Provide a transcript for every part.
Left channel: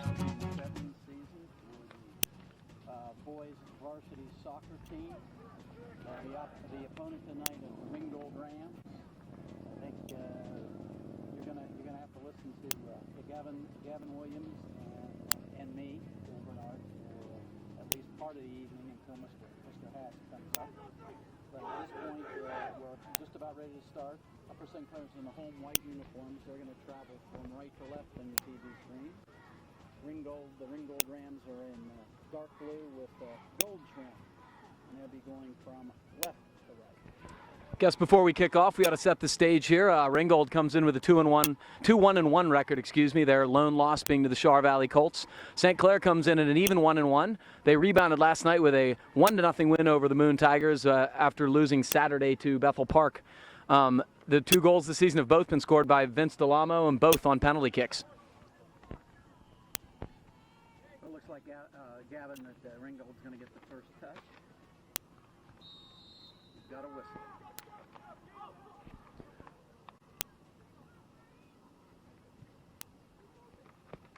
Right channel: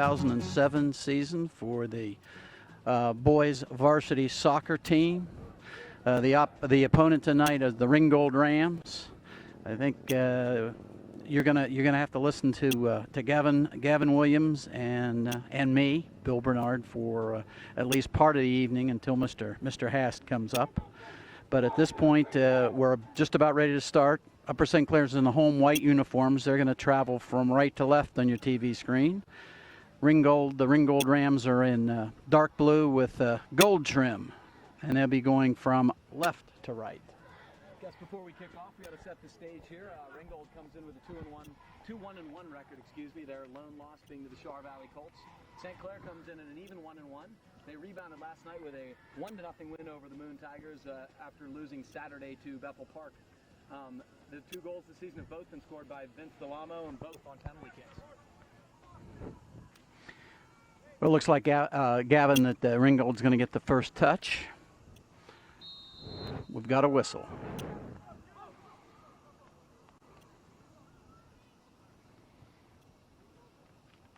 2007 season for the boys varsity soccer team. The opponent tonight is the Ringgold Rams. I think you're gonna have to listen to Gavin Williams and me, Bill Bernard, for at least part of the evening until Mr. Hast comes up. But at this point, we're just about ready to start. Upper St. Clair's in the home white uniforms. They're going to travel from right to left on your TV screen. The Ringgold Rams are in dark blue with gold trim, and they'll be going from left to right. Guess before we kick off, we ought to set the stage here. Ringgold comes in with a 2-1 record, excuse me. Their lone loss being to the Shar Valley Colts. St. Clair comes in at an even 1-1. They rebounded last night with a 1-0 win over the Moon Tigers after losing Saturday to Bethel Park. The 2 goals this season have both been scored by Vince Delamo and both on penalty kicks. Well, it looks like Gavin that Ringgold's going to get the first touch. We've got a whistle.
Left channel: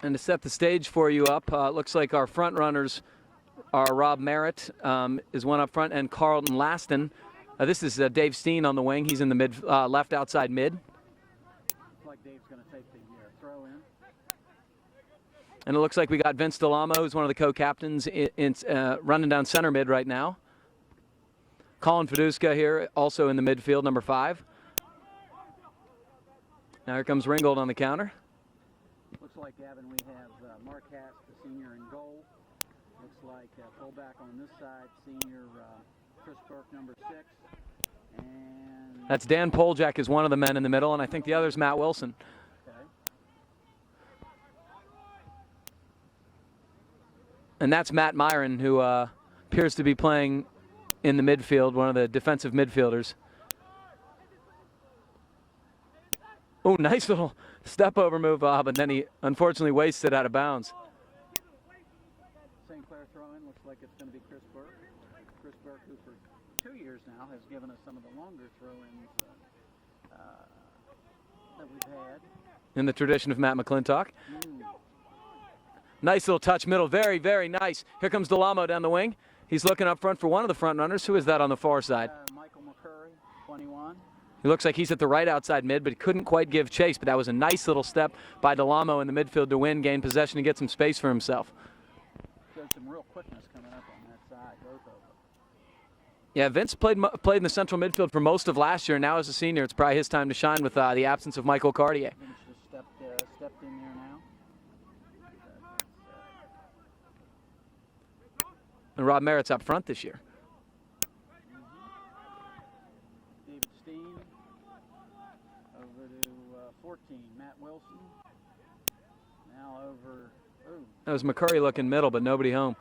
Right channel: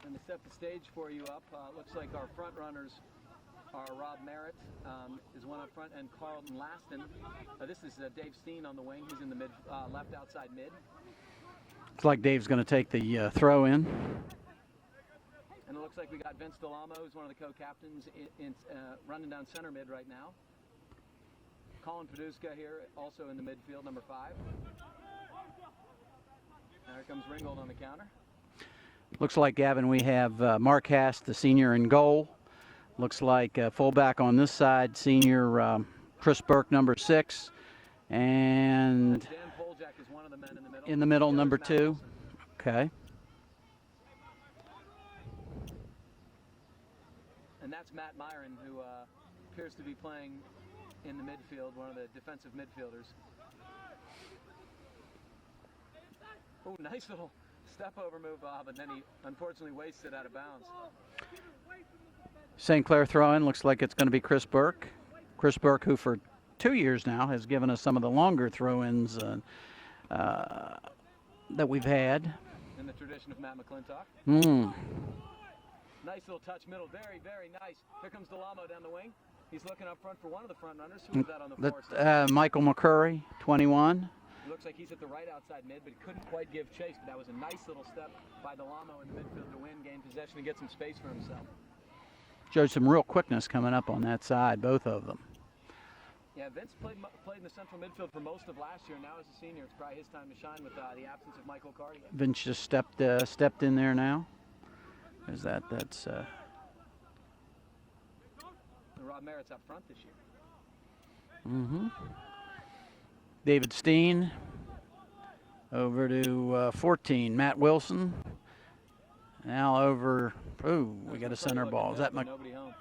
And to set the stage for you up, looks like our front runners are Rob Merritt is one up front, and Carlton Laston. This is Dave Steen on the wing. He's in the left outside mid. Looks like Dave's going to take the throw in. And it looks like we got Vince Delamo, who's one of the co-captains, running down center mid right now. Colin Feduska here, also in the midfield, number 5. Now here comes Ringgold on the counter. Looks like, Gavin, we have Mark Hast, the senior, in goal. Looks like fullback on this side, senior Chris Burke, number 6. And that's Dan Poljak is one of the men in the middle, and I think the other's Matt Wilson. Okay. And that's Matt Myron, who appears to be playing in the midfield, one of the defensive midfielders. Oh, nice little step over move, but then he unfortunately wasted out of bounds. St. Clair throw-in, looks like it's going to be Chris Burke. Chris Burke, who for 2 years now has given us some of the longer throw-ins that we've had. In the tradition of Matt McClintock. Nice little touch middle, very, very nice. Here comes Delamo down the wing. He's looking up front for one of the front runners. Who is that on the far side? Michael McCurry, 21. He looks like he's at the right outside mid, but he couldn't quite give chase. But that was a nice little step by Delamo in the midfield to win, gain possession, and get some space for himself. Showed some real quickness coming up on that side, both of them. Yeah, Vince played in the central midfield for most of last year. Now as a senior, it's probably his time to shine with the absence of Michael Cartier. Vince just stepped in there now. There's that. That's. And Rob Merritt's up front this year. David Steen over to 14. Matt Wilson. Now over. Ooh, that was McCurry looking middle, but nobody home.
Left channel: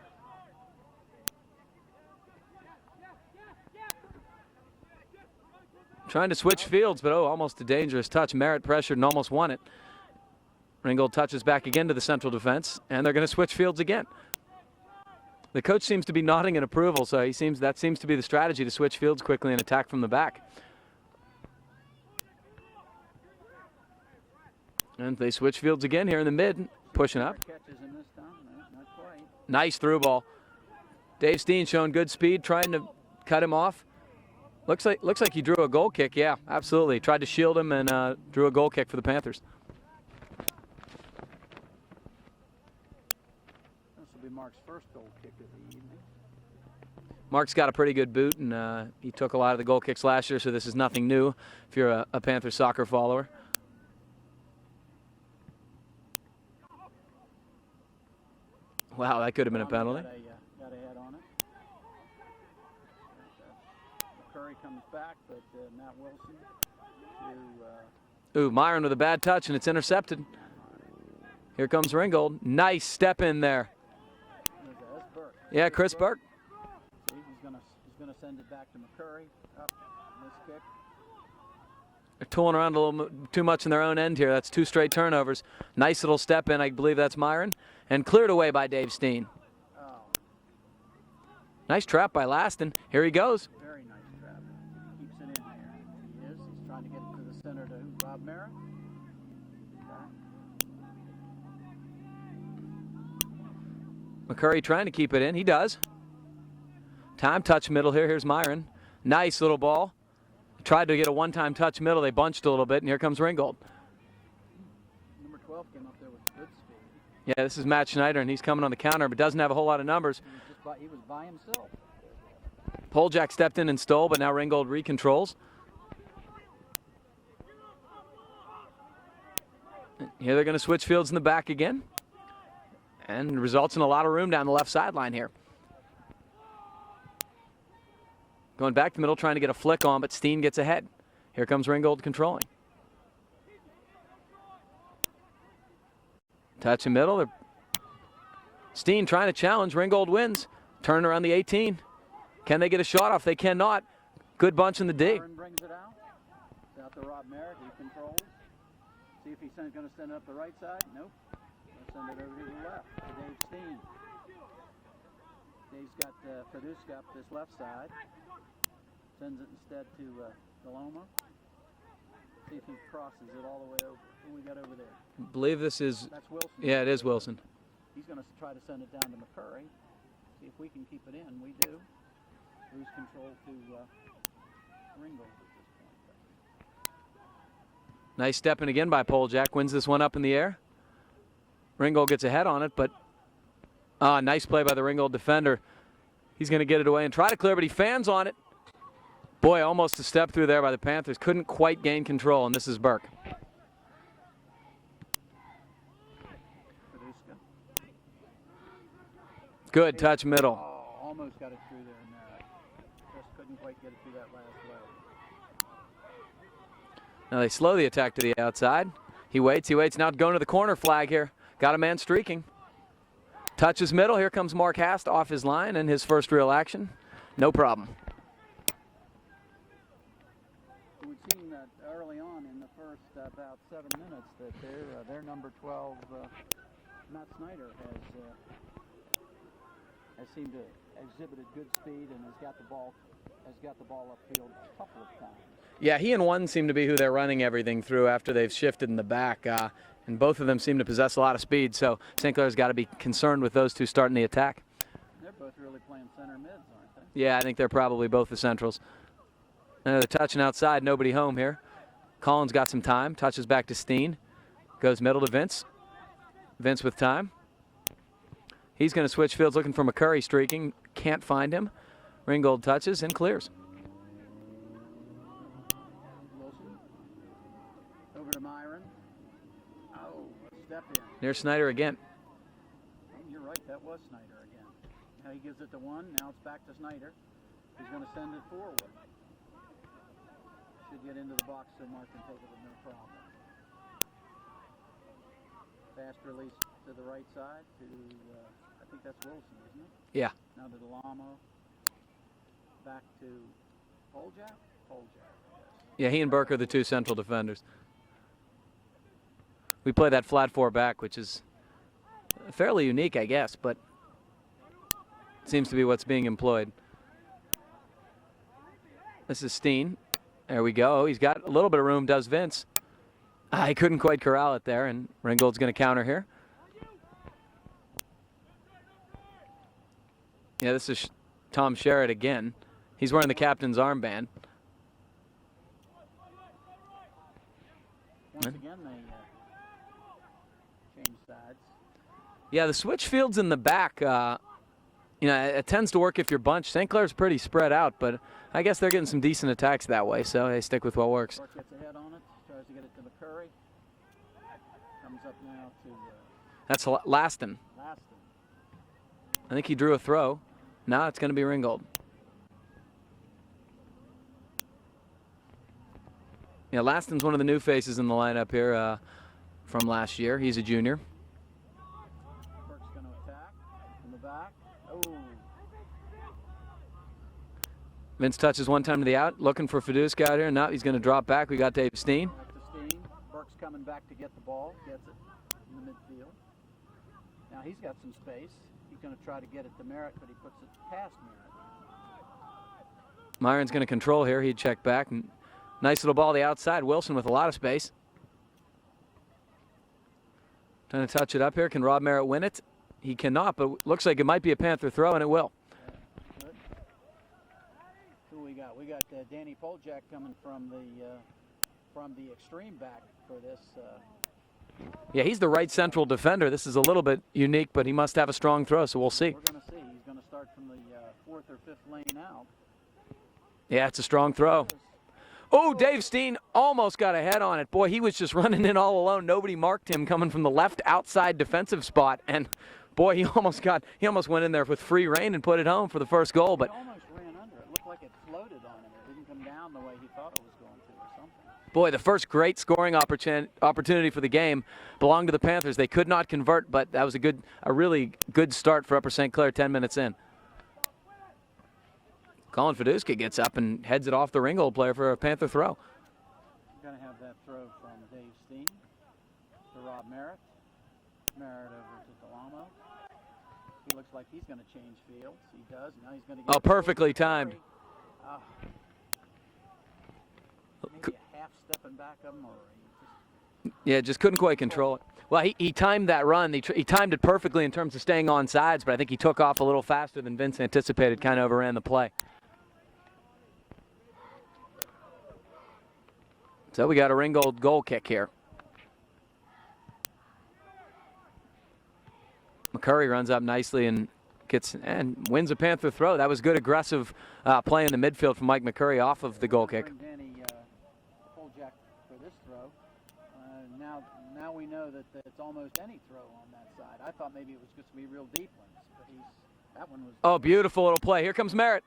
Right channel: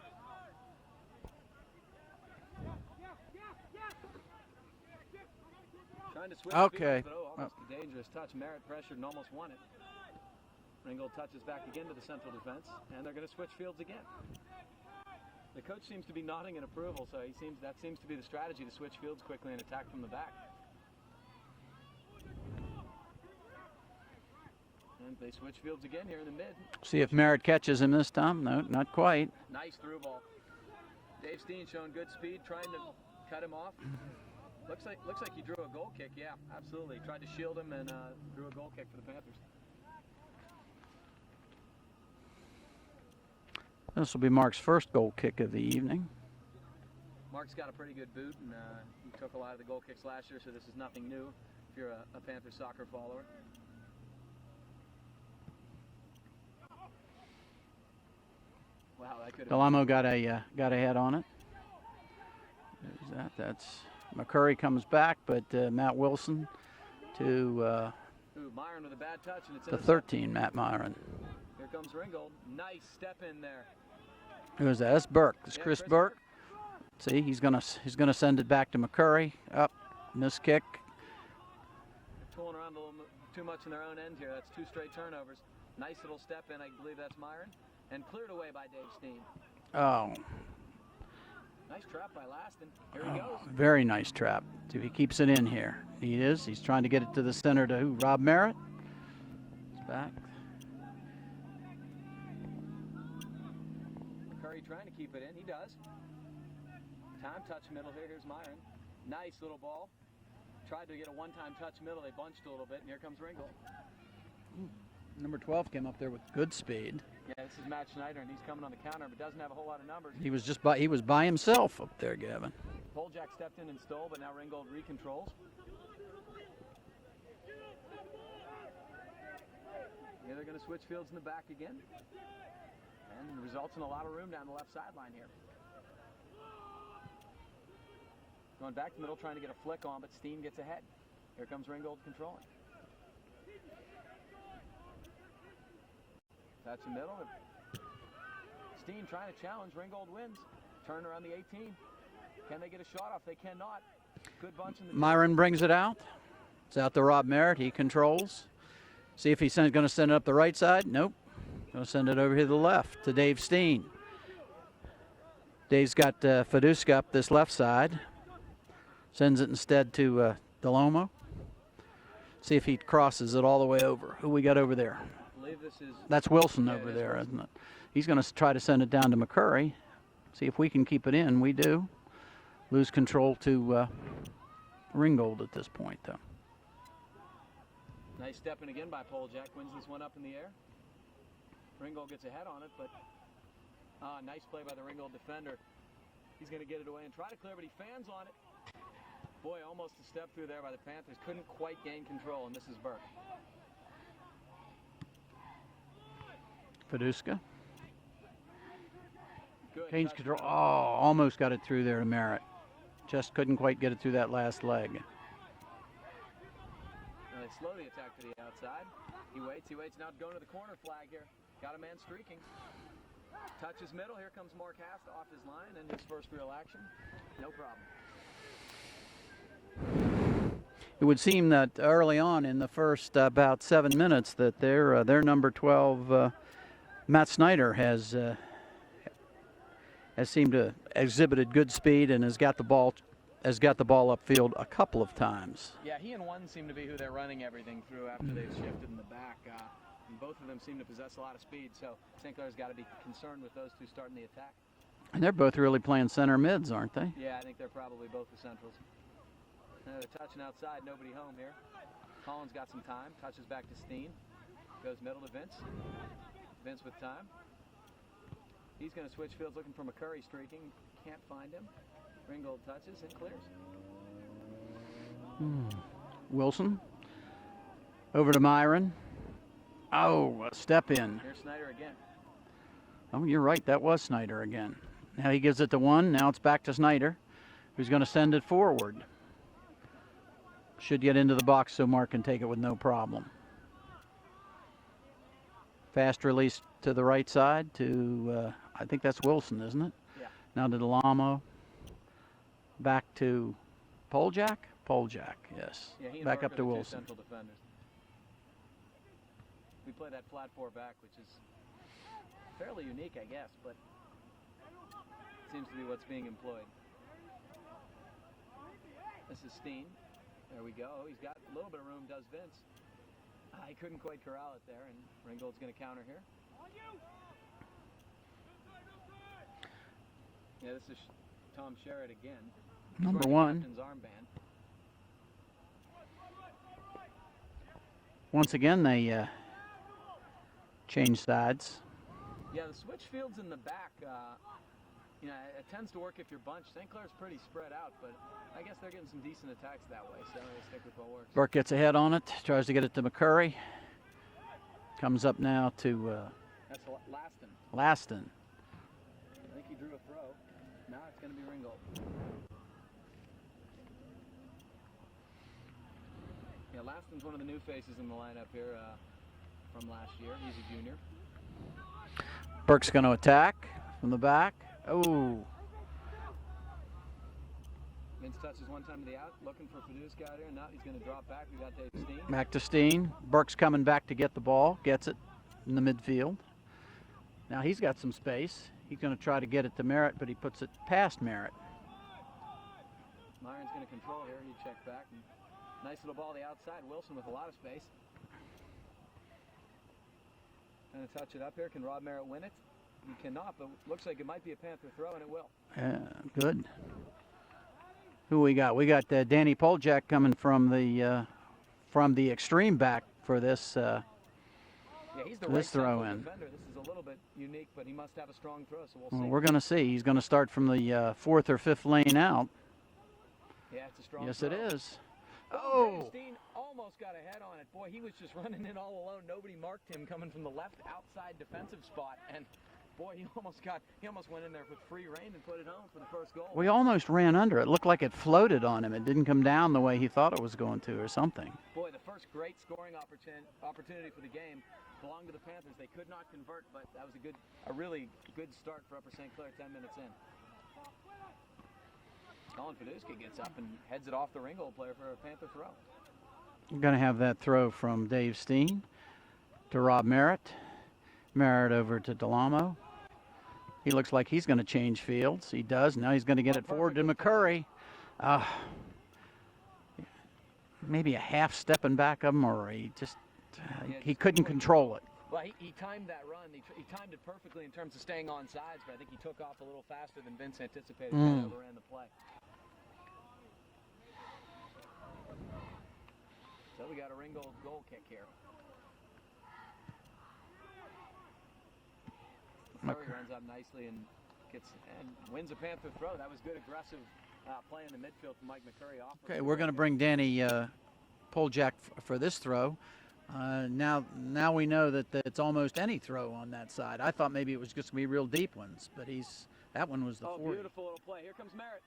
Trying to switch fields, but almost a dangerous touch. Merritt pressured and almost won it. Ringgold touches back again to the central defense, and they're going to switch fields again. The coach seems to be nodding in approval, so that seems to be the strategy, to switch fields quickly and attack from the back. And they switch fields again here in the mid. See if Merritt catches him this time. No, not quite. Nice through ball. Dave Steen showing good speed, trying to cut him off. Looks like he drew a goal kick. Yeah, absolutely. Tried to shield him and drew a goal kick for the Panthers. This will be Mark's first goal kick of the evening. Mark's got a pretty good boot, and he took a lot of the goal kicks last year, so this is nothing new if you're a Panthers soccer follower. Wow, that could have been a penalty. got a head on it. There's that. That's McCurry comes back, but Matt Wilson to. Myron with a bad touch, and it's intercepted. 13, Matt Myron. Here comes Ringgold. Nice step in there. Who's that? That's Burke. That's Chris Burke. See, he's gonna send it back to McCurry. Up, missed kick. They're tooling around a little too much in their own end here. That's 2 straight turnovers. Nice little step in. I believe that's Myron, and cleared away by Dave Steen. Oh. Nice trap by Laston. Here he goes. Very nice trap. See if he keeps it in here. He is. He's trying to get it to the center to who? Rob Merritt. It's back. McCurry trying to keep it in. He does. Time touch middle here. Here's Myron. Nice little ball. Tried to get a one-time touch middle. They bunched a little bit, and here comes Ringgold. Number 12 came up there with good speed. Yeah, this is Matt Schneider, and he's coming on the counter, but doesn't have a whole lot of numbers. He was by himself up there, Gavin. Poljak stepped in and stole, but now Ringgold recontrols. Here they're going to switch fields in the back again. And results in a lot of room down the left sideline here. Going back to middle, trying to get a flick on, but Steen gets ahead. Here comes Ringgold controlling. Touch in middle. Steen trying to challenge. Ringgold wins. Turn around the 18. Can they get a shot off? They cannot. Good bunch in the dig. Myron brings it out. It's out to Rob Merritt. He controls. See if he's going to send it up the right side. Nope. Going to send it over here to the left to Dave Steen. Dave's got Fiduska up this left side. Sends it instead to Delomo. See if he crosses it all the way over. Who we got over there? I believe this is... That's Wilson. Yeah, it is there, Wilson. Isn't it? He's going to try to send it down to McCurry. See if we can keep it in. We do. Lose control to Ringgold at this point, though. Nice stepping again by Poljak. Wins this one up in the air. Ringgold gets ahead on it, but nice play by the Ringgold defender. He's going to get it away and try to clear, but he fans on it. Boy, almost a step through there by the Panthers. Couldn't quite gain control, and this is Burke. Fiduska. Good touch middle. Oh, almost got it through there to Merritt. Just couldn't quite get it through that last leg. Now they slow the attack to the outside. He waits. Now going to the corner flag here. Got a man streaking. Touches middle. Here comes Mark Hast off his line and his first real action. No problem. It would seem that early on in the first about 7 minutes that their number 12, Matt Snyder, has seemed to exhibited good speed and has got the ball upfield a couple of times. Yeah, he and one seem to be who they're running everything through after they've shifted in the back, and both of them seem to possess a lot of speed. So St. Clair's got to be concerned with those two starting the attack. And they're both really playing center mids, aren't they? Yeah, I think they're probably both the centrals. They're touching outside, nobody home here. Collins got some time, touches back to Steen. Goes middle to Vince. Vince with time. He's going to switch fields looking for McCurry streaking. Can't find him. Ringgold touches and clears. Wilson. Over to Myron. Oh, a step in. Here's Snyder again. Oh, you're right. That was Snyder again. Now he gives it to one. Now it's back to Snyder, who's going to send it forward. Should get into the box so Mark can take it with no problem. Fast release to the right side to, I think that's Wilson, isn't it? Yeah. Now to Delamo. Back to Poljak? Poljak, yes. Yeah, he and Back Burke up are to the two Wilson. central defenders. We play that flat four back, which is fairly unique, I guess, but seems to be what's being employed. This is Steen. There we go. He's got a little bit of room, does Vince. He couldn't quite corral it there, and Ringgold's going to counter here. Yeah, this is Tom Sherritt again. He's wearing the captain's armband. Once again, they change sides. Yeah, the switch fields in the back, it tends to work if you're bunched. St. Clair's pretty spread out, but I guess they're getting some decent attacks that way, so they stick with what works. Burke gets ahead on it, tries to get it to McCurry. Comes up now to That's Laston. Laston. I think he drew a throw. Now it's going to be Ringgold. Yeah, Laston's one of the new faces in the lineup here from last year. He's a junior. Burke's going to attack from the back. Oh. Vince touches one time to the out, looking for Fiduska out here. Now he's going to drop back. We got Dave Steen. Back to Steen. Burke's coming back to get the ball. Gets it in the midfield. Now he's got some space. He's going to try to get it to Merritt, but he puts it past Merritt. Myron's going to control here. He'd check back. Nice little ball to the outside. Wilson with a lot of space. Trying to touch it up here. Can Rob Merritt win it? he cannot, but looks like it might be a Panther throw, and it will. Good. Who we got? We got Danny Poljak coming from the extreme back for this. Yeah, he's the right central defender. This is a little bit unique, but he must have a strong throw, so we'll see. We're going to see. He's going to start from the 4th or 5th lane out. Yeah, it's a strong throw. Oh, Dave Steen almost got a head on it. Boy, he was just running in all alone. Nobody marked him coming from the left outside defensive spot, and boy, he almost went in there with free rein and put it home for the first goal. But he almost ran under it. Looked like it floated on him. It didn't come down the way he thought it was going to, or something. Boy, the first great scoring opportunity for the game belonged to the Panthers. They could not convert, but that was a really good start for Upper St. Clair 10 minutes in. Colin Fiduska gets up and heads it off the Ringgold player for a Panther throw. We're going to have that throw from Dave Steen to Rob Merritt. Merritt over to Delamo. He looks like he's going to change fields. He does. Now he's going to get it perfectly timed. Maybe a half stepping back of him, or he just just couldn't quite control it. Well, he timed that run. He timed it perfectly in terms of staying on sides, but I think he took off a little faster than Vince anticipated. Kind of overran the play. So we got a Ringgold goal kick here. McCurry runs up nicely and wins a Panther throw. That was good aggressive play in the midfield from Mike McCurry off of the goal kick. We're going to bring Danny Poljak for this throw. Now we know that it's almost any throw on that side. I thought maybe it was just going to be real deep ones, but that one was. Oh, beautiful little play. Here comes Merritt.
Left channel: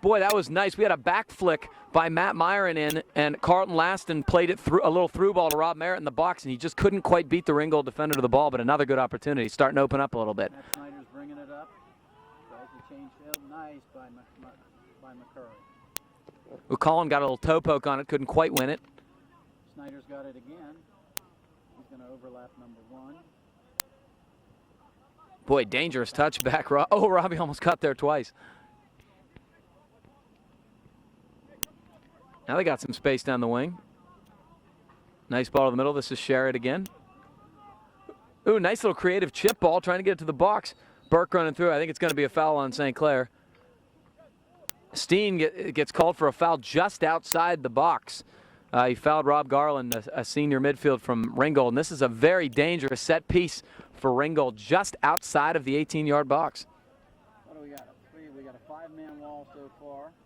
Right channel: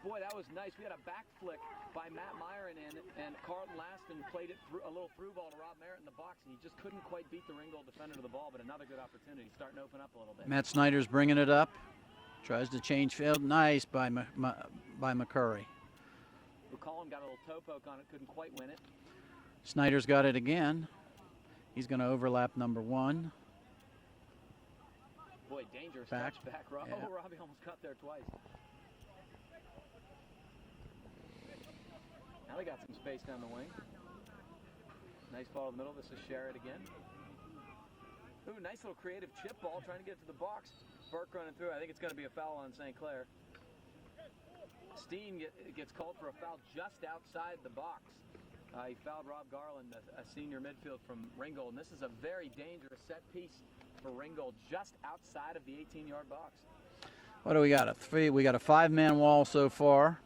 Boy, that was nice. We had a back flick by Matt Myron in, and Carlton Laston played it through a little through ball to Rob Merritt in the box, and he just couldn't quite beat the Ringgold defender to the ball, but another good opportunity. Starting to open up a little bit. Matt Snyder's bringing it up. Tries to change field. Nice by McCurry. Well, Colin got a little toe poke on it. Couldn't quite win it. Snyder's got it again. He's going to overlap number 1. Boy, dangerous touchback. Oh, Robbie almost got there twice. Now they got some space down the wing. Nice ball in the middle. This is Sherritt again. Ooh, nice little creative chip ball trying to get it to the box. Burke running through. I think it's going to be a foul on St. Clair. Steen gets called for a foul just outside the box. He fouled Rob Garland, a senior midfield from Ringgold. And this is a very dangerous set piece for Ringgold just outside of the 18-yard box. What do we got? We got a 5-man wall so far.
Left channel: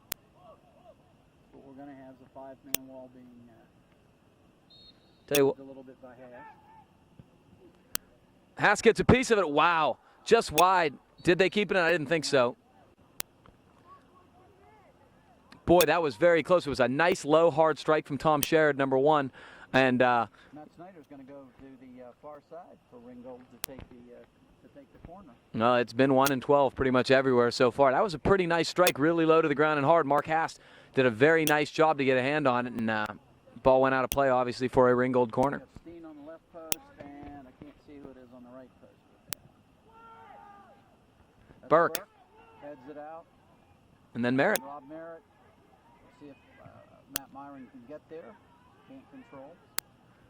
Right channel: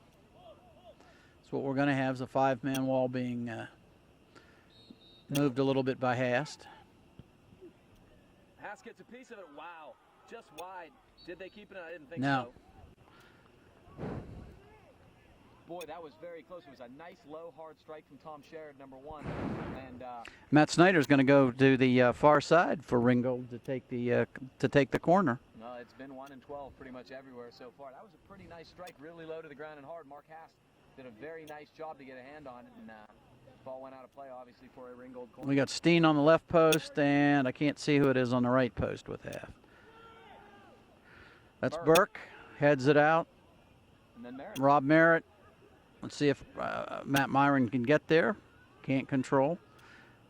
That's what we're going to have, is a 5-man wall being moved a little bit by Hast. Hast gets a piece of it. Wow. Just wide. Did they keep it in? I didn't think so. Boy, that was very close. It was a nice, low, hard strike from Tom Sherritt, number 1. And Matt Snyder's going to go to the far side for Ringgold to take the corner. No, it's been 1 and 12 pretty much everywhere so far. That was a pretty nice strike, really low to the ground and hard. Mark Hast did a very nice job to get a hand on it, and ball went out of play, obviously, for a Ringgold corner. We got Steen on the left post, and I can't see who it is on the right post with that. That's Burke. Heads it out. And then Merritt. Rob Merritt. Let's see if Matt Myron can get there. Can't control.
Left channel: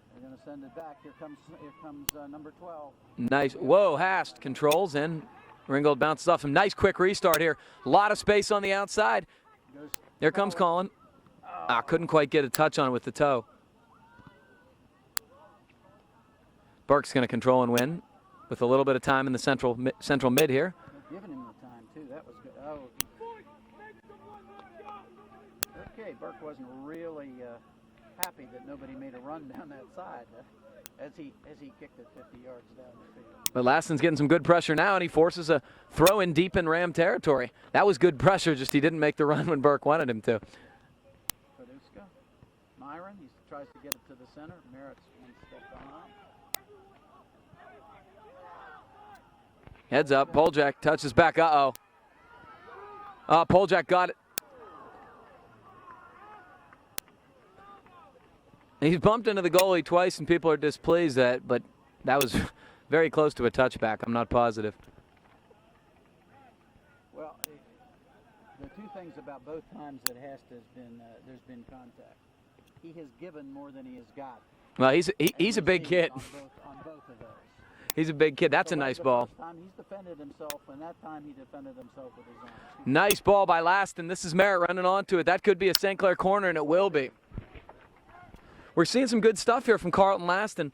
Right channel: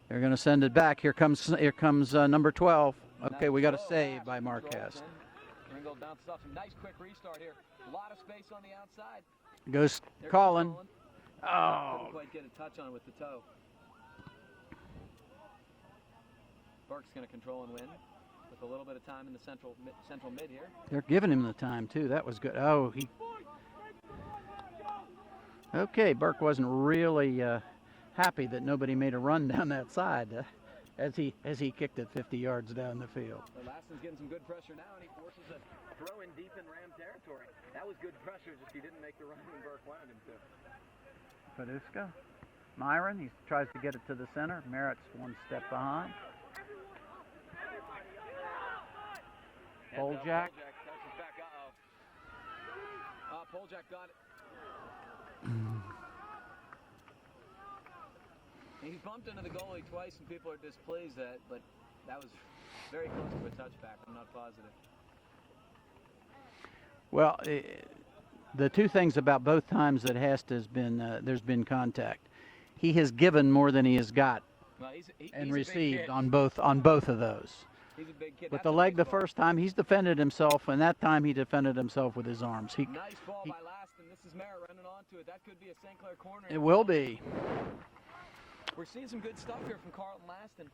They're going to send it back. Here comes number 12. Nice. Okay, whoa, Hast controls, and Ringgold bounces off. Some nice quick restart here. A lot of space on the outside. There comes Colin. Couldn't quite get a touch on it with the toe. Burke's going to control and win with a little bit of time in the central mid here. They're giving him the time, too. That was good. Oh, okay, Burke wasn't really happy that nobody made a run down that side as he kicked it 50 yards down the field. But Laston's getting some good pressure now, and he forces a throw in deep in Ram territory. That was good pressure, just he didn't make the run when Burke wanted him to. Paduska, Myron, he tries to get it to the center. Merritt's 1 step behind. Heads up, Poljak touches back. Uh-oh. Poljak got it. He's bumped into the goalie twice, and people are displeased but that was very close to a touchback. I'm not positive. Well, the two things about both times that Hast has been there's been contact. He has given more than he has got. Well, he's a big kid on both of those. He's a big kid. That's a nice the ball. first time he's defended himself, and that time he defended himself with his arms. Nice ball by Laston. This is Merritt running onto it. That could be a St. Clair corner, and it will be. We're seeing some good stuff here from Carlton Laston.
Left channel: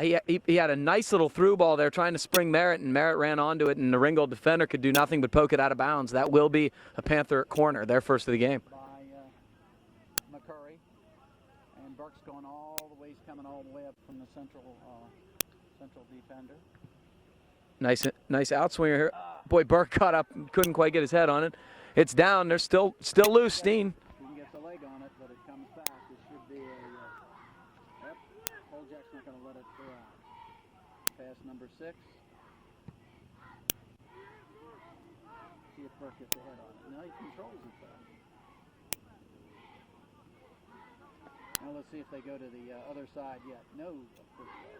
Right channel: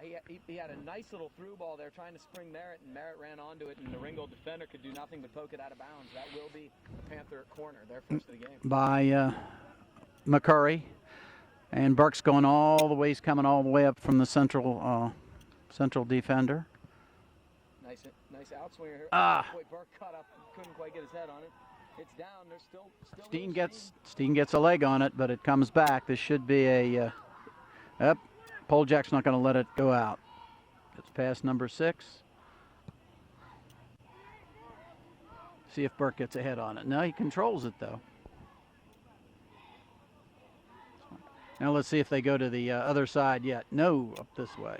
He had a nice little through ball there trying to spring Merritt, and Merritt ran onto it, and the Ringgold defender could do nothing but poke it out of bounds. That will be a Panther corner, their first of the game. By McCurry. And Burke's going all the way. He's coming all the way up from the central defender. Nice outswinger here. Boy, Burke caught up, couldn't quite get his head on it. It's down. They're still loose. Steen gets a leg on it, but it comes back. This should be a. Poljak's not going to let it go out. It's past number 6. See if Burke gets a head on it. No, he controls it though. Now let's see if they go to the other side yet. No, up this way.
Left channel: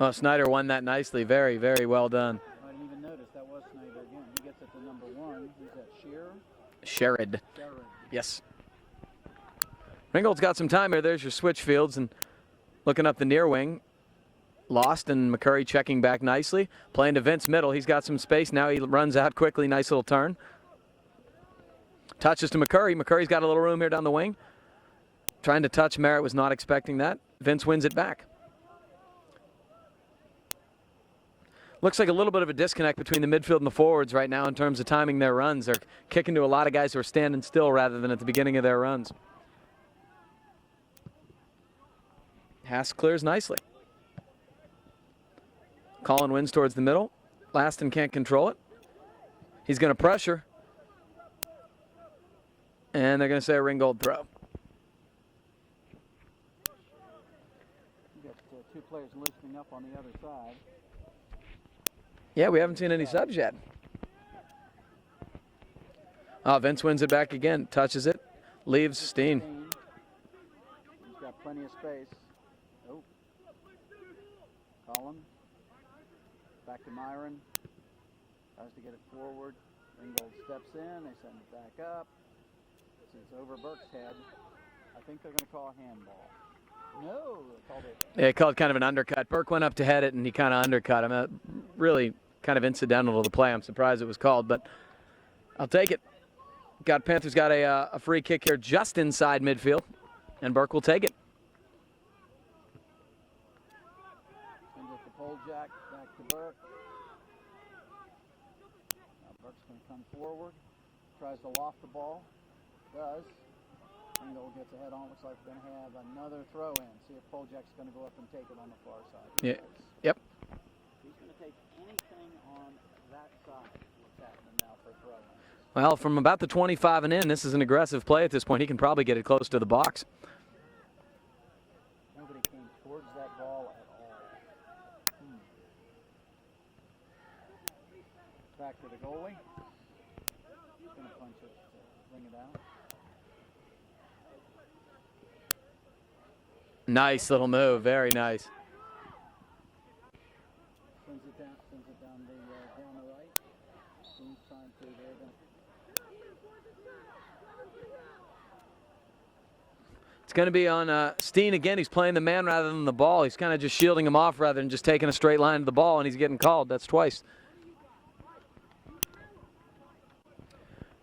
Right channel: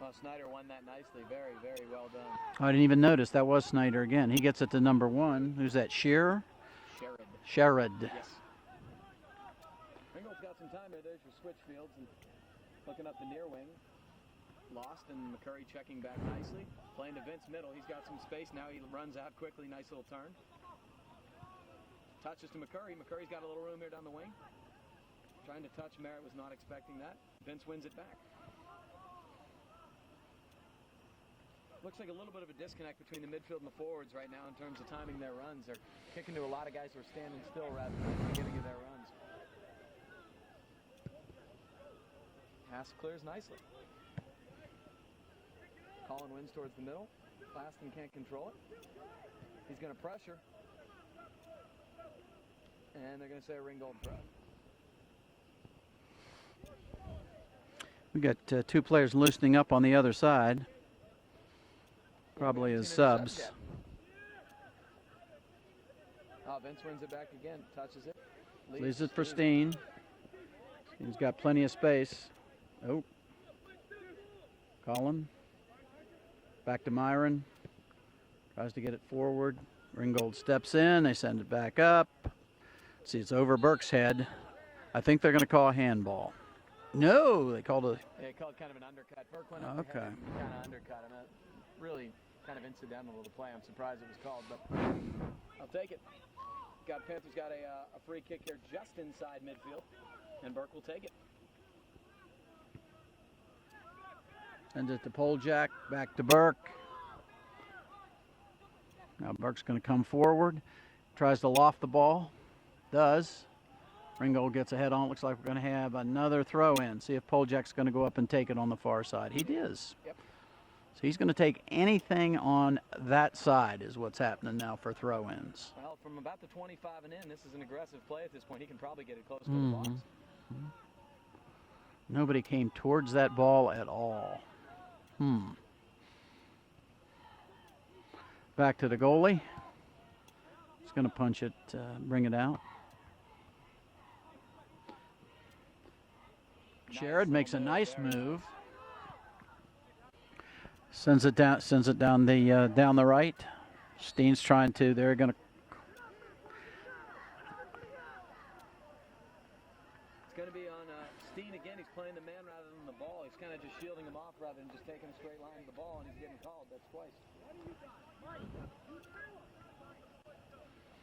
Oh, Snyder won that nicely. Very, very well done. I didn't even notice. That was Snyder again. He gets it to number 1. Who's that, Shearer? Sherrod. Yes. Ringgold's got some time here. There's your switch fields, and looking up the near wing. Lost, and McCurry checking back nicely. Playing to Vince middle. He's got some space. Now he runs out quickly. Nice little turn. Touches to McCurry. McCurry's got a little room here down the wing. Trying to touch. Merritt was not expecting that. Vince wins it back. Looks like a little bit of a disconnect between the midfield and the forwards right now in terms of timing their runs. They're kicking to a lot of guys who are standing still rather than at the beginning of their runs. Haas clears nicely. Collin wins towards the middle. Laston can't control it. He's going to pressure. And they're going to say a Ringgold throw. We got 2 players loosening up on the other side. Yeah, we haven't seen any subs yet. Vince wins it back again. Touches it. Leaves Steen. He's got plenty of space. Oh. Collin. Back to Myron. Tries to get it forward. Ringgold steps in. They send it back up. See, it's over Burke's head. I think they're going to call a handball. No, they called a... Yeah, they called kind of an undercut. Burke went up to head it, and he kind of undercut him. Really kind of incidental to the play. I'm surprised it was called, but I'll take it. Panthers got a free kick here just inside midfield, and Burke will take it. Sends it to Poljak, back to Burke. Now Burke's going to come forward. Tries to loft the ball. Does. Ringgold gets a head on. Looks like we're going to have another throw in. See if Poljak's going to go up and take it on the far side. He is. Yep. So he's going to take anything on that side is what's happening now for throw-ins. Well, from about the 25 and in, this is an aggressive play at this point. He can probably get it close to the box. Nobody came towards that ball at all. Back to the goalie. He's going to punch it, bring it out. Nice little move, very nice. Sends it down down the right. Steen's trying to. They're going to. It's going to be on Steen again. He's playing the man rather than the ball. He's kind of just shielding him off rather than just taking a straight line to the ball, and he's getting called. That's twice.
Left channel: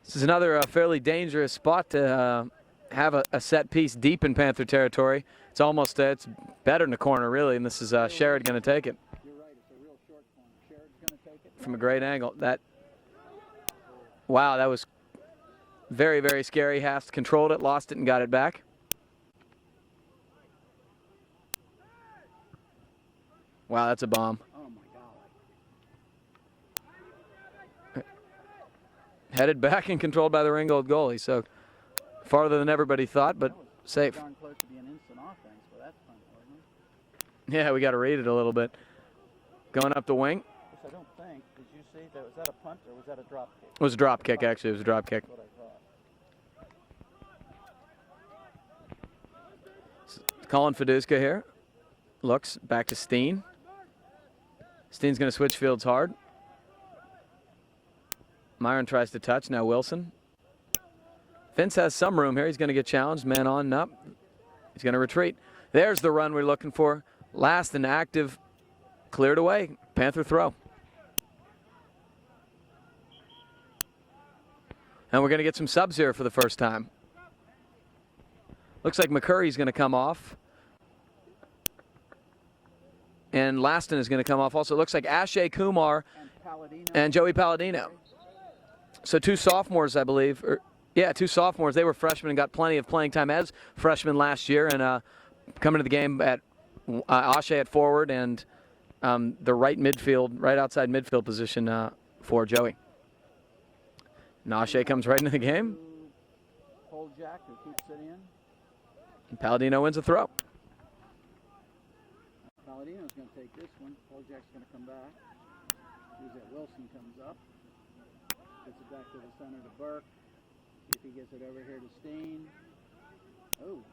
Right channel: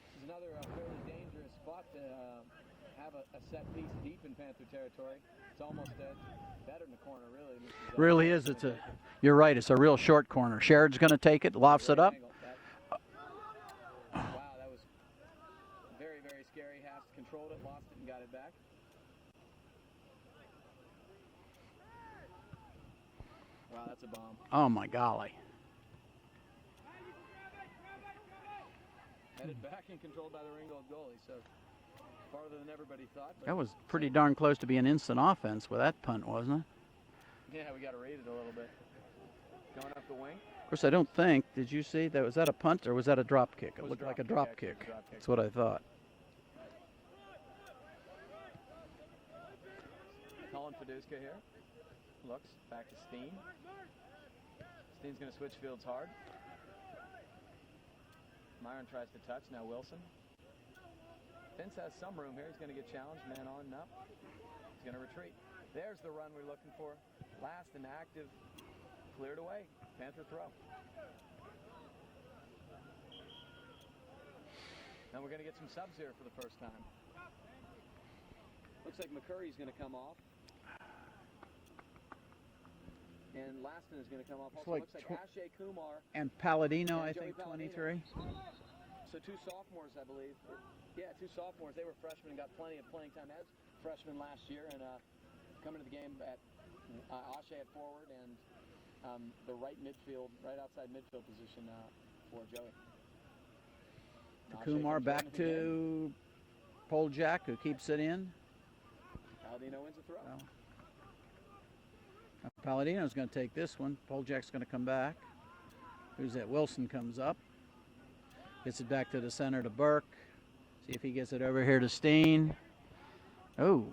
This is another fairly dangerous spot to have a set piece deep in Panther territory. It's almost it's better in the corner, really, and this is really Sherrod going to take it. You're right. It's a real short corner. Sherrod's going to take it. Lofts it up. Great angle. Wow, that was very, very scary. Haas controlled it, lost it, and got it back. Wow, that's a bomb. Oh, my golly. Headed back and controlled by the Ringgold goalie, so farther than everybody thought, but that was pretty safe. Darn close to being instant offense with that punt, wasn't it? Yeah, we got to read it a little bit. Going up the wing. Of course, I don't think. Did you see that? Was that a punt or was that a drop kick? It was a drop kick, actually. It was a drop kick. That's what I thought. Colin Fiduska here. Looks back to Steen. Steen's going to switch fields hard. Myron tries to touch. Now Wilson. Vince has some room here. He's going to get challenged. Man on, up. He's going to retreat. There's the run we're looking for. Last and active, cleared away. Panther throw. And we're going to get some subs here for the first time. Looks like McCurry's going to come off. And Laston is going to come off also. It looks like Ashay Kumar and Palladino and Joey Palladino. So 2 sophomores, I believe. Yeah, 2 sophomores. They were freshmen and got plenty of playing time as freshmen last year. And coming to the game at Ashay at forward and the right outside midfield position for Joey. And Ashay comes right into the game. Poljak, who keeps it in. And Palladino wins a throw. Palladino's going to take this one. Poljak's going to come back. Who's that? Wilson comes up. Gets it back to the center to Burke. See if he gets it over here to Steen. Oh.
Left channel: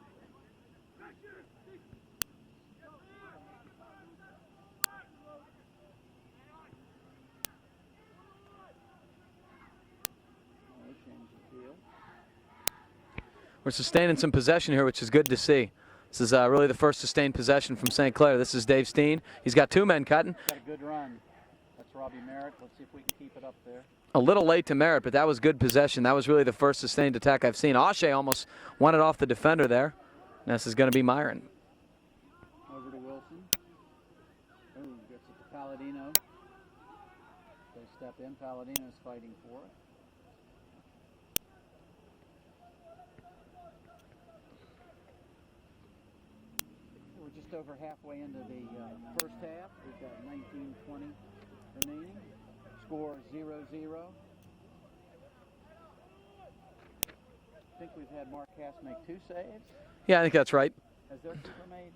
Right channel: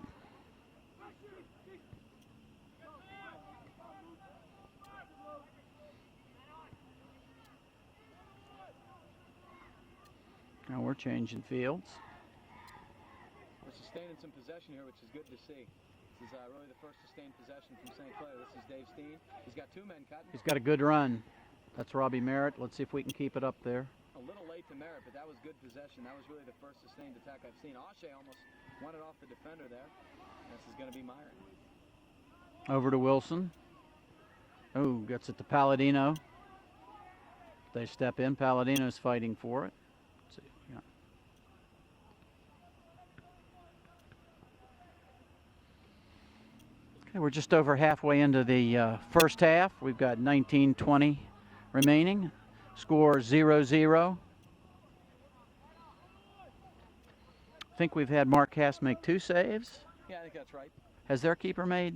Now we're changing fields. We're sustaining some possession here, which is good to see. This is really the first sustained possession from St. Clair. This is Dave Steen. He's got 2 men cutting. He's got a good run. That's Robbie Merritt. Let's see if we can keep it up there. A little late to Merritt, but that was good possession. That was really the first sustained attack I've seen. Ashay almost won it off the defender there. This is going to be Myron. Over to Wilson. Oh, gets it to Palladino. They step in. Palladino's fighting for it. Let's see. Yeah. Okay, we're just over halfway into the first half. We've got 19-20 remaining. Score 0-0. I think we've had Mark Cass make 2 saves. Yeah, I think that's right. Has their keeper made?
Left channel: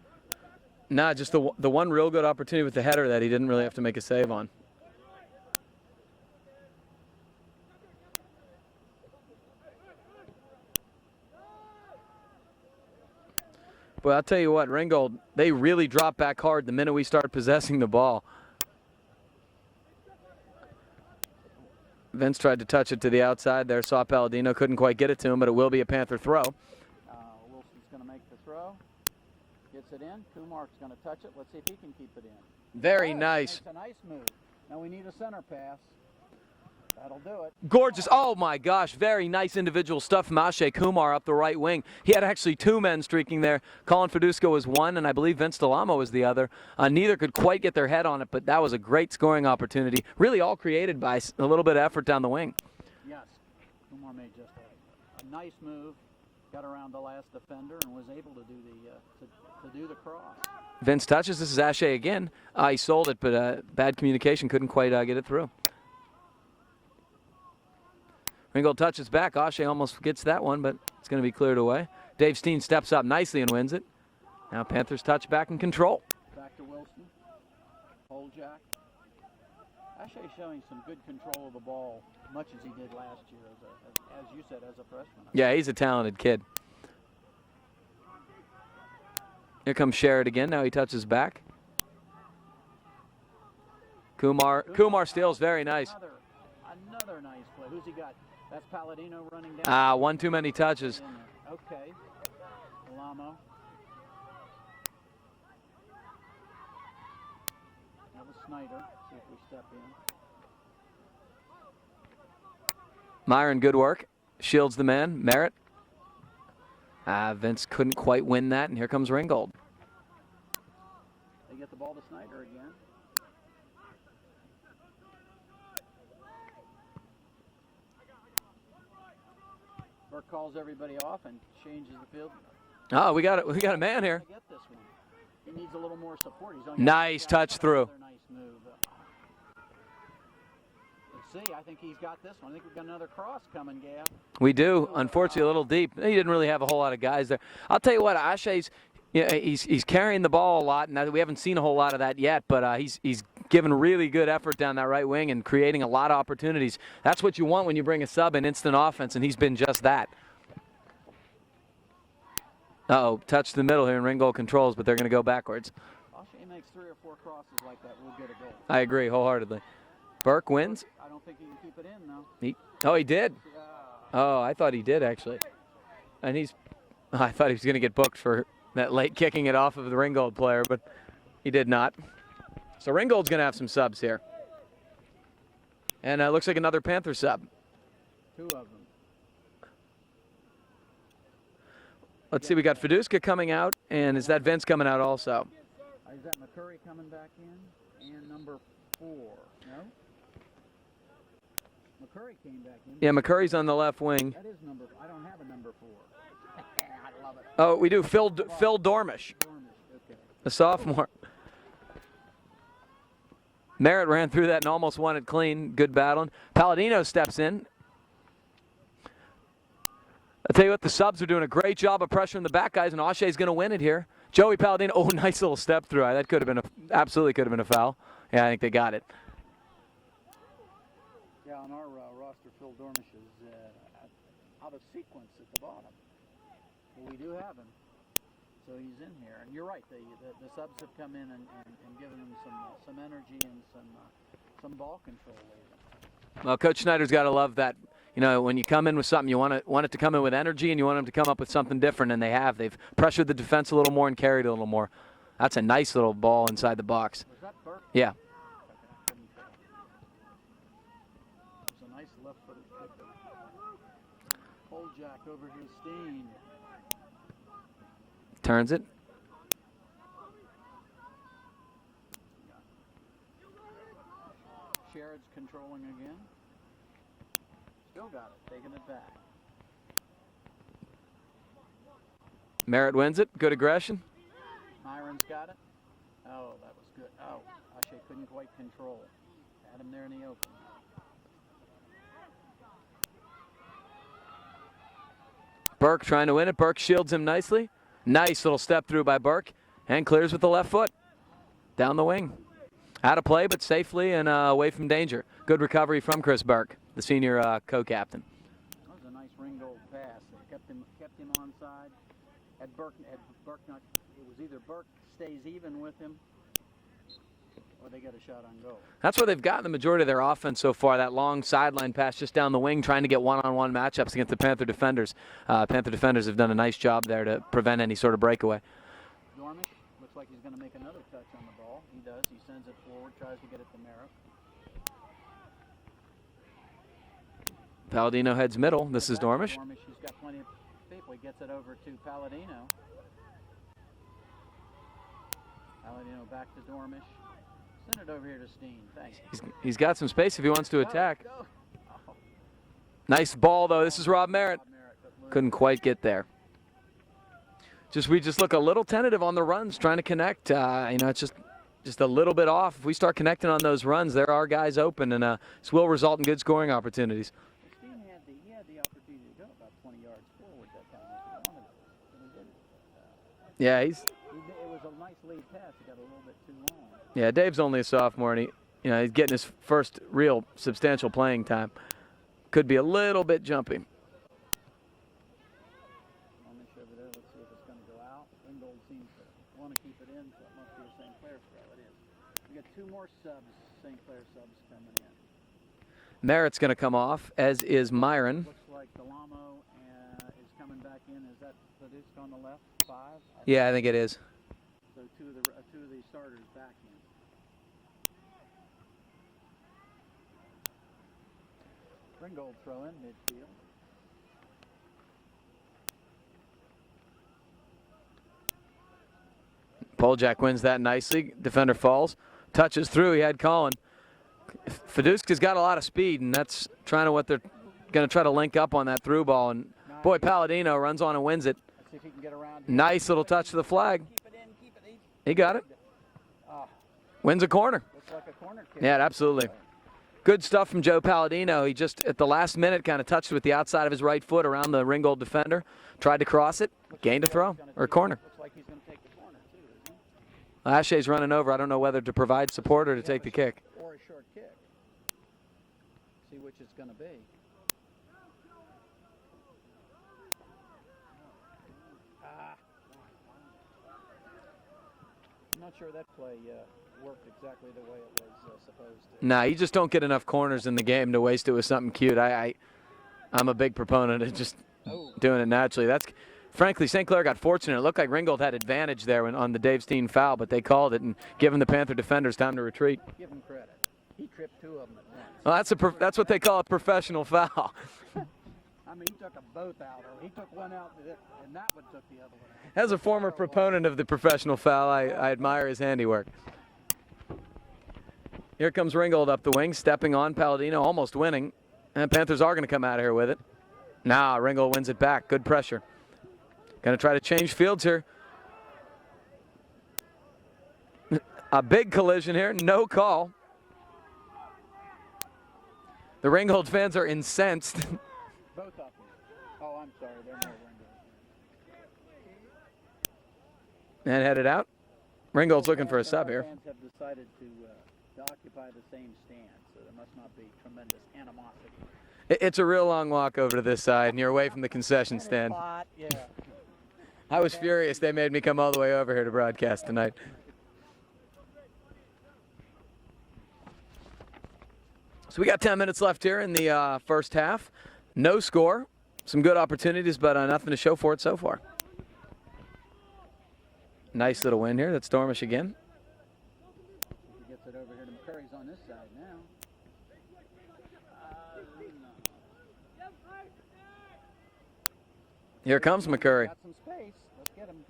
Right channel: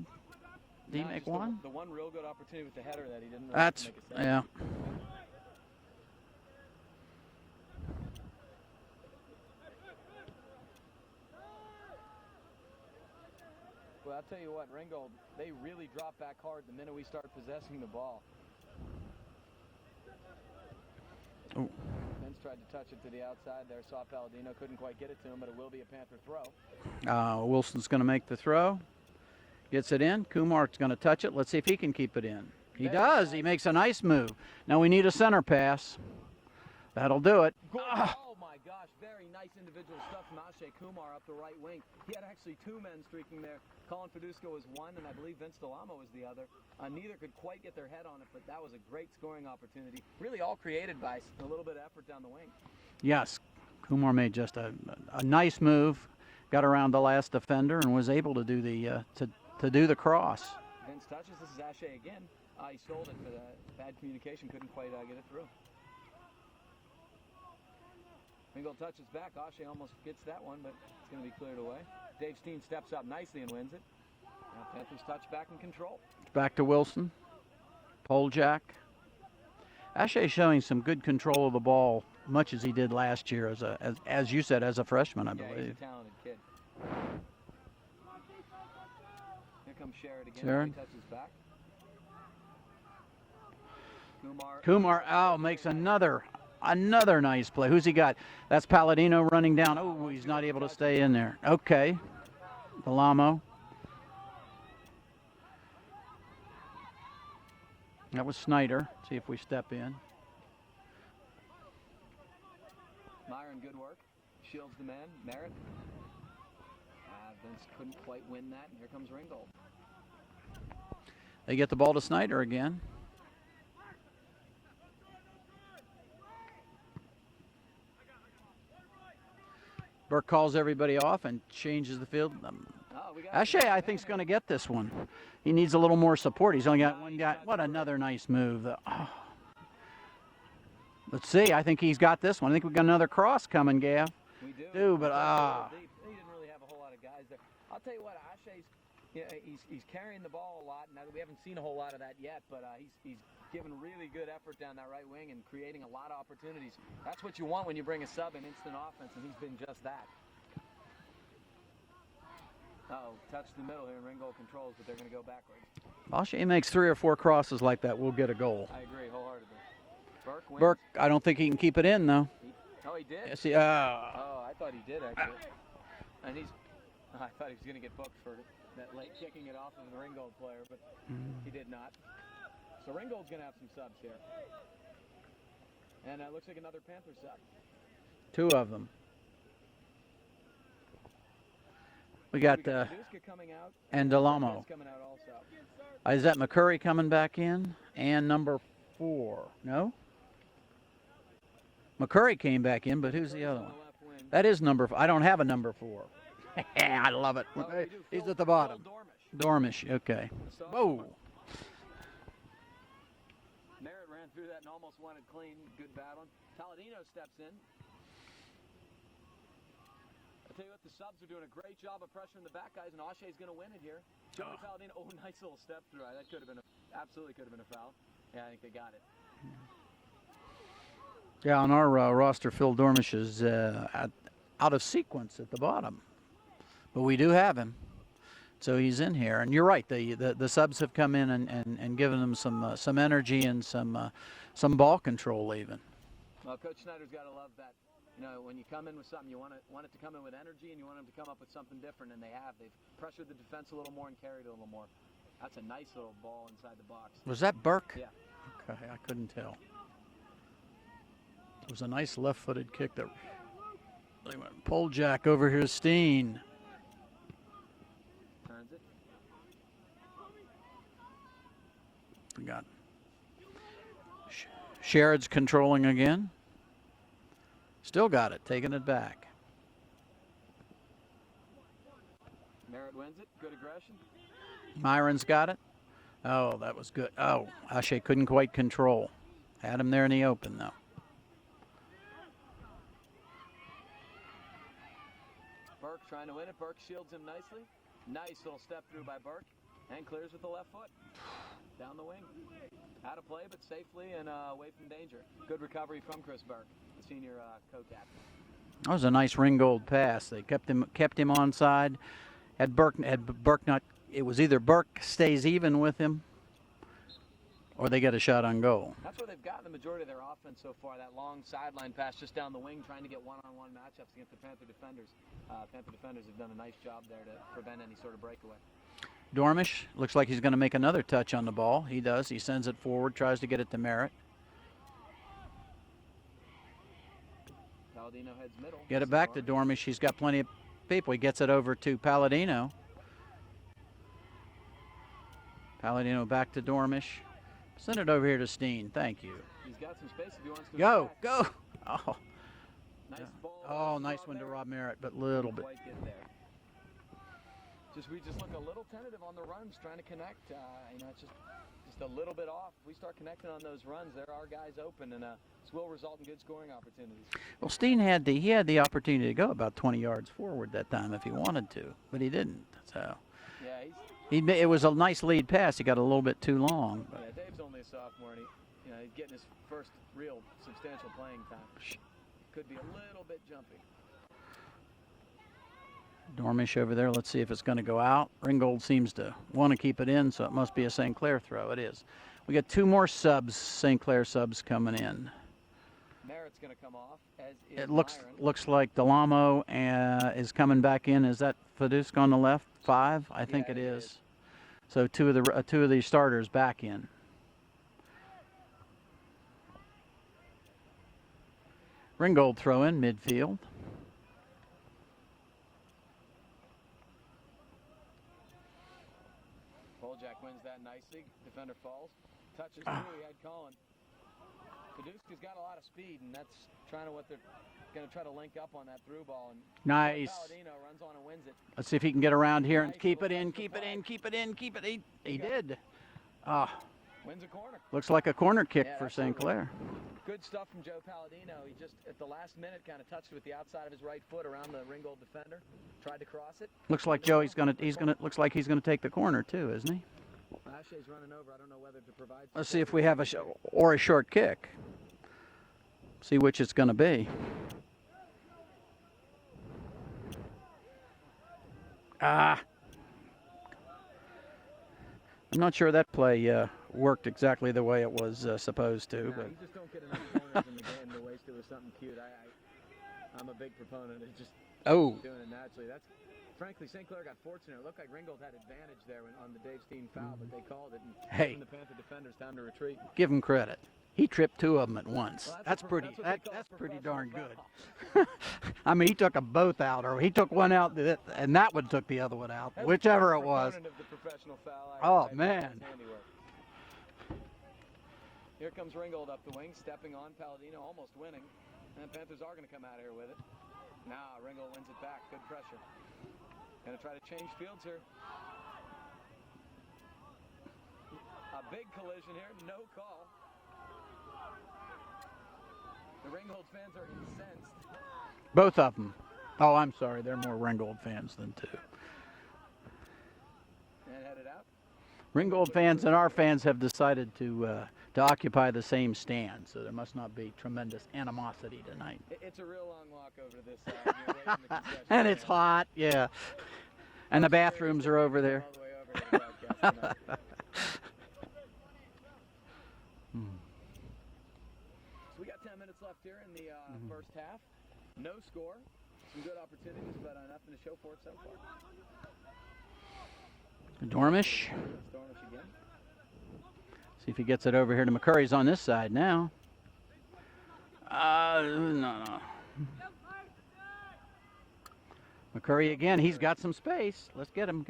No, just the one real good opportunity with the header that he didn't really have to make a save on. But I'll tell you what, Ringgold, they really dropped back hard the minute we started possessing the ball. Vince tried to touch it to the outside there. Saw Palladino, couldn't quite get it to him, but it will be a Panther throw. Wilson's going to make the throw. Gets it in. Kumar's going to touch it. Let's see if he can keep it in. Very nice. He makes a nice move. Now we need a center pass. That'll do it. Gorgeous. Oh, my gosh. Very nice individual stuff from Ashay Kumar up the right wing. He had actually 2 men streaking there. Colin Fedusco was one, and I believe Vince Delamo was the other. Neither could quite get their head on it, but that was a great scoring opportunity. Really all created by a little bit of effort down the wing. Yes. Kumar made just a nice move. Got around the last defender and was able to do the cross. Vince touches. This is Ashay again. He sold it, but bad communication. Couldn't quite get it through. Ringgold touches back. Ashay almost gets that one, but it's going to be cleared away. Dave Steen steps up nicely and wins it. Now Panthers touch back and control. Back to Wilson. Poljak. Ashay showing some good control of the ball, much as he did last year as you said, as a freshman. Yeah, he's a talented kid. Here comes Sherrod again. Now he touches back. Kumar steals very nice. Another nice play. Who's he got? That's Palladino running down. One too many touches. Stay in there. Okay. Delamo. That was Snyder. See if we step in. Myron, good work. Shields the man. Merritt. Vince couldn't quite win that, and here comes Ringgold. They get the ball to Snyder again. Burke calls everybody off and changes the field. We got a man here. He's going to get this one. He needs a little more support. He's only got nice touch through. Another nice move. Let's see. I think he's got this one. I think we've got another cross coming, Gav. We do. Unfortunately, a little deep. He didn't really have a whole lot of guys there. I'll tell you what, Ashay's, he's carrying the ball a lot, and we haven't seen a whole lot of that yet. But he's given really good effort down that right wing and creating a lot of opportunities. That's what you want when you bring a sub in instant offense, and he's been just that. Touch the middle here, and Ringgold controls, but they're going to go backwards. Ashay makes 3 or 4 crosses like that, we'll get a goal. I agree wholeheartedly. Burke wins. I don't think he can keep it in, though. He did? Yes, I thought he did, actually. And I thought he was going to get booked for that late kicking it off of the Ringgold player, but He did not. So Ringgold's going to have some subs here. And looks like another Panther sub. 2 of them. Let's see, we got Fiduska coming out, and is that Vince coming out also? Is that McCurry coming back in? And number 4. No? McCurry came back in. But yeah, McCurry's on the left wing. That is number 4. I don't have a number 4. I love it. Oh, we do. Phil Dormish. Dormish, okay. The sophomore. Oh. Merritt ran through that and almost won it clean. Good battling. Palladino steps in. I'll tell you what, the subs are doing a great job of pressuring the back guys, and Aushay's going to win it here. Joey Palladino, oh, nice little step through. That could have been absolutely could have been a foul. Yeah, I think they got it. Yeah, on our roster, Phil Dormish is out of sequence at the bottom. But we do have him. So he's in here. And you're right, the subs have come in and given them some energy and some ball control even. Well, Coach Schneider's got to love that. You know, when you come in with something, you want it to come in with energy, and you want them to come up with something different, and they have. They've pressured the defense a little more and carried a little more. That's a nice little ball inside the box. Was that Burke? Yeah. Okay, I couldn't tell. It was a nice left-footed kick that pulled Jack over here, Steen. Turns it. We got Sherrod's controlling again. Still got it, taking it back. Merritt wins it. Good aggression. Myron's got it. Oh, that was good. Oh, Ashe couldn't quite control. Had him there in the open, though. Burke trying to win it. Burke shields him nicely. Nice little step through by Burke, and clears with the left foot. Down the wing. Out of play, but safely and away from danger. Good recovery from Chris Burke, the senior co-captain. That was a nice Ringgold pass. They kept him onside. Had Burke not, it was either Burke stays even with him, or they get a shot on goal. That's where they've gotten the majority of their offense so far, that long sideline pass just down the wing, trying to get one-on-one matchups against the Panther defenders. Panther defenders have done a nice job there to prevent any sort of breakaway. Dormish looks like he's going to make another touch on the ball. He does. He sends it forward, tries to get it to Merritt. Palladino heads middle. This is Dormish. Dormish. He's got plenty of people. He gets it over to Palladino. Palladino back to Dormish. Send it over here to Steen. Thank you. He's got some space if he wants to attack. Go. Oh. Nice ball, though. This is nice Rob Merritt. But couldn't quite get there. We just look a little tentative on the runs, trying to connect. You know, it's just a little bit off. If we start connecting on those runs, there are guys open, and this will result in good scoring opportunities. Well, Steen had the opportunity to go about 20 yards forward that time if he wanted to, but he didn't. So. Yeah, it was a nice lead pass. He got a little bit too long. Yeah, Dave's only a sophomore, and he's getting his first real substantial playing time. Could be a little bit jumpy. Dormish over there. Let's see if it's going to go out. Ringgold seems to want to keep it in, so it must be a St. Clair throw. It is. We got 2 more subs, St. Clair subs coming in. Merritt's going to come off, as is Myron. Looks like Delamo is coming back in. Is that Fidusk on the left? 5? I think it is. So two of the starters back in. Ringgold throw in midfield. Poljak wins that nicely. Defender falls. Touches through. He had Colin. Fiduska's got a lot of speed, and that's trying to what they're going to try to link up on that through ball. And nice. Boy, Palladino runs on and wins it. Let's see if he can get around here. Nice little touch to the flag. Keep it in. Keep it in. He got it. Wins a corner. Looks like a corner kick. Yeah, absolutely. Good stuff from Joe Palladino. He just, at the last minute, kind of touched with the outside of his right foot around the Ringgold defender. Tried to cross it. Looks gained like a throw. Corner. Looks like he's going to take the corner, too, isn't he? Ashay's running over. I don't know whether to provide support or to take the kick. Or a short kick. See which it's going to be. I'm not sure that play worked exactly the way it was supposed to. Nah, you just don't get enough corners in the game to waste it with something cute. I'm a big proponent of just doing it naturally. Frankly, St. Clair got fortunate. It looked like Ringgold had advantage there on the Dave Steen foul, but they called it and given the Panther defenders time to retreat. Give him credit. He tripped 2 of them at once. Well, that's what they call a professional foul. I mean, he took them both out, or he took one out, and that one took the other one out. As a former proponent of the professional foul, I admire man. his handiwork. Here comes Ringgold up the wing, stepping on Palladino, almost winning. And Panthers are going to come out of here with it. Now Ringgold wins it back. Good pressure. Going to try to change fields here. A big collision here, no call. The Ringgold fans are incensed. Both of them. Oh, I'm sorry. They're more Ringgold fans than 2. And headed out. Ringgold's looking for a fans sub and our here. fans have decided to occupy the same stand, so there must not be tremendous animosity tonight. It's a real long walk over to this side, and you're away from the concession And stand. it's hot, yeah. I And was the furious bathrooms they are made me over come there. all the way over here to broadcast tonight. So we got 10 minutes left here in the first half. No score. Some good opportunities, but nothing to show for it so far. Nice little win here. That's Dormish again. See if he gets it over here to McCurry's on this side now. No. Here comes again. McCurry. He's got some space. Let's get him.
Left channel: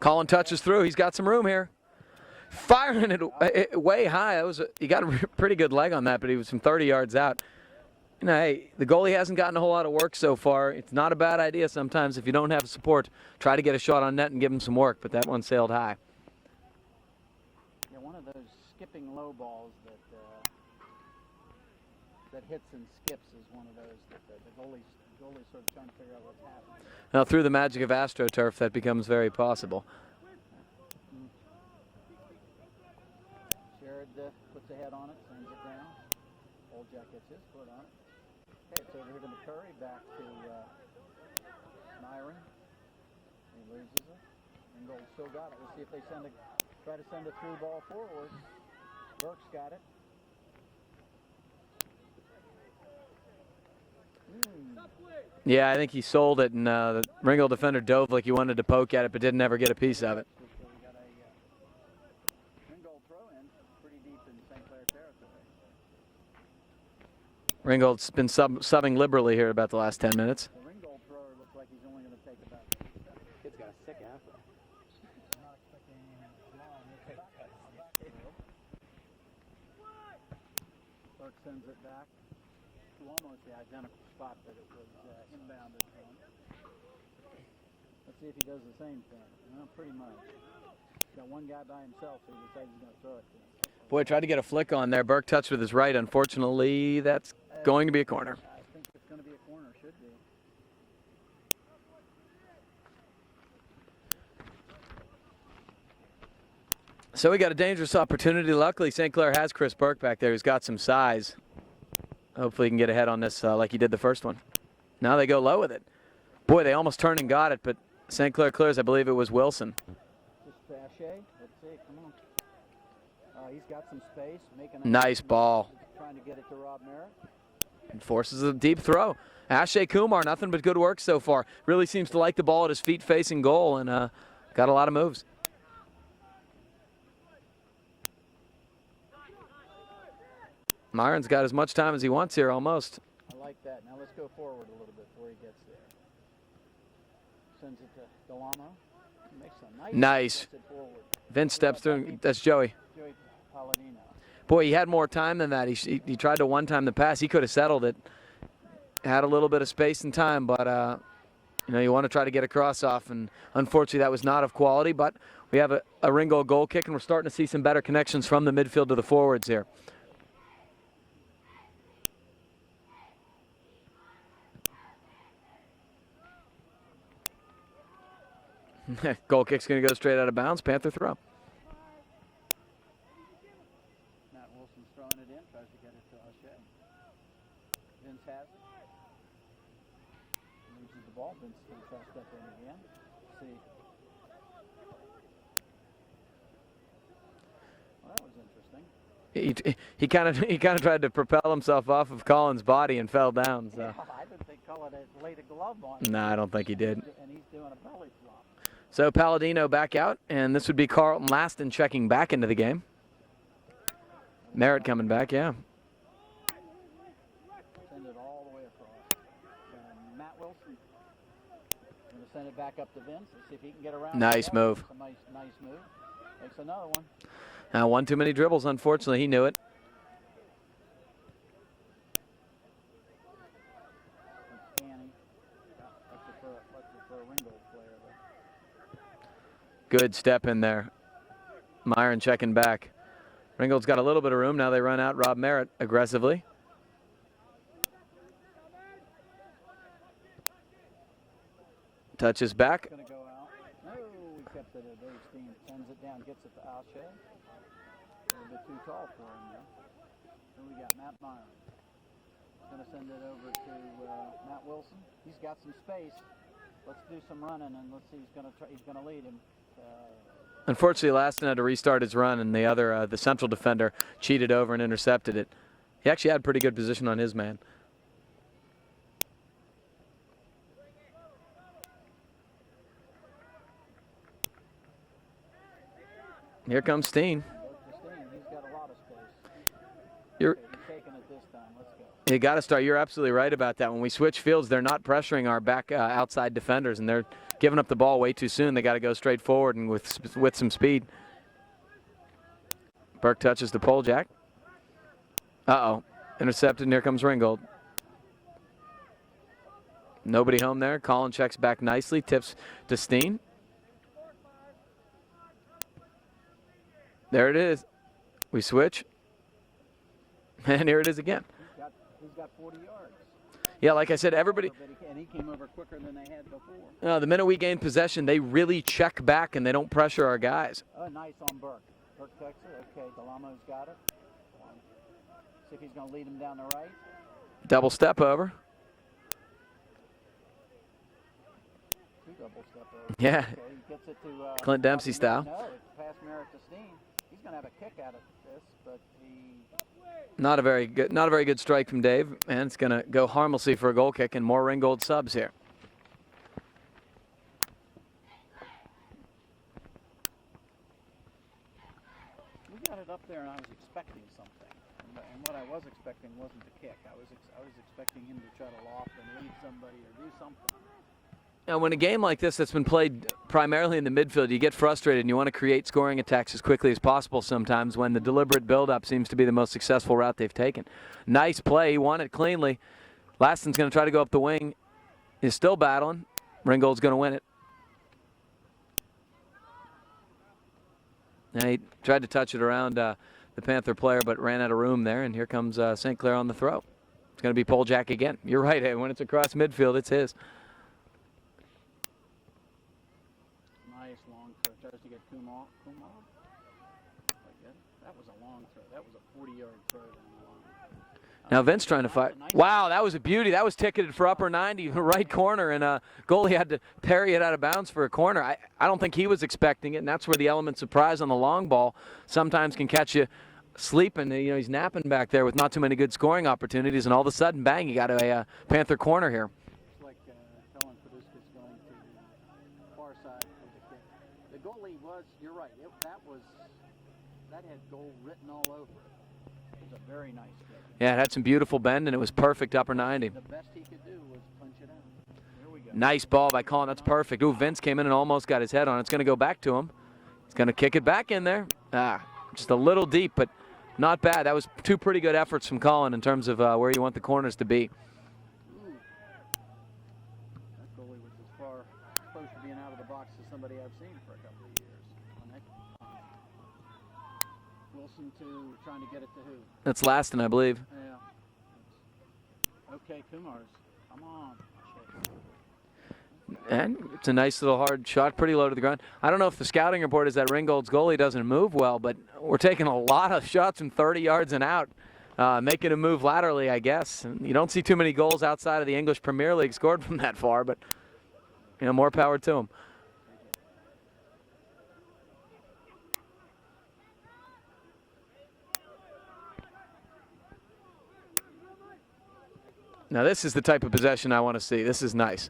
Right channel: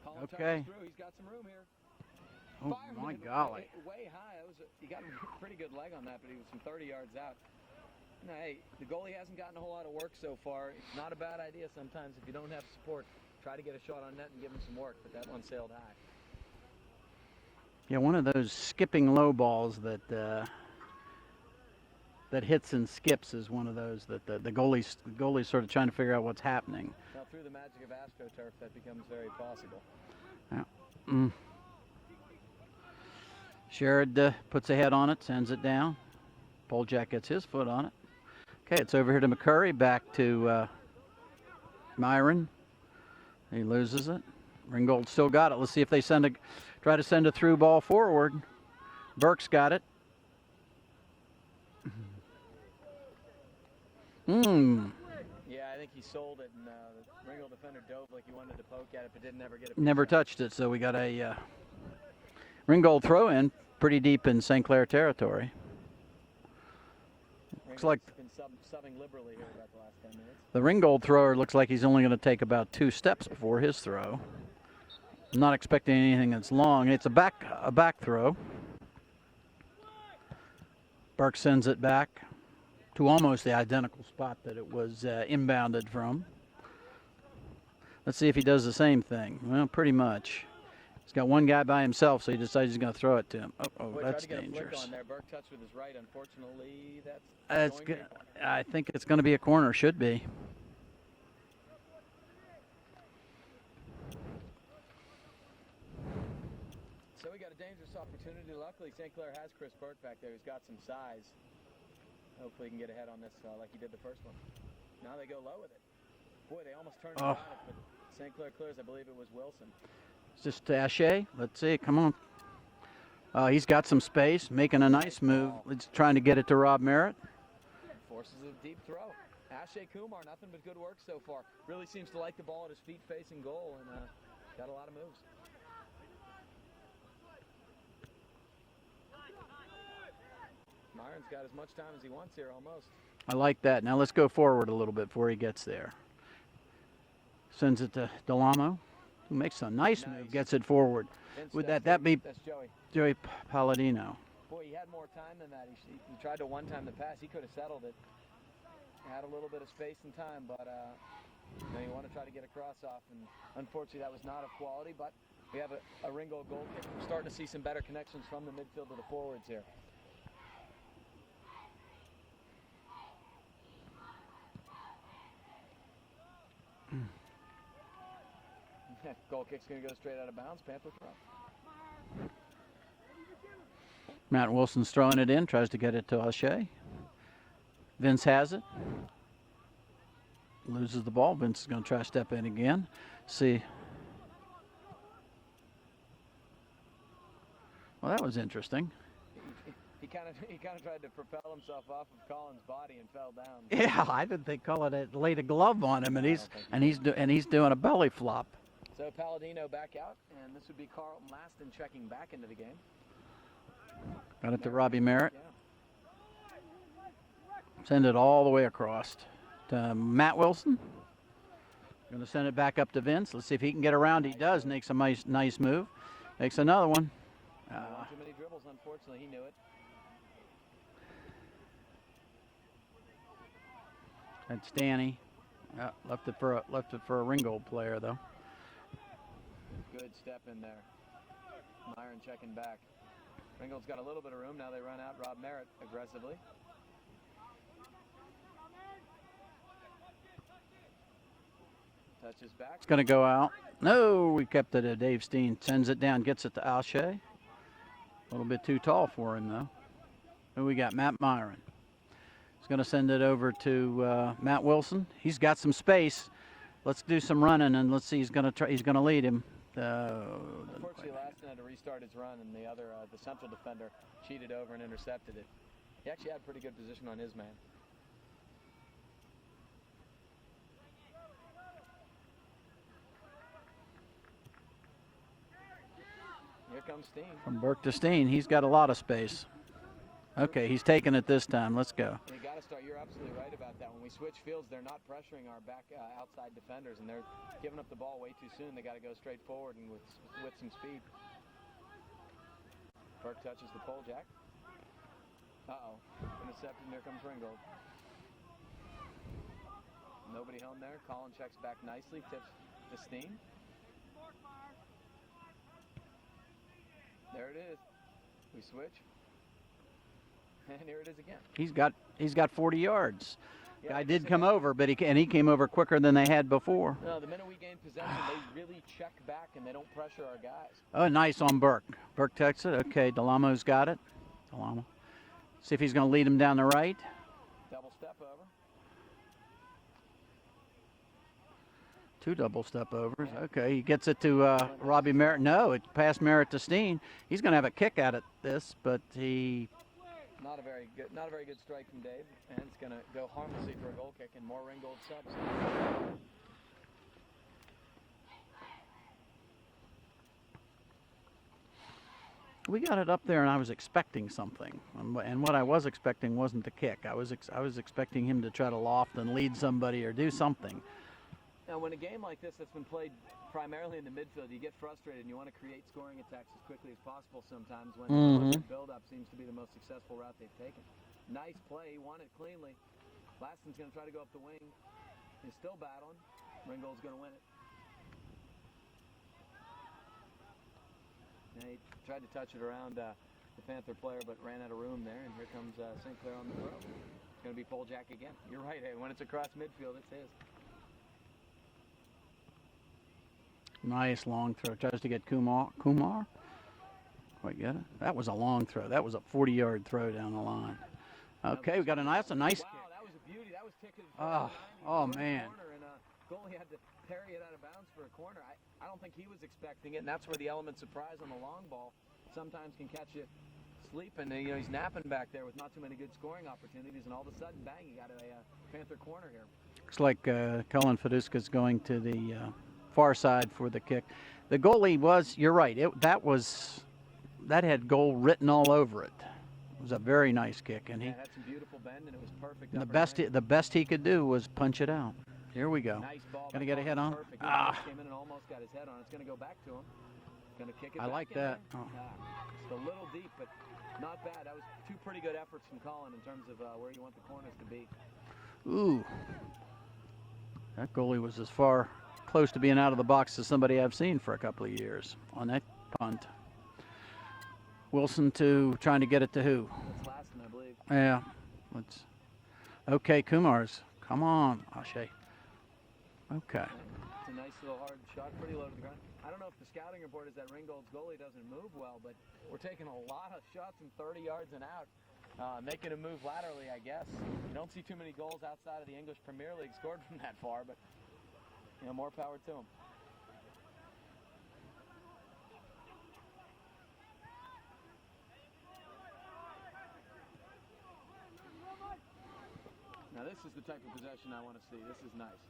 Colin touches through. He's got some room here. Firing it way high. He got a pretty good leg on that, but he was from 30 yards out. You know, hey, the goalie hasn't gotten a whole lot of work so far. It's not a bad idea sometimes if you don't have support. Try to get a shot on net and give him some work, but that one sailed high. Yeah, one of those skipping low balls that hits and skips is one of those that the goalie's sort of trying to figure out what's happening. Now through the magic of AstroTurf, that becomes very possible. Sherrod puts a head on it, sends it down. Poljack gets his foot on it. Okay, it's over here to McCurry, back to Myron. He loses it. Ringgold still got it. Let's see if they try to send a through ball forward. Burke's got it. Yeah, I think he sold it, and the Ringgold defender dove like he wanted to poke at it, but didn't ever get a piece Never out. touched it, so we got a Ringgold throw in pretty deep in St. Clair territory. Ringgold's been subbing liberally here about the last 10 minutes. The Ringgold thrower looks like he's only going to take about 2 steps before his throw. I'm not expecting anything that's long. It's a back throw. Burke sends it back to almost the identical spot that it was inbounded from. Let's see if he does the same thing. Well, pretty much. He's got one guy by himself, so he decides he's going to throw it to him. Boy, tried to get a flick on there. Burke touched with his right. Unfortunately, that's going to be a corner. I think it's going to be a corner. Should be. So we got a dangerous opportunity. Luckily, St. Clair has Chris Burke back there who's got some size. Hopefully he can get ahead on this like he did the first one. Now they go low with it. Boy, they almost turned and got it, but St. Clair clears. I believe it was Wilson. Is this Ashe? Let's see. Come on. He's got some space, making a nice move. ball. He's trying to get it to Rob Merritt. Forces a deep throw. Ashe Kumar, nothing but good work so far. Really seems to like the ball at his feet facing goal and got a lot of moves. Myron's got as much time as he wants here almost. I like that. Now let's go forward a little bit before he gets there. Sends it to Delamo, who makes a nice. Gets it forward. Vince steps through. That's Joey. Joey Palladino. Boy, he had more time than that. He tried to one-time the pass. He could have settled it. Had a little bit of space and time, but you know, you want to try to get a cross off, and unfortunately that was not of quality. But we have a Ringgold goal kick, and we're starting to see some better connections from the midfield to the forwards here. Goal kick's going to go straight out of bounds. Panther throw. Matt Wilson's throwing it in, tries to get it to Ashe. Vince has it. Loses the ball. Vince is going to try to step in again. See. Well, that was interesting. He kind of tried to propel himself off of Collins' body and fell down. So. Yeah, I didn't think Cullen had laid a glove on him. No, I don't think he did. And he's doing a belly flop. So Palladino back out, and this would be Carlton Laston checking back into the game. Merritt coming back, yeah. Send it all the way across to Matt Wilson. Going to send it back up to Vince. Let's see if he can get around. Nice he does. move. Makes a nice move. Makes another one. One too many dribbles, unfortunately. He knew it. That's Danny. Left it for a Ringgold player, though. Good step in there. Myron checking back. Ringgold's got a little bit of room. Now they run out Rob Merritt aggressively. Touches back. Going to go out. No, we kept it to Dave Steen. Sends it down, gets it to Alshea. A little bit too tall for him, though. Who we got? Matt Myron. He's going to send it over to Matt Wilson. He's got some space. Let's do some running, and let's see. He's going to lead him. Unfortunately, Laston had to restart his run, and the central defender cheated over and intercepted it. He actually had pretty good position on his man. Here comes Steen. From Burke to Steen. He's got a lot of space. Okay, he's taking it this time. Let's go. You got to start. You're absolutely right about that. When we switch fields, they're not pressuring our back outside defenders, and they're giving up the ball way too soon. They got to go straight forward and with some speed. Burke touches the pole jack. Uh-oh. Intercepted, and here comes Ringgold. Nobody home there. Colin checks back nicely. Tips to Steen. There it is. We switch. And here it is again. He's got 40 yards. Yeah, like I said, everybody. Over, but he came over quicker than they had before. The minute we gain possession, they really check back and they don't pressure our guys. Oh, nice on Burke. Burke takes it. Okay, Delamo's got it. Delamo. See if he's going to lead him down the right. Double step over. Two double step over. Yeah. Okay, he gets it to Clint Dempsey Robbie Merritt. style. No, it passed Merritt to Steen. He's going to have a kick at it but he. Not a very good strike from Dave, and it's going to go harmlessly for a goal kick, and more Ringgold subs here. We got it up there, and I was expecting something, and what I was expecting wasn't the kick. I was expecting him to try to loft and lead somebody or do something. Now, when a game like this that's been played primarily in the midfield, you get frustrated and you want to create scoring attacks as quickly as possible sometimes when the deliberate build-up seems to be the most successful route they've taken. Nice play. He won it cleanly. Laston's going to try to go up the wing. He's still battling. Ringgold's going to win it. Now, he tried to touch it around the Panther player, but ran out of room there, and here comes St. Clair on the throw. It's going to be pole jack again. You're right, hey, when it's across midfield, it's his. Nice long throw. Tries to get Kumar. Quite get it. That was a long throw. That was a 40-yard throw down the line. Now Vince trying to fight. Nice wow, that was a beauty. That was ticketed for upper 90, right man. corner, and goalie had to parry it out of bounds for a corner. I don't think he was expecting it, and that's where the element of surprise on the long ball sometimes can catch you sleeping. You know, he's napping back there with not too many good scoring opportunities, and all of a sudden, bang, you got a Panther corner here. Looks like Cullen Fiduska's going to the far side for the kick. The goalie was, you're right, that had goal written all over it. It was a very nice kick. And yeah, it had some beautiful bend, and it was perfect upper 90. The best he could do was punch it out. Here we go. Nice ball by Colin. That's perfect. Ooh, Vince came in and almost got his head on it. It's going to go back to him. He's going to kick it back in there. Just a little deep, but not bad. That was two pretty good efforts from Colin in terms of where you want the corners to be. Ooh. That goalie was as far close to being out of the box as somebody I've seen for a couple of years on that punt. Wilson trying to get it to who? That's Laston, I believe. Yeah. Okay, Kumar's. Come on, Ashe. Okay. And it's a nice little hard shot, pretty low to the ground. I don't know if the scouting report is that Ringgold's goalie doesn't move well, but we're taking a lot of shots from 30 yards and out, making him move laterally, I guess. And you don't see too many goals outside of the English Premier League scored from that far, but you know, more power to him. Now this is the type of possession I want to see. This is nice.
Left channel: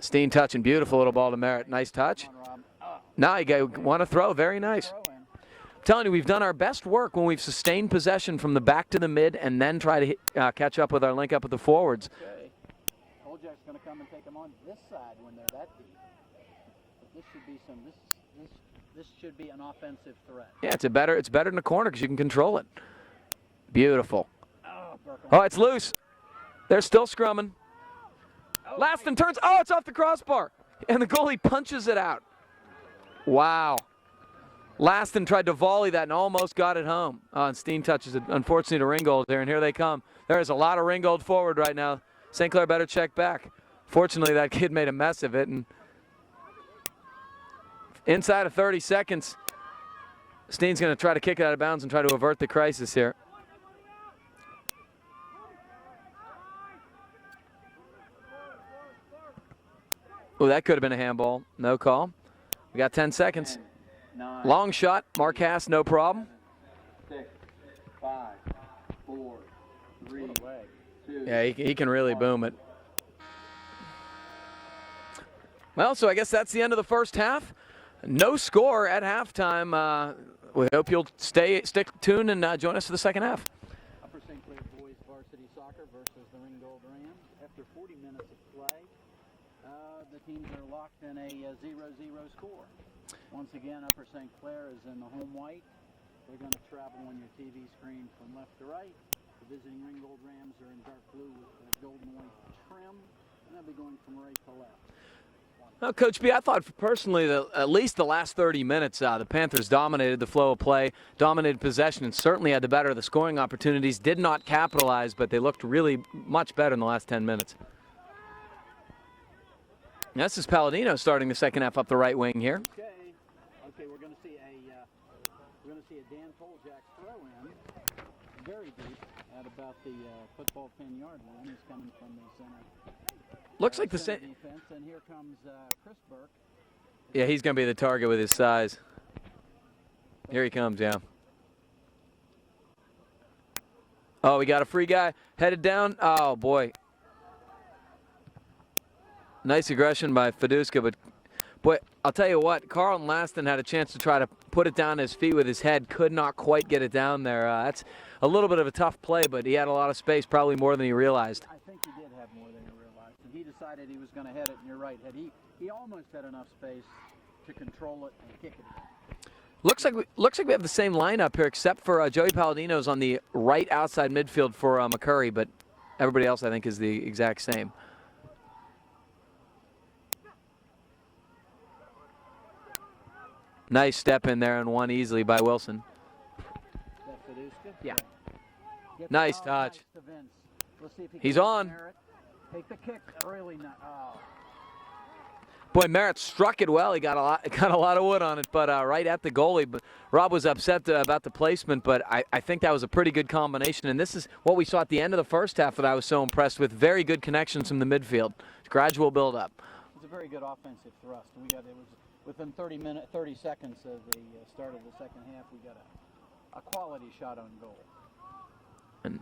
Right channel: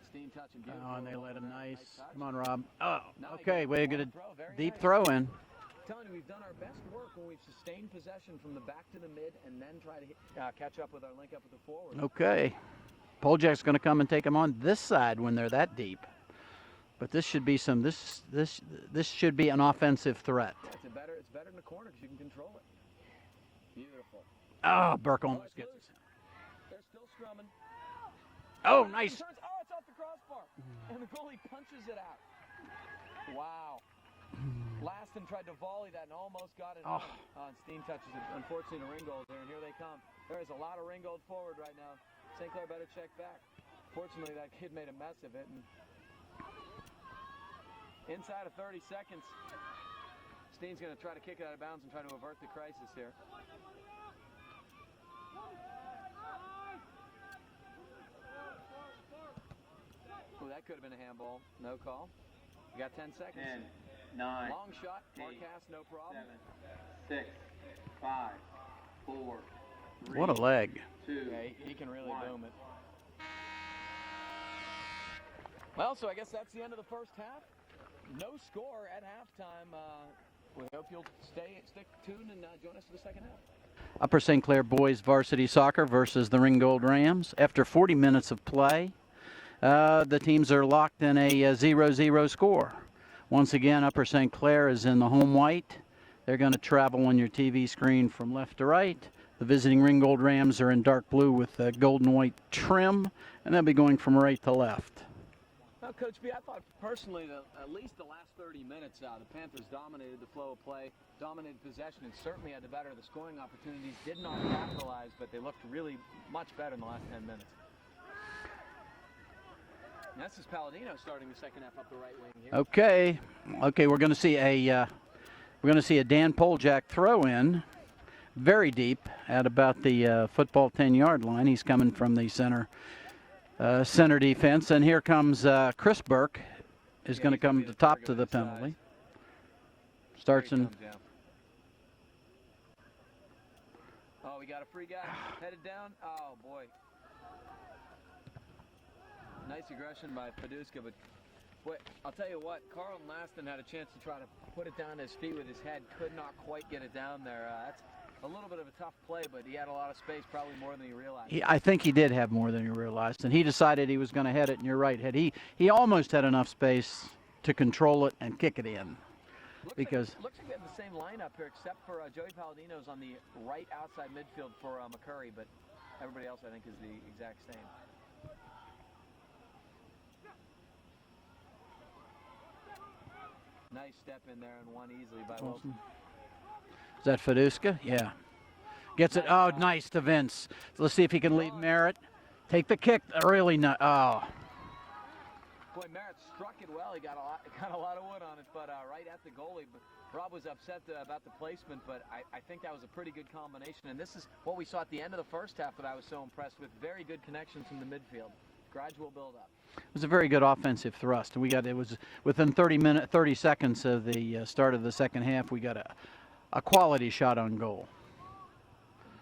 Steen touching, beautiful little ball to Merritt. Nice touch. Come on, Rob. Oh, Now okay, you want to throw. Very deep nice. throw in. Telling you, we've done our best work when we've sustained possession from the back to the mid and then try to catch up with our link up with the forwards. Okay. Poljak's going to come and take them on this side when they're that deep. But this should be some this should be an offensive threat. Yeah, it's better in the corner because you can control it. Beautiful. Oh, Burkle. Oh, it's loose. They're still scrumming. Oh, Laston nice. turns. Oh, it's off the crossbar. And the goalie punches it out. Wow. Laston tried to volley that and almost got it home. And Steen touches it, unfortunately, to Ringgold there, and here they come. There is a lot of Ringgold forward right now. St. Clair better check back. Fortunately, that kid made a mess of it. And inside of 30 seconds, Steen's going to try to kick it out of bounds and try to avert the crisis here. Oh, that could have been a handball. No call. We got 10 seconds. 10, 9, Long shot. Marcas, no problem. 6, 5, 4, 3, What a leg. 2, Yeah, he can really boom it. Well, so I guess that's the end of the first half. No score at halftime. We hope you'll stick tuned and join us for the second half. Upper St. Clair boys varsity soccer versus the Ringgold Rams. After 40 minutes of play, the teams are locked in a 0-0 score. Once again, Upper St. Clair is in the home white. They're going to travel on your TV screen from left to right. The visiting Ringgold Rams are in dark blue with gold and white trim, and they'll be going from right to left. Well, Coach B, I thought personally that at least the last 30 minutes, the Panthers dominated the flow of play, dominated possession, and certainly had the better of the scoring opportunities. Did not capitalize, but they looked really much better in the last 10 minutes. This is Palladino starting the second half up the right wing here. Okay, we're going to see a Dan Poljak throw in, very deep at about the football 10-yard line. He's coming from the center. Looks like center defense, and here comes Chris Burke. Yeah, he's going to be the target with his size. Here he comes, yeah. Oh, we got a free guy headed down. Oh, boy. Nice aggression by Feduska, but boy, I'll tell you what, Carlton Laston had a chance to try to put it down his feet with his head, could not quite get it down there. That's a little bit of a tough play, but he had a lot of space, probably more than he realized. I think he did have more than he realized, and he decided he was going to head it, and you're right, he almost had enough space to control it and kick it in. Looks like we have the same lineup here, except for Joey Palladino's on the right outside midfield for McCurry, but everybody else I think is the exact same. Nice step in there and one easily by Wilson. Is that Feduska? Yeah. Gets Nice it. Oh, touch. nice to Vince. Let's see if he can He's lead on. Merritt. Take the kick. Really not. Oh. Boy, Merritt struck it well. He got a lot of wood on it, but right at the goalie. But Rob was upset about the placement, but I think that was a pretty good combination. And this is what we saw at the end of the first half that I was so impressed with. Very good connections from the midfield. Gradual build-up. It was a very good offensive thrust. It was within 30 seconds of the start of the second half. We got a quality shot on goal. And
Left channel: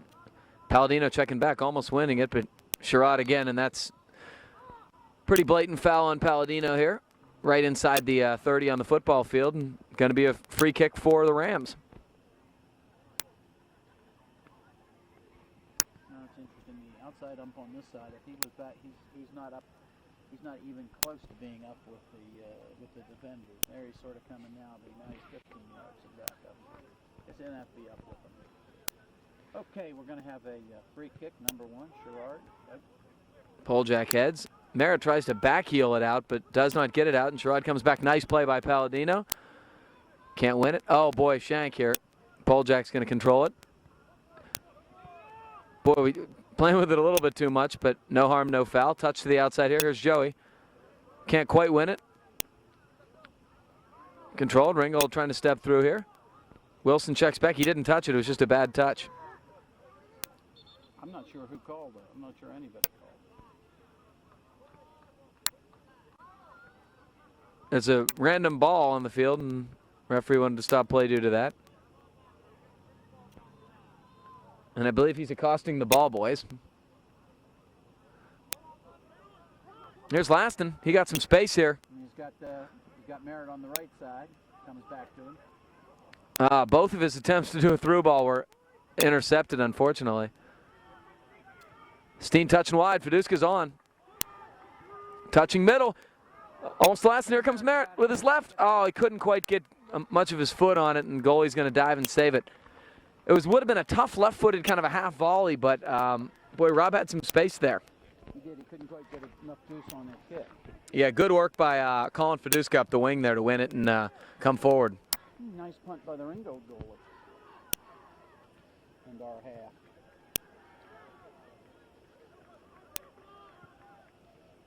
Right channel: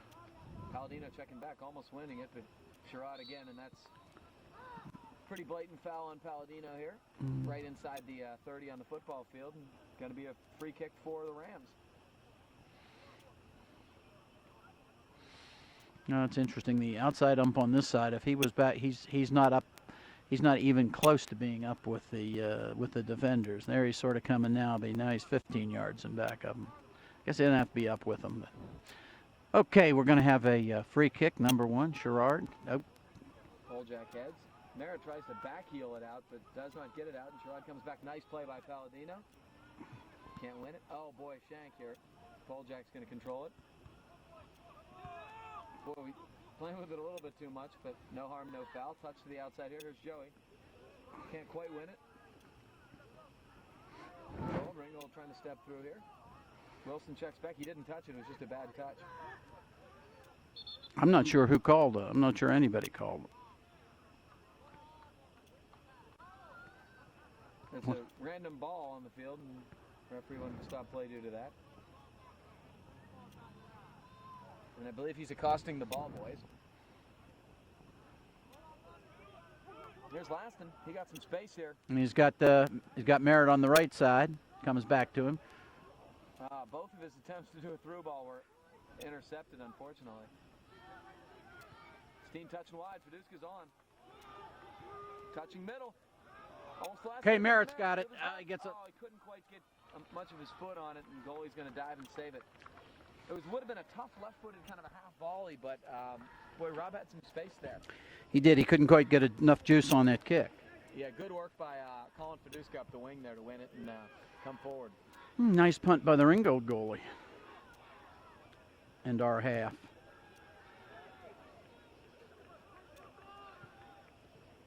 Palladino checking back, almost winning it, but Sherrod again, and that's pretty blatant foul on Palladino here, right inside the 30 on the football field, and going to be a free kick for the Rams. No, it's interesting. The outside ump on this side, if he was back, he's not up. He's not even close to being up with the defenders. There he's sort of coming now. But now he's 15 yards in back of him. Guess he didn't have to be up with him. But. Okay, we're going to have a free kick, number one, Sherrard. Nope. Poljak heads. Merritt tries to backheel it out, but does not get it out, and Sherrod comes back. Nice play by Palladino. Can't win it. Oh, boy, shank here. Poljak's going to control it. Boy, we playing with it a little bit too much, but no harm, no foul. Touch to the outside here. Here's Joey. Can't quite win it. Controlled. Ringgold trying to step through here. Wilson checks back. He didn't touch it. It was just a bad touch. I'm not sure who called it. I'm not sure anybody called it. It's a random ball on the field, and referee wanted to stop play due to that. And I believe he's accosting the ball boys. Here's Laston. He got some space here. And he's got Merritt on the right side. Comes back to him. Both of his attempts to do a through ball were intercepted, unfortunately. Steen touching wide. Fiduska's on. Touching middle. Almost last. Here comes Merritt with his left. Oh, he couldn't quite get much of his foot on it, and goalie's going to dive and save it. It would have been a tough left-footed kind of a half volley, but boy, Rob had some space there. He did. He couldn't quite get enough juice on that kick. Yeah, good work by Colin Fiduska up the wing there to win it and come forward. Nice punt by the Ringgold goalie. And our half.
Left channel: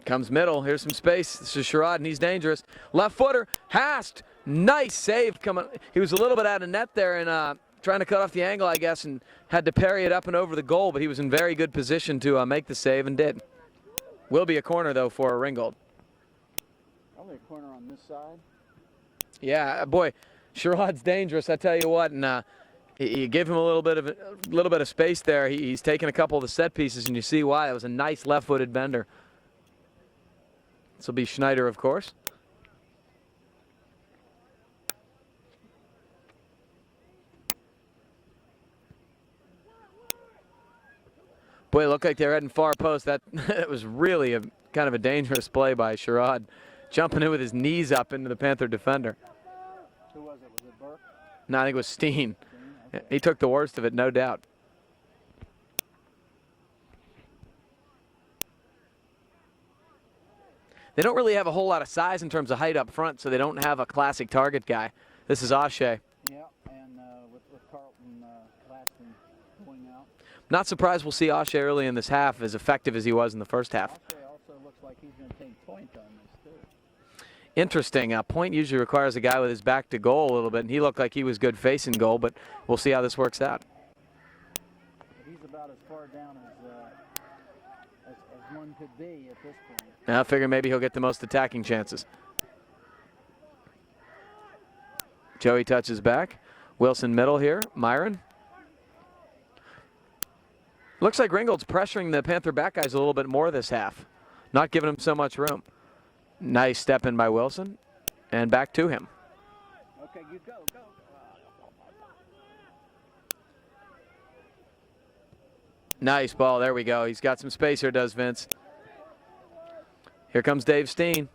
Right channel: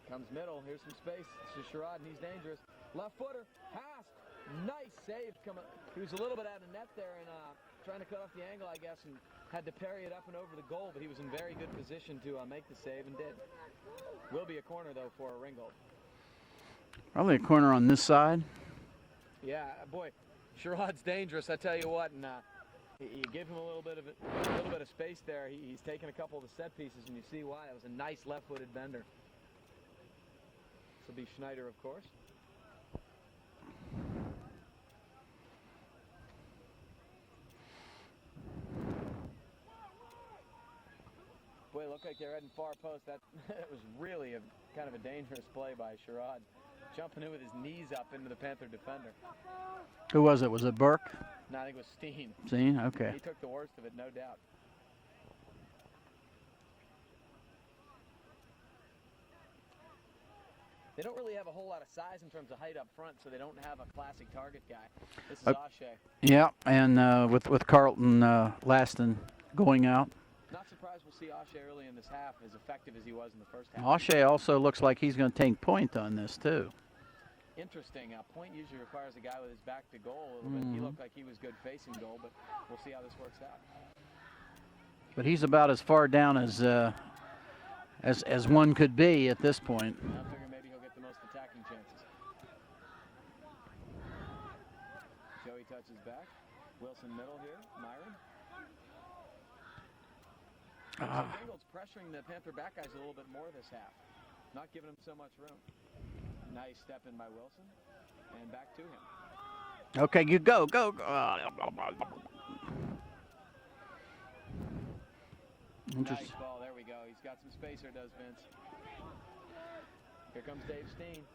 Comes middle. Here's some space. This is Sherrod, and he's dangerous. Left footer. Hast. Nice save coming. He was a little bit out of net there and trying to cut off the angle, I guess, and had to parry it up and over the goal, but he was in very good position to make the save and did. Will be a corner, though, for Ringgold. Probably a corner on this side. Yeah, boy, Sherrod's dangerous, I tell you what, and you give him a little bit of space there. He's taken a couple of the set pieces, and you see why. It was a nice left-footed bender. This will be Schneider, of course. Boy, it looked like they were heading far post. That was really a kind of a dangerous play by Sherrod, jumping in with his knees up into the Panther defender. Who was it? Was it Burke? No, I think it was Steen. Steen? Okay. He took the worst of it, no doubt. They don't really have a whole lot of size in terms of height up front, so they don't have a classic target guy. This is O'Shea. Yeah, and with Carlton Laston going out. Not surprised we'll see O'Shea early in this half as effective as he was in the first half. O'Shea also looks like he's going to take point on this, too. Interesting. Point usually requires a guy with his back to goal a little bit, and he looked like he was good facing goal, but we'll see how this works out. But he's about as far down as one could be at this point. Now I figure maybe he'll get the most attacking chances. Joey touches back. Wilson middle here. Myron. Looks like Ringgold's pressuring the Panther back guys a little bit more this half. Not giving him so much room. Nice step in by Wilson. And back to him. Okay, you go. Nice ball. There we go. He's got some space here, does Vince. Here comes Dave Steen.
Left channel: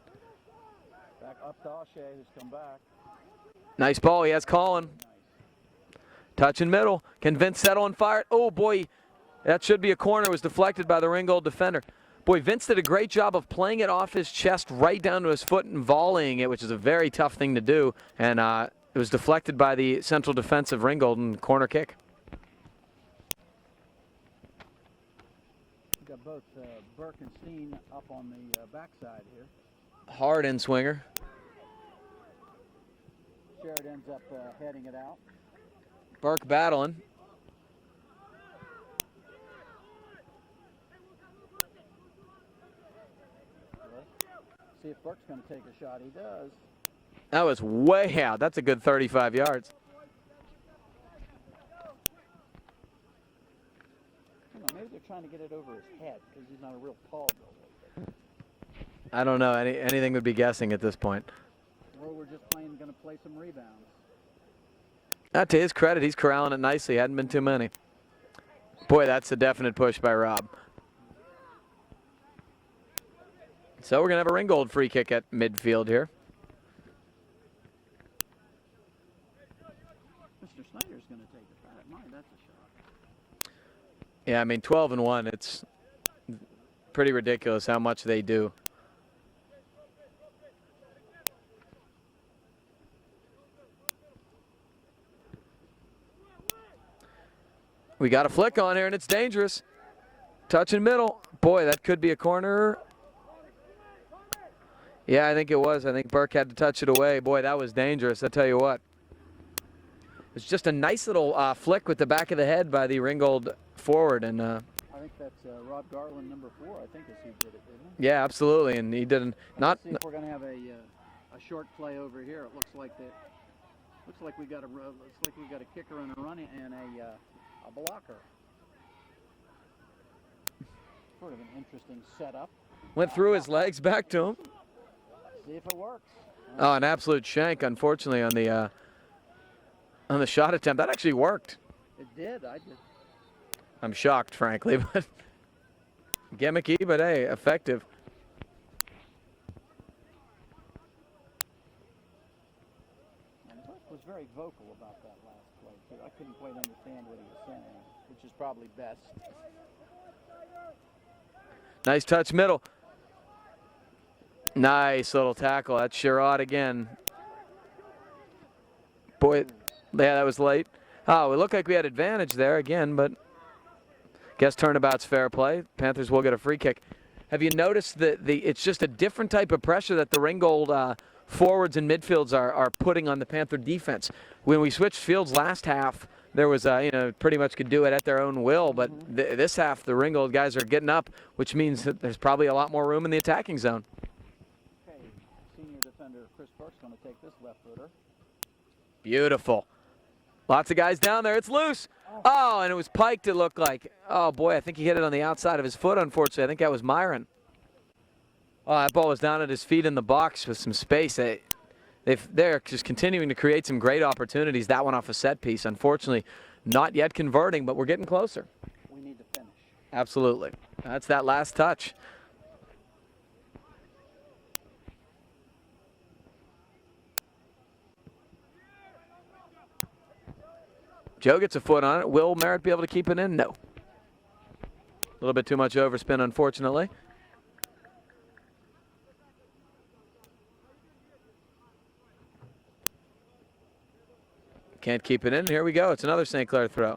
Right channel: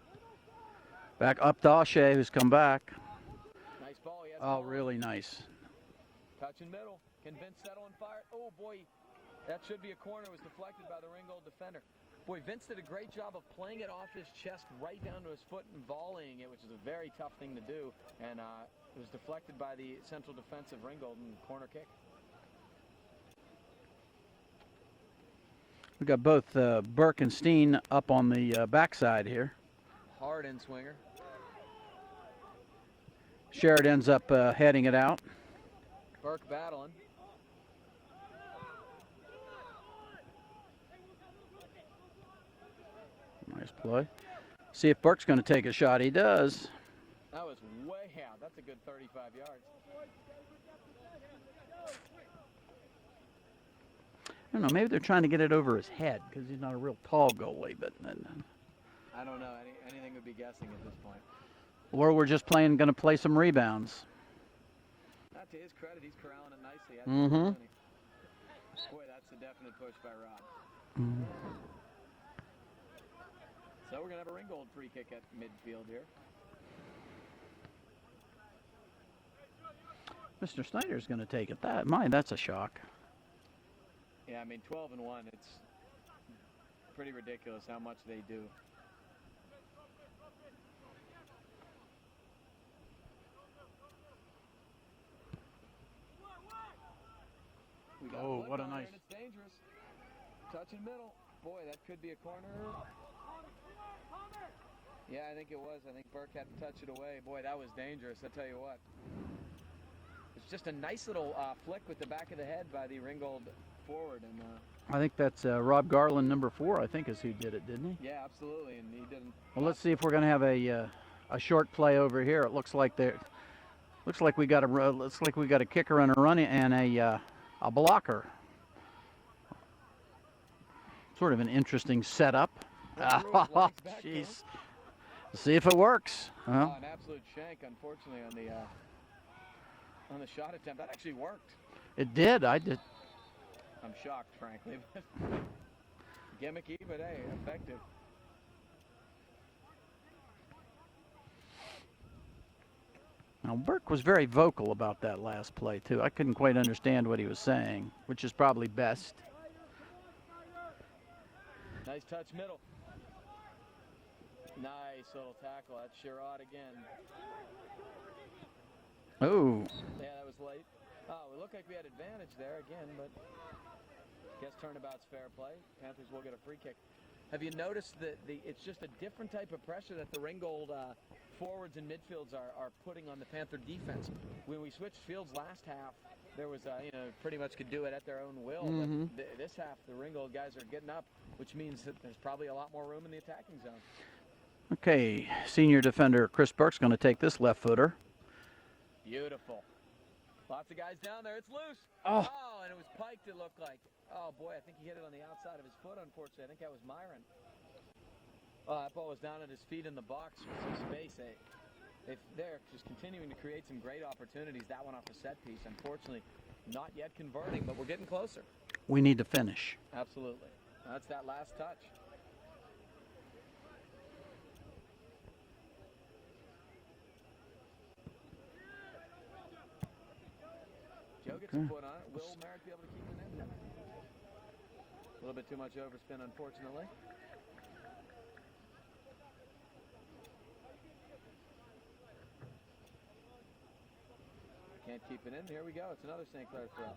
Back up to O'Shea, who's come back. Nice ball. He has Colin. Really nice. Touch in middle. Can Vince settle and fire it? Oh, boy. That should be a corner. It was deflected by the Ringgold defender. Boy, Vince did a great job of playing it off his chest right down to his foot and volleying it, which is a very tough thing to do. And it was deflected by the central defense of Ringgold and corner kick. We got both Burke and Steen up on the backside here. Hard in swinger. Sherrod ends up heading it out. Burke battling. Nice play. See if Burke's going to take a shot. He does. That was way out. That's a good 35 yards. I don't know. Maybe they're trying to get it over his head because he's not a real tall goalie. But I don't know. Anything would be guessing at this point. Or we're just going to play some rebounds. To his credit, he's corralling it nicely. Hadn't been too many. Boy, that's a definite push by Rob. So we're going to have a Ringgold free kick at midfield here. Mr. Snyder's going to take it. That's a shock. Yeah, I mean, 12-1, it's pretty ridiculous how much they do. We got a flick on here, and it's dangerous. Touch in middle. Boy, that could be a corner. Yeah, I think it was. I think Burke had to touch it away. Boy, that was dangerous, I tell you what. It's just a nice little flick with the back of the head by the Ringgold forward. And I think that's Rob Garland, number 4, I think is who did it, didn't he? Yeah, absolutely. And he didn't. Well, let's see if we're going to have a short play over here. It looks like we got a kicker and a run and a blocker. Sort of an interesting setup. Went through his legs back to him. See if it works. Oh, an absolute shank, unfortunately, on the shot attempt. That actually worked. It did. I'm shocked, frankly, but gimmicky, but hey, effective. Now, Burke was very vocal about that last play, too. I couldn't quite understand what he was saying, which is probably best. Nice touch middle. Nice little tackle. That's Sherrod again. Boy, Ooh. yeah, that was late. Oh, it looked like we had advantage there again, but guess turnabout's fair play. Panthers will get a free kick. Have you noticed that it's just a different type of pressure that the Ringgold forwards and midfields are putting on the Panther defense? When we switched fields last half, there was, pretty much could do it at their own will. But this half, the Ringgold guys are getting up, which means that there's probably a lot more room in the attacking zone. Okay, senior defender Chris Burke's going to take this left footer. Beautiful. Lots of guys down there. It's loose. Oh, and it was piked, it looked like. Oh, boy, I think he hit it on the outside of his foot, unfortunately. I think that was Myron. Oh, that ball was down at his feet in the box with some space. They're just continuing to create some great opportunities. That one off a set piece. Unfortunately, not yet converting, but we're getting closer. We need to finish. Absolutely. That's that last touch. Joe gets a foot on it. Will Merritt be able to keep it in? No. A little bit too much overspin, unfortunately. Can't keep it in. Here we go. It's another St. Clair throw.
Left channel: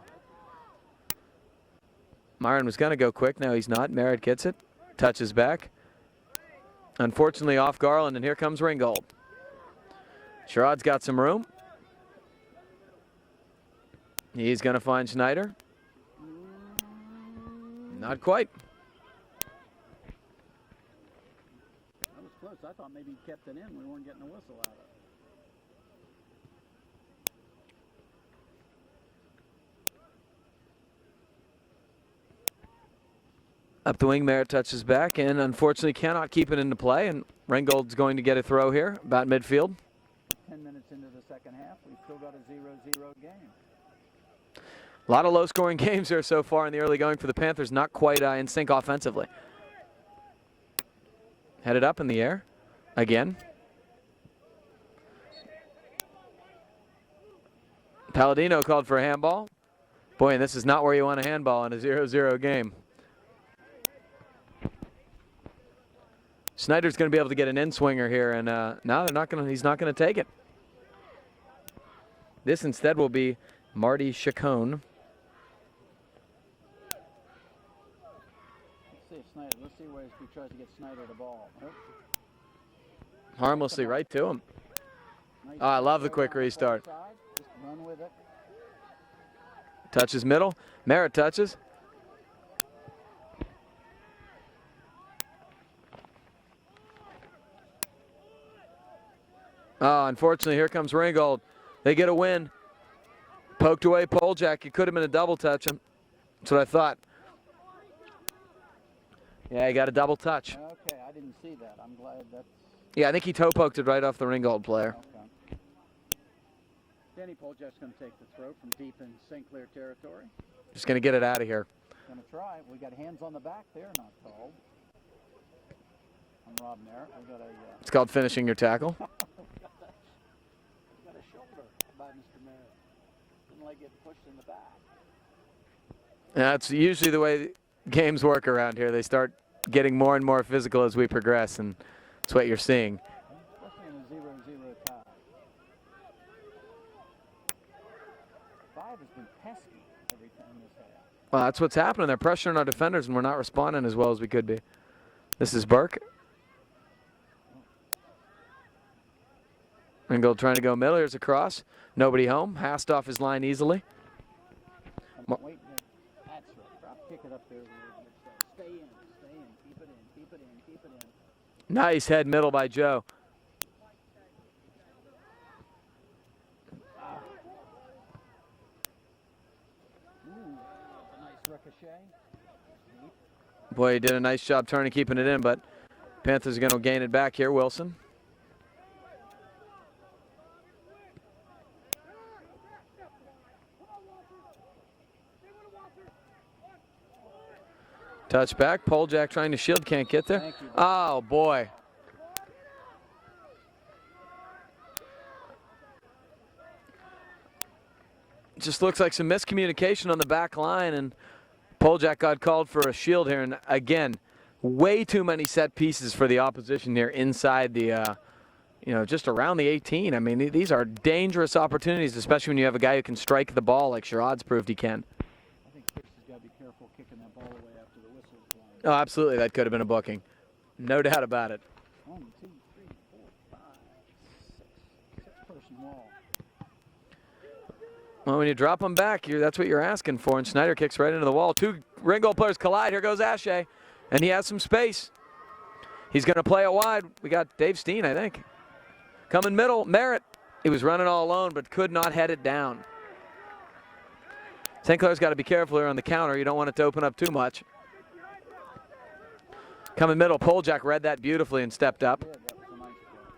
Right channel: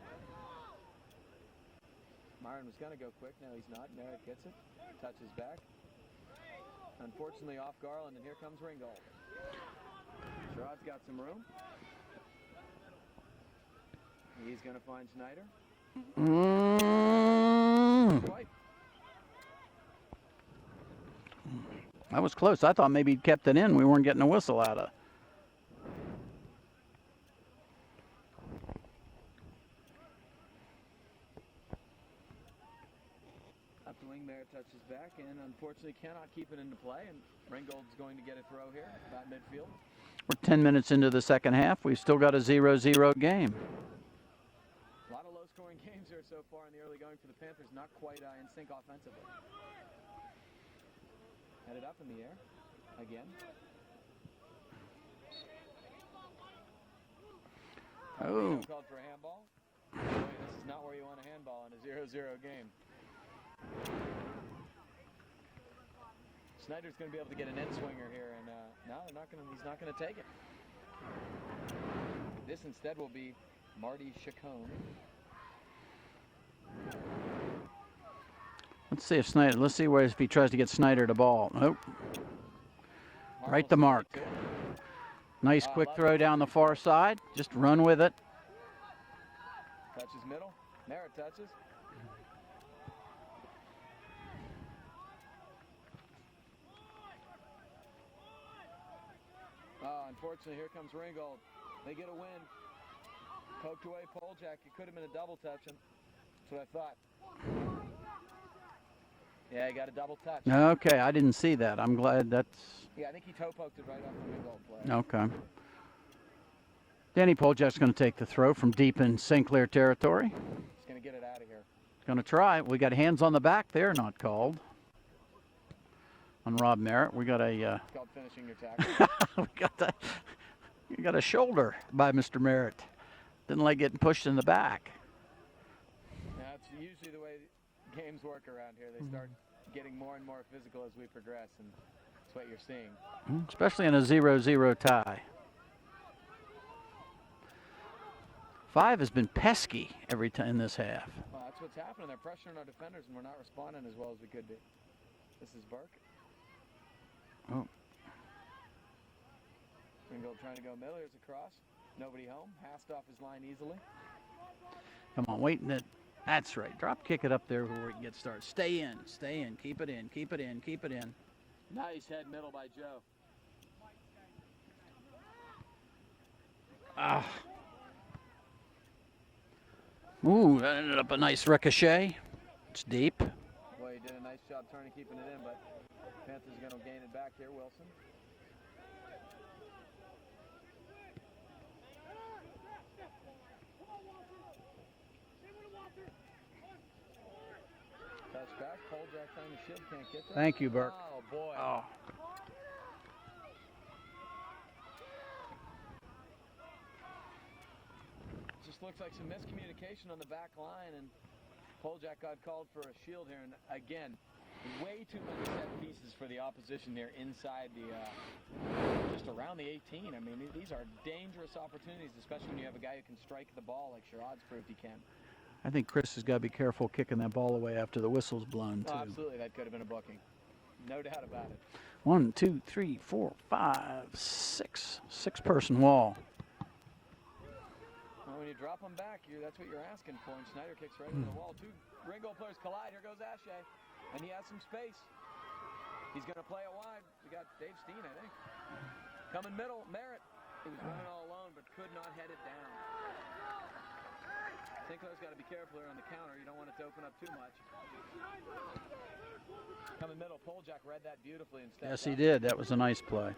Myron was going to go quick. Now he's not. Merritt gets it. Touches back. Unfortunately off Garland, and here comes Ringgold. Sherrod's got some room. He's going to find Schneider. Not quite. That was close. I thought maybe he'd kept it in. We weren't getting a whistle out of. Up the wing, Merritt touches back, and unfortunately cannot keep it into play. And Ringgold's going to get a throw here, about midfield. We're 10 minutes into the second half. We've still got a 0-0 game. A lot of low-scoring games here so far in the early going for the Panthers. Not quite in sync offensively. Headed up in the air again. Palladino called for a handball. Boy, and this is not where you want a handball in a 0-0 game. Snyder's going to be able to get an in-swinger here, and no, they're not going to. He's not going to take it. This instead will be Marty Chacon. Let's see if Snyder. Let's see where if he tries to get Snyder the ball. Nope. Harmlessly right to him. Nice I quick love the throw quick down the far restart. side. Just run with it. Touches middle. Merritt touches. Unfortunately, here comes Ringgold. They get a win. Poked away Poljak. It could have been a double touch. That's what I thought. Yeah, he got a double touch. Okay, I didn't see that. I'm glad that's. Yeah, I think he toe poked it right off the Ringgold player. Okay. Danny Poljak's going to take the throw from deep in St. Clair territory. Just going to get it out of here. Going to try. We got hands on the back there, not called. On Rob Merritt, we got a. It's called finishing your tackle. We got a shoulder by Mr. Merritt. Didn't like getting pushed in the back. That's usually the way games work around here. They start getting more and more physical as we progress, and that's what you're seeing. Especially in a 0-0 tie. 5 has been pesky every time in this half. Well, that's what's happening. They're pressuring our defenders, and we're not responding as well as we could be. This is Burke. Oh. Ringgold trying to go middle. Here's a cross. Nobody home. Hast off his line easily. Come on, waiting it. That's right. Drop kick it up there before we get started. Stay in. Stay in. Keep it in. Keep it in. Keep it in. Nice head middle by Joe. Ooh, that ended up a nice ricochet. It's deep. Boy, he did a nice job turning, keeping it in, but Panthers are going to gain it back here, Wilson. Touchback. Poljack trying to shield, can't get there. Thank you, Bert. Oh, boy. Oh. Just looks like some miscommunication on the back line, and Poljack got called for a shield here. And again, way too many set pieces for the opposition here inside the, just around the 18. I mean, these are dangerous opportunities, especially when you have a guy who can strike the ball like Sherrod's proved he can. I think Chris has got to be careful kicking that ball away after the whistle's blown. Oh, absolutely. That could have been a booking. No doubt about it. 1, 2, 3, 4, 5, 6. 6-person wall. Well, when you drop them back, that's what you're asking for, and Schneider kicks right into the wall. Two Ringgold players collide. Here goes Ashe, and he has some space. He's going to play it wide. We got Dave Steen, I think. Coming middle, Merritt. He was running all alone, but could not head it down. St. Clair's got to be careful here on the counter. You don't want it to open up too much. Coming middle, Poljack read that beautifully and stepped up. Yes, he did. That was a nice play.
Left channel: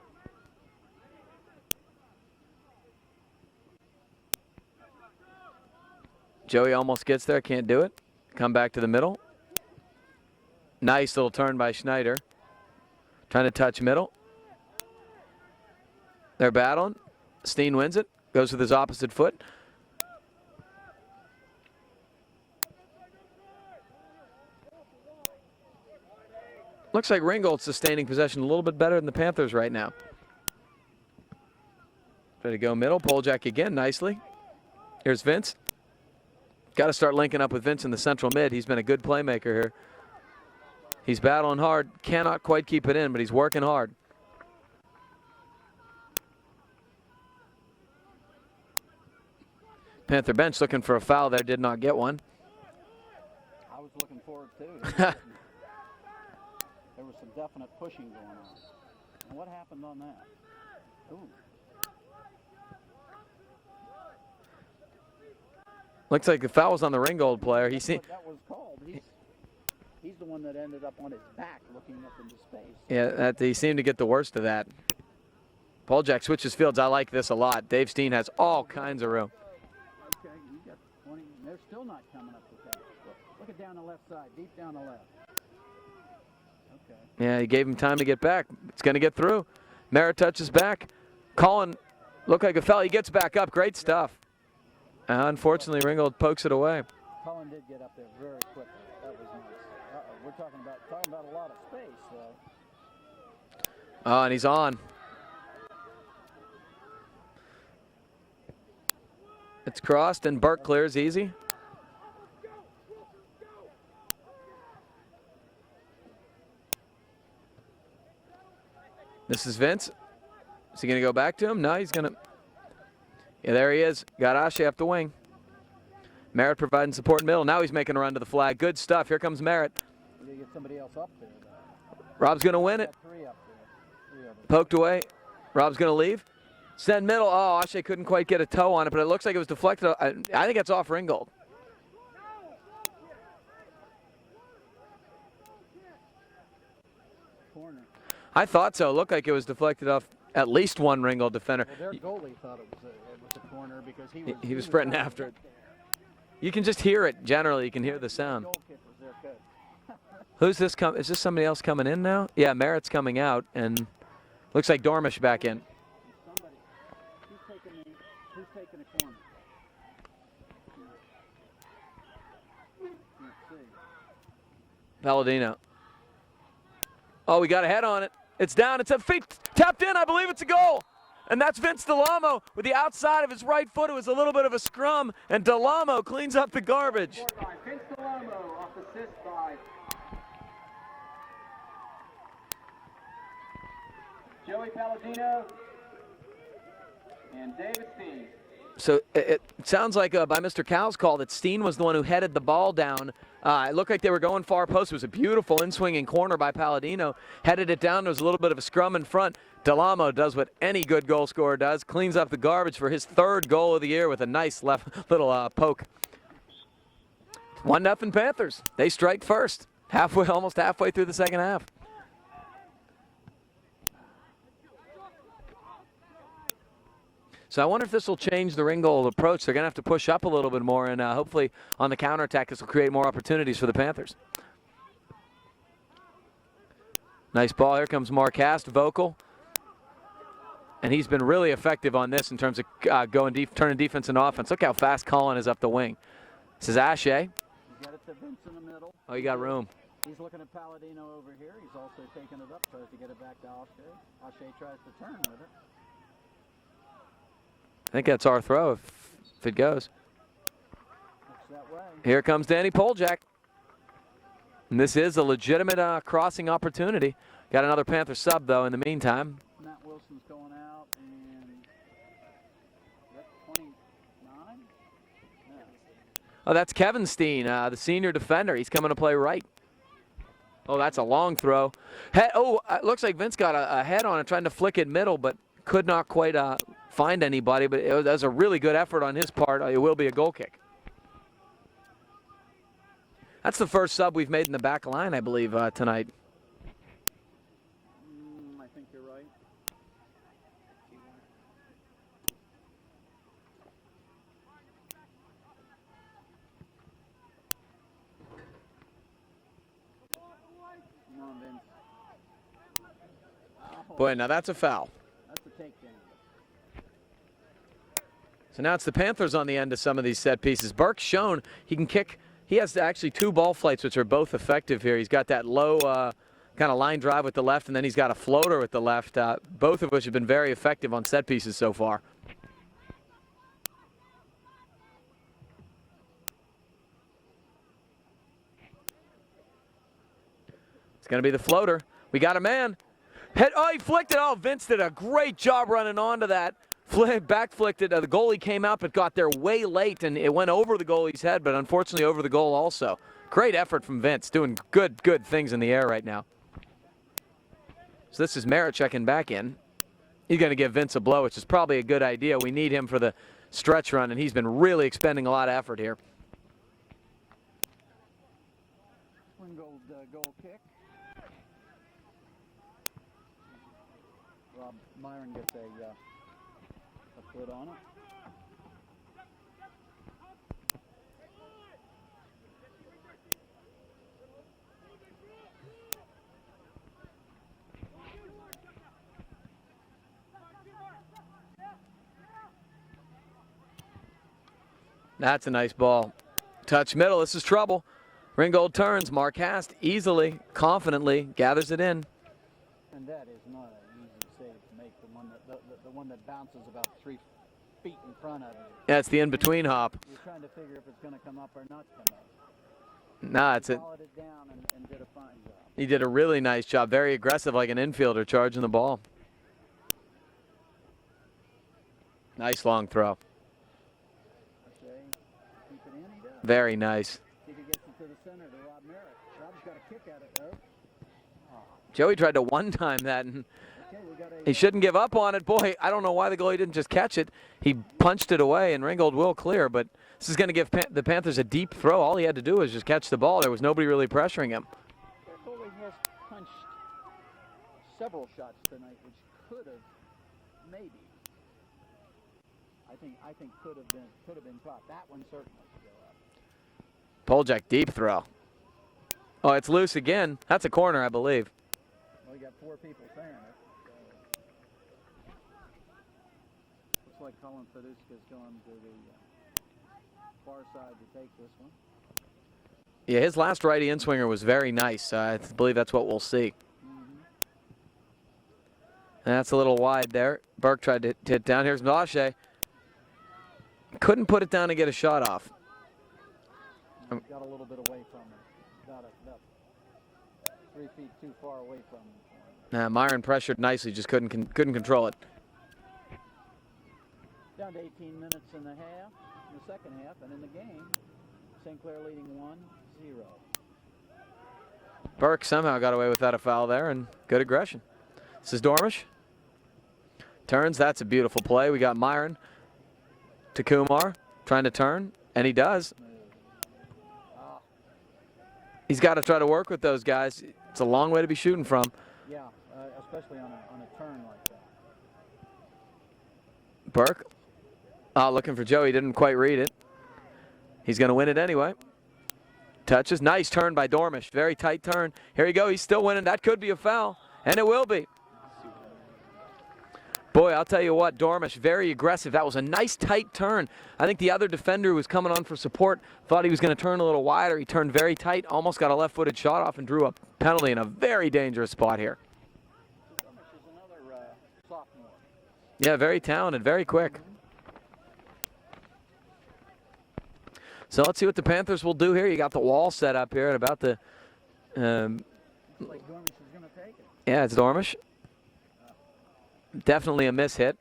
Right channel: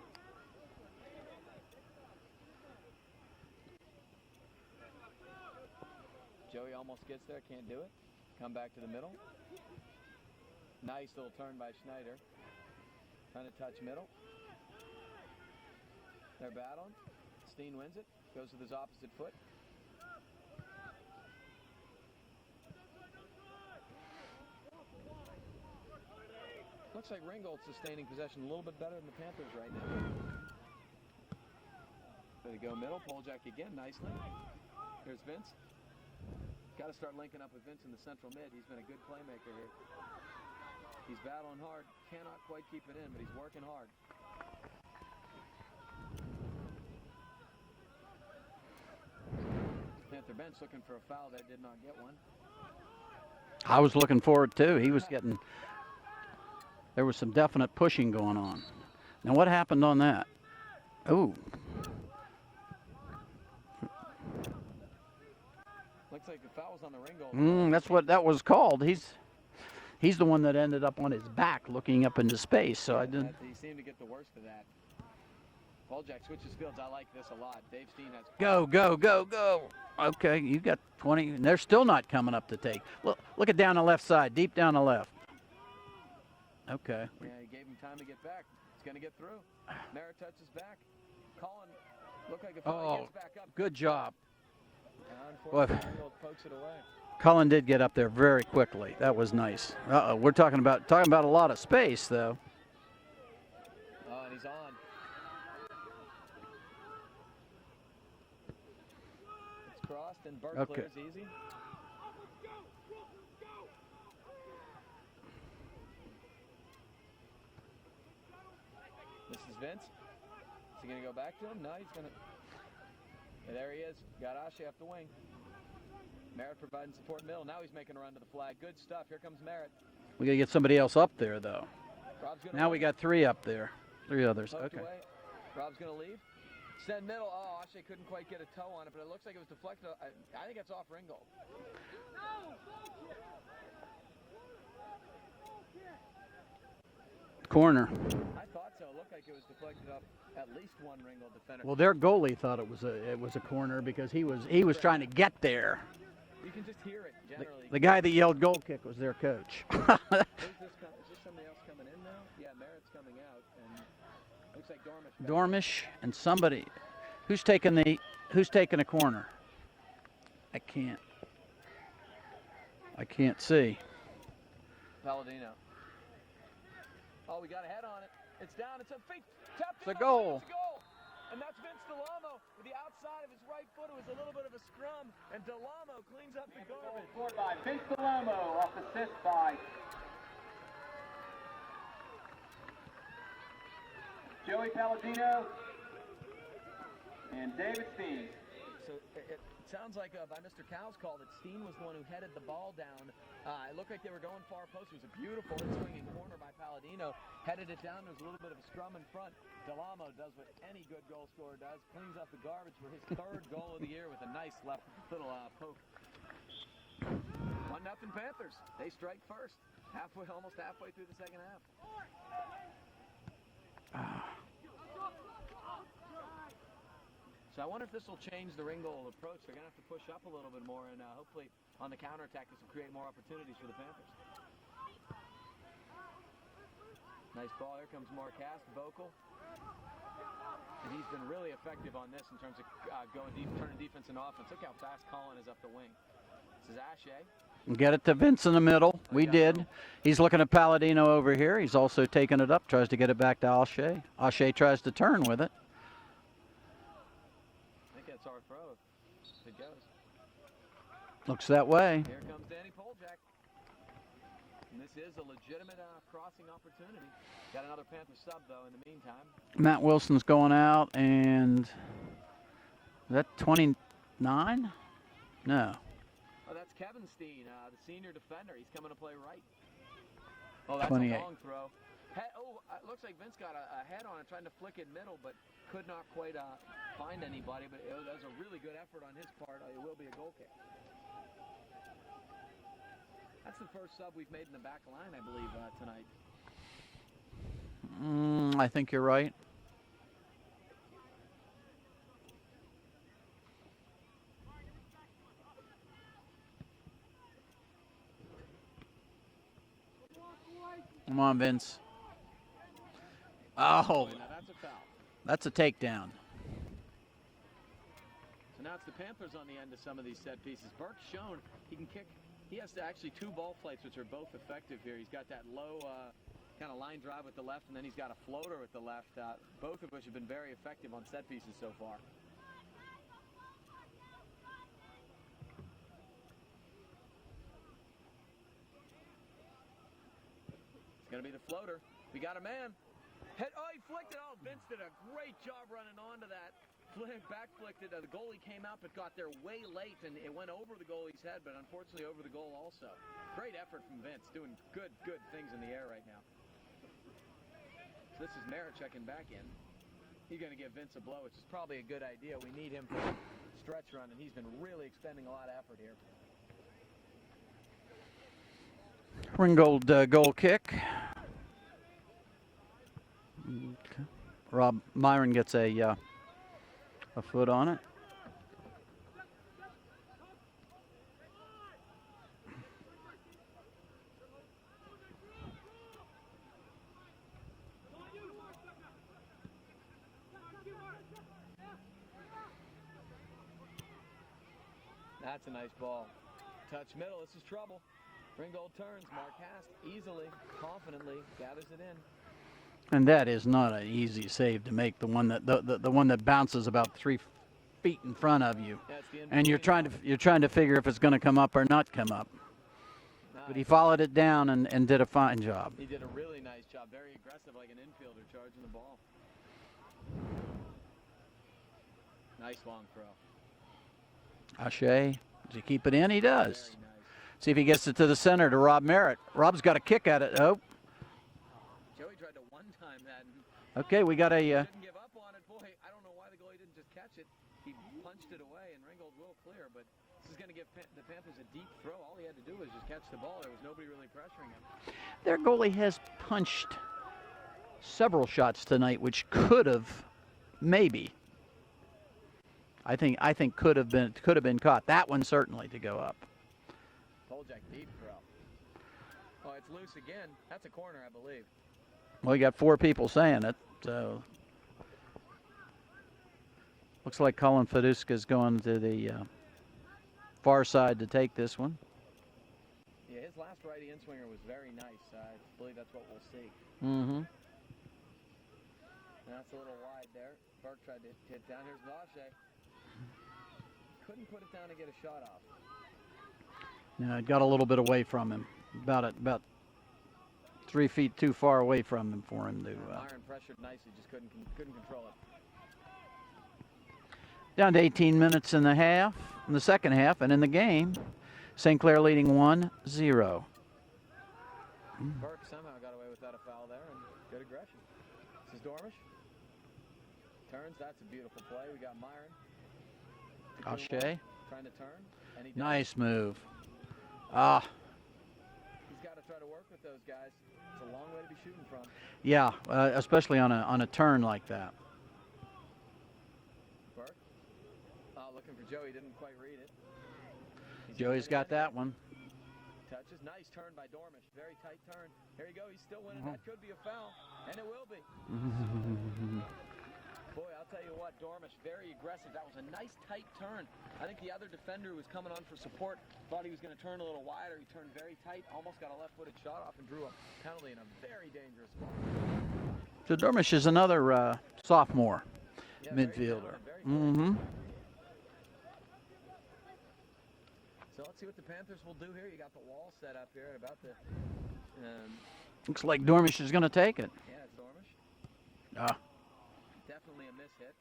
Joey almost gets there, can't do it. Come back to the middle. Nice little turn by Schneider. Trying to touch middle. They're battling. Steen wins it. Goes with his opposite foot. Looks like Ringgold's sustaining possession a little bit better than the Panthers right now. Try to go middle. Poljack again nicely. Here's Vince. Got to start linking up with Vince in the central mid. He's been a good playmaker here. He's battling hard. Cannot quite keep it in, but he's working hard. Panther bench looking for a foul there. Did not get one. I was looking forward too. He was getting. There was some definite pushing going on. Now what happened on that? Ooh. Looks like the foul was on the Ringgold player. That's what that was called. He's the one that ended up on his back looking up into space. So yeah, he seemed to get the worst of that. Poljack switches fields. I like this a lot. Dave Steen has all kinds of room. Go. Okay, you got 20. And they're still not coming up to take. Look at down the left side, deep down the left. Okay. Yeah, he gave him time to get back. It's going to get through. Merritt touches back. Colin looked like a foul. He gets back up. Great stuff. Unfortunately, Ringgold pokes it away. Cullen did get up there very quickly. That was nice. Uh-oh, we're talking about a lot of space, though. Oh, and he's on. It's crossed, and Burke clears easy. This is Vince. Is he going to go back to him? No, he's going to. Yeah, there he is. Got Ashe up the wing. Merritt providing support in middle. Now he's making a run to the flag. Good stuff. Here comes Merritt. We got to get somebody else up there, though. Rob's going to win we it. Got 3 up there. 3 others. Poked away. Rob's going to leave. Send middle. Oh, Ashe couldn't quite get a toe on it, but it looks like it was deflected. I think it's off Ringgold. Corner. I thought so. It looked like it was deflected off at least one Ringgold defender. Well, their goalie thought it was a corner because he was trying to get there. You can just hear it generally. You The can guy hear that the yelled sound. goal kick was their coach. Who's this? Is this somebody else coming in now? Yeah, Merritt's coming out, and looks like Dormish back in. Dormish and somebody. Who's taking a corner? I can't see. Palladino. Oh, we got a head on it. It's down. It's a feet tapped in. I believe it's a goal. And that's Vince Delamo with the outside of his right foot. It was a little bit of a scrum, and Delamo cleans up the garbage. Scored by Vince Delamo off assist by Joey Palladino and David Steen. So it sounds like by Mr. Cow's call that Steen was the one who headed the ball down. It looked like they were going far post. It was a beautiful in-swinging corner by Palladino. Headed it down. There was a little bit of a scrum in front. Delamo does what any good goal scorer does. Cleans up the garbage for his 3rd goal of the year with a nice left little poke. 1-0 Panthers. They strike first. Almost halfway through the second half. So I wonder if this will change the Ringgold approach. They're going to have to push up a little bit more, and hopefully on the counterattack this will create more opportunities for the Panthers. Nice ball. Here comes Marcast, vocal. And he's been really effective on this in terms of turning defense into offense. Look how fast Colin is up the wing. This is Ashe. Get it to Vince in the middle. Oh, We you got did. room. He's looking at Palladino over here. He's also taking it up, tries to get it back to Ashe. Ashe tries to turn with it. I think that's our throw if it goes. Looks that way. Here comes Danny Poljak. And this is a legitimate crossing opportunity. Got another Panther sub, though, in the meantime. Matt Wilson's going out, and is that 29? No. Oh, that's Kevin Steen, the senior defender. He's coming to play right. Oh, that's 28. a long throw. It looks like Vince got a head on it, trying to flick it middle, but could not quite find anybody. But that was a really good effort on his part. It will be a goal kick. That's the first sub we've made in the back line, I believe, tonight. I think you're right. Come on, Vince. Oh, Boy, now that's a foul. that's a takedown. So now it's the Panthers on the end of some of these set pieces. Burke's shown he can kick. He has actually 2 ball flights, which are both effective here. He's got that low kind of line drive with the left, and then he's got a floater with the left, both of which have been very effective on set pieces so far. It's going to be the floater. We got a man. Oh, he flicked it. Oh, Vince did a great job running onto that. Back flicked it. The goalie came out but got there way late, and it went over the goalie's head, but unfortunately over the goal also. Great effort from Vince, doing good things in the air right now. So this is Merritt checking back in. He's going to give Vince a blow, which is probably a good idea. We need him for the stretch run, and he's been really expending a lot of effort here. Ringgold goal kick. Rob Myron gets a foot on it. That's a nice ball. Touch middle. This is trouble. Ringgold turns. Marcast easily, confidently gathers it in. And that is not an easy save to make. The one that the one that bounces about 3 feet in front of you. Yeah, it's the And in-between off. you're trying to figure if it's going to come up or not come up. Nah, He followed it down and did a fine job. he did a really nice job. Very aggressive, like an infielder charging the ball. Nice long throw. Ashe, does he keep it in? He does. Very nice. See if he gets it to the center to Rob Merritt. Rob's got a kick at it. Oh, Joey tried to one-time that, and okay, we got a. he shouldn't give up on it. Boy, I don't know why the goalie didn't just catch it. He punched it away, and Ringgold will clear, but this is going to give the Panthers a deep throw. All he had to do was just catch the ball. There was nobody really pressuring him. Their goalie has punched several shots tonight, which could have, maybe. I think could have been caught. That one certainly to go up. Poljak deep throw. Oh, it's loose again. That's a corner, I believe. Well, you got 4 people saying it, so looks like Colin Feduska is going to the far side to take this one. Yeah, his last righty in-swinger was very nice. I believe that's what we'll see. Mm-hmm. That's a little wide there. Burke tried to hit down. Here's Ashe. Couldn't put it down to get a shot off. No, it got a little bit away from him, about 3 feet too far away from him for him. Myron pressured nicely, just couldn't control it. Down to 18 minutes in the second half, and in the game, St. Clair leading 1-0. Burke somehow got away without a foul there, and good aggression. This is Dormish. Turns. That's a beautiful play. We got Myron to Kumar, trying to turn, and he does. Nice move. Ah, He's got to try to work with those guys. It's a long way to be shooting from. yeah, especially on a turn like that. Burke Looking for Joey, didn't quite read it. He's going to win He's it got anyway. that one. Touches, nice turn by Dormish, very tight turn. Here you go, he's still winning. That could be a foul, and it will be. Boy, I'll tell you what, Dormish, very aggressive. That was a nice tight turn. I think the other defender who was coming on for support thought he was going to turn a little wider. He turned very tight, almost got a left-footed shot off and drew a penalty in a very dangerous spot here. So Dormish is another sophomore. Yeah, very Midfield. talented, very quick. So let's see what the Panthers will do here. You got the wall set up here at about the... Looks like Dormish is going to take it. yeah, it's Dormish. Ah. Definitely a miss hit.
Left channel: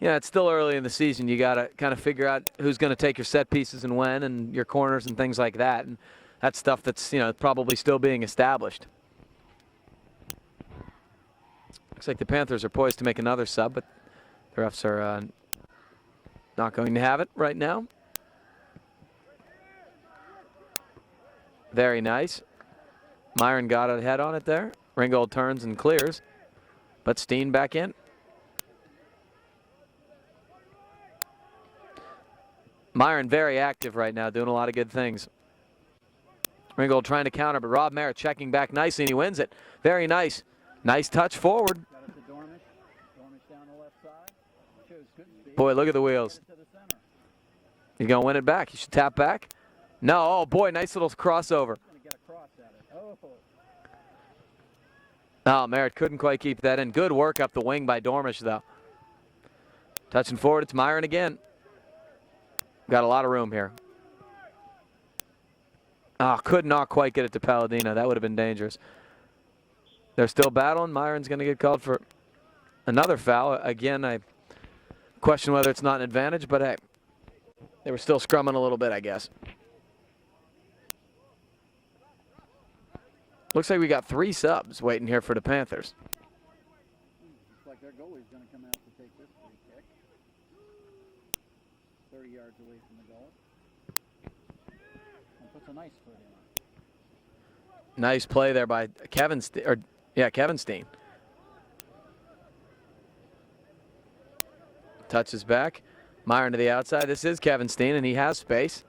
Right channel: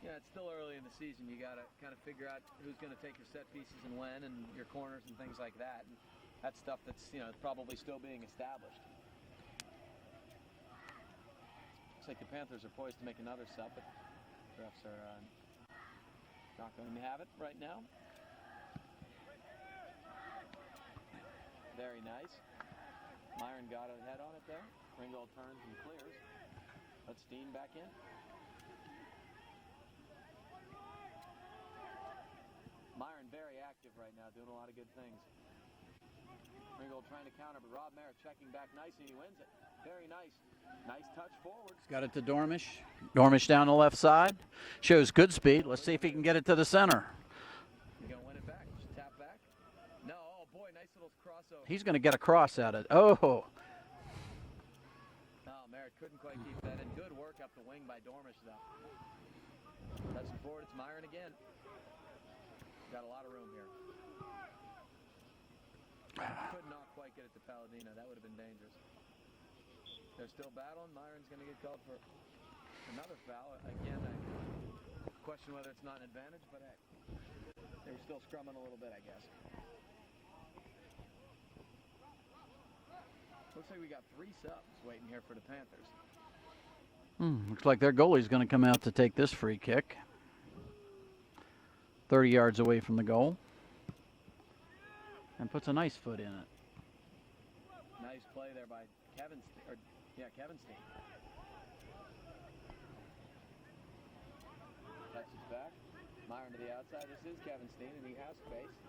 Yeah, it's still early in the season. You got to kind of figure out who's going to take your set pieces and when, and your corners and things like that. And that's stuff that's, you know, probably still being established. Looks like the Panthers are poised to make another sub, but the refs are not going to have it right now. Very nice. Myron got a head on it there. Ringgold turns and clears, but Steen back in. Myron very active right now, doing a lot of good things. Ringgold trying to counter, but Rob Merritt checking back nicely, and he wins it. Very nice. Nice touch forward. Got it to Dormish. Dormish down the left side. Shows good speed. Boy, Let's look see at the if he can wheels. Get it to the center. He's going to win it back. He should tap back. No, oh boy, nice little crossover. He's going to get a cross at it. Oh. Oh, Merritt couldn't quite keep that in. Good work up the wing by Dormish, though. Touching forward, it's Myron again. Got a lot of room here. Oh, could not quite get it to Palladino. That would have been dangerous. They're still battling. Myron's going to get called for another foul. Again, I question whether it's not an advantage, but hey, they were still scrumming a little bit, I guess. Looks like we got 3 subs waiting here for the Panthers. Looks like their goalie's going to come out to take this free kick. 30 yards away from the goal. And puts a nice foot in it. Nice play there by Kevin Steen. Touches back. Myron to the outside. This is Kevin Steen, and he has space.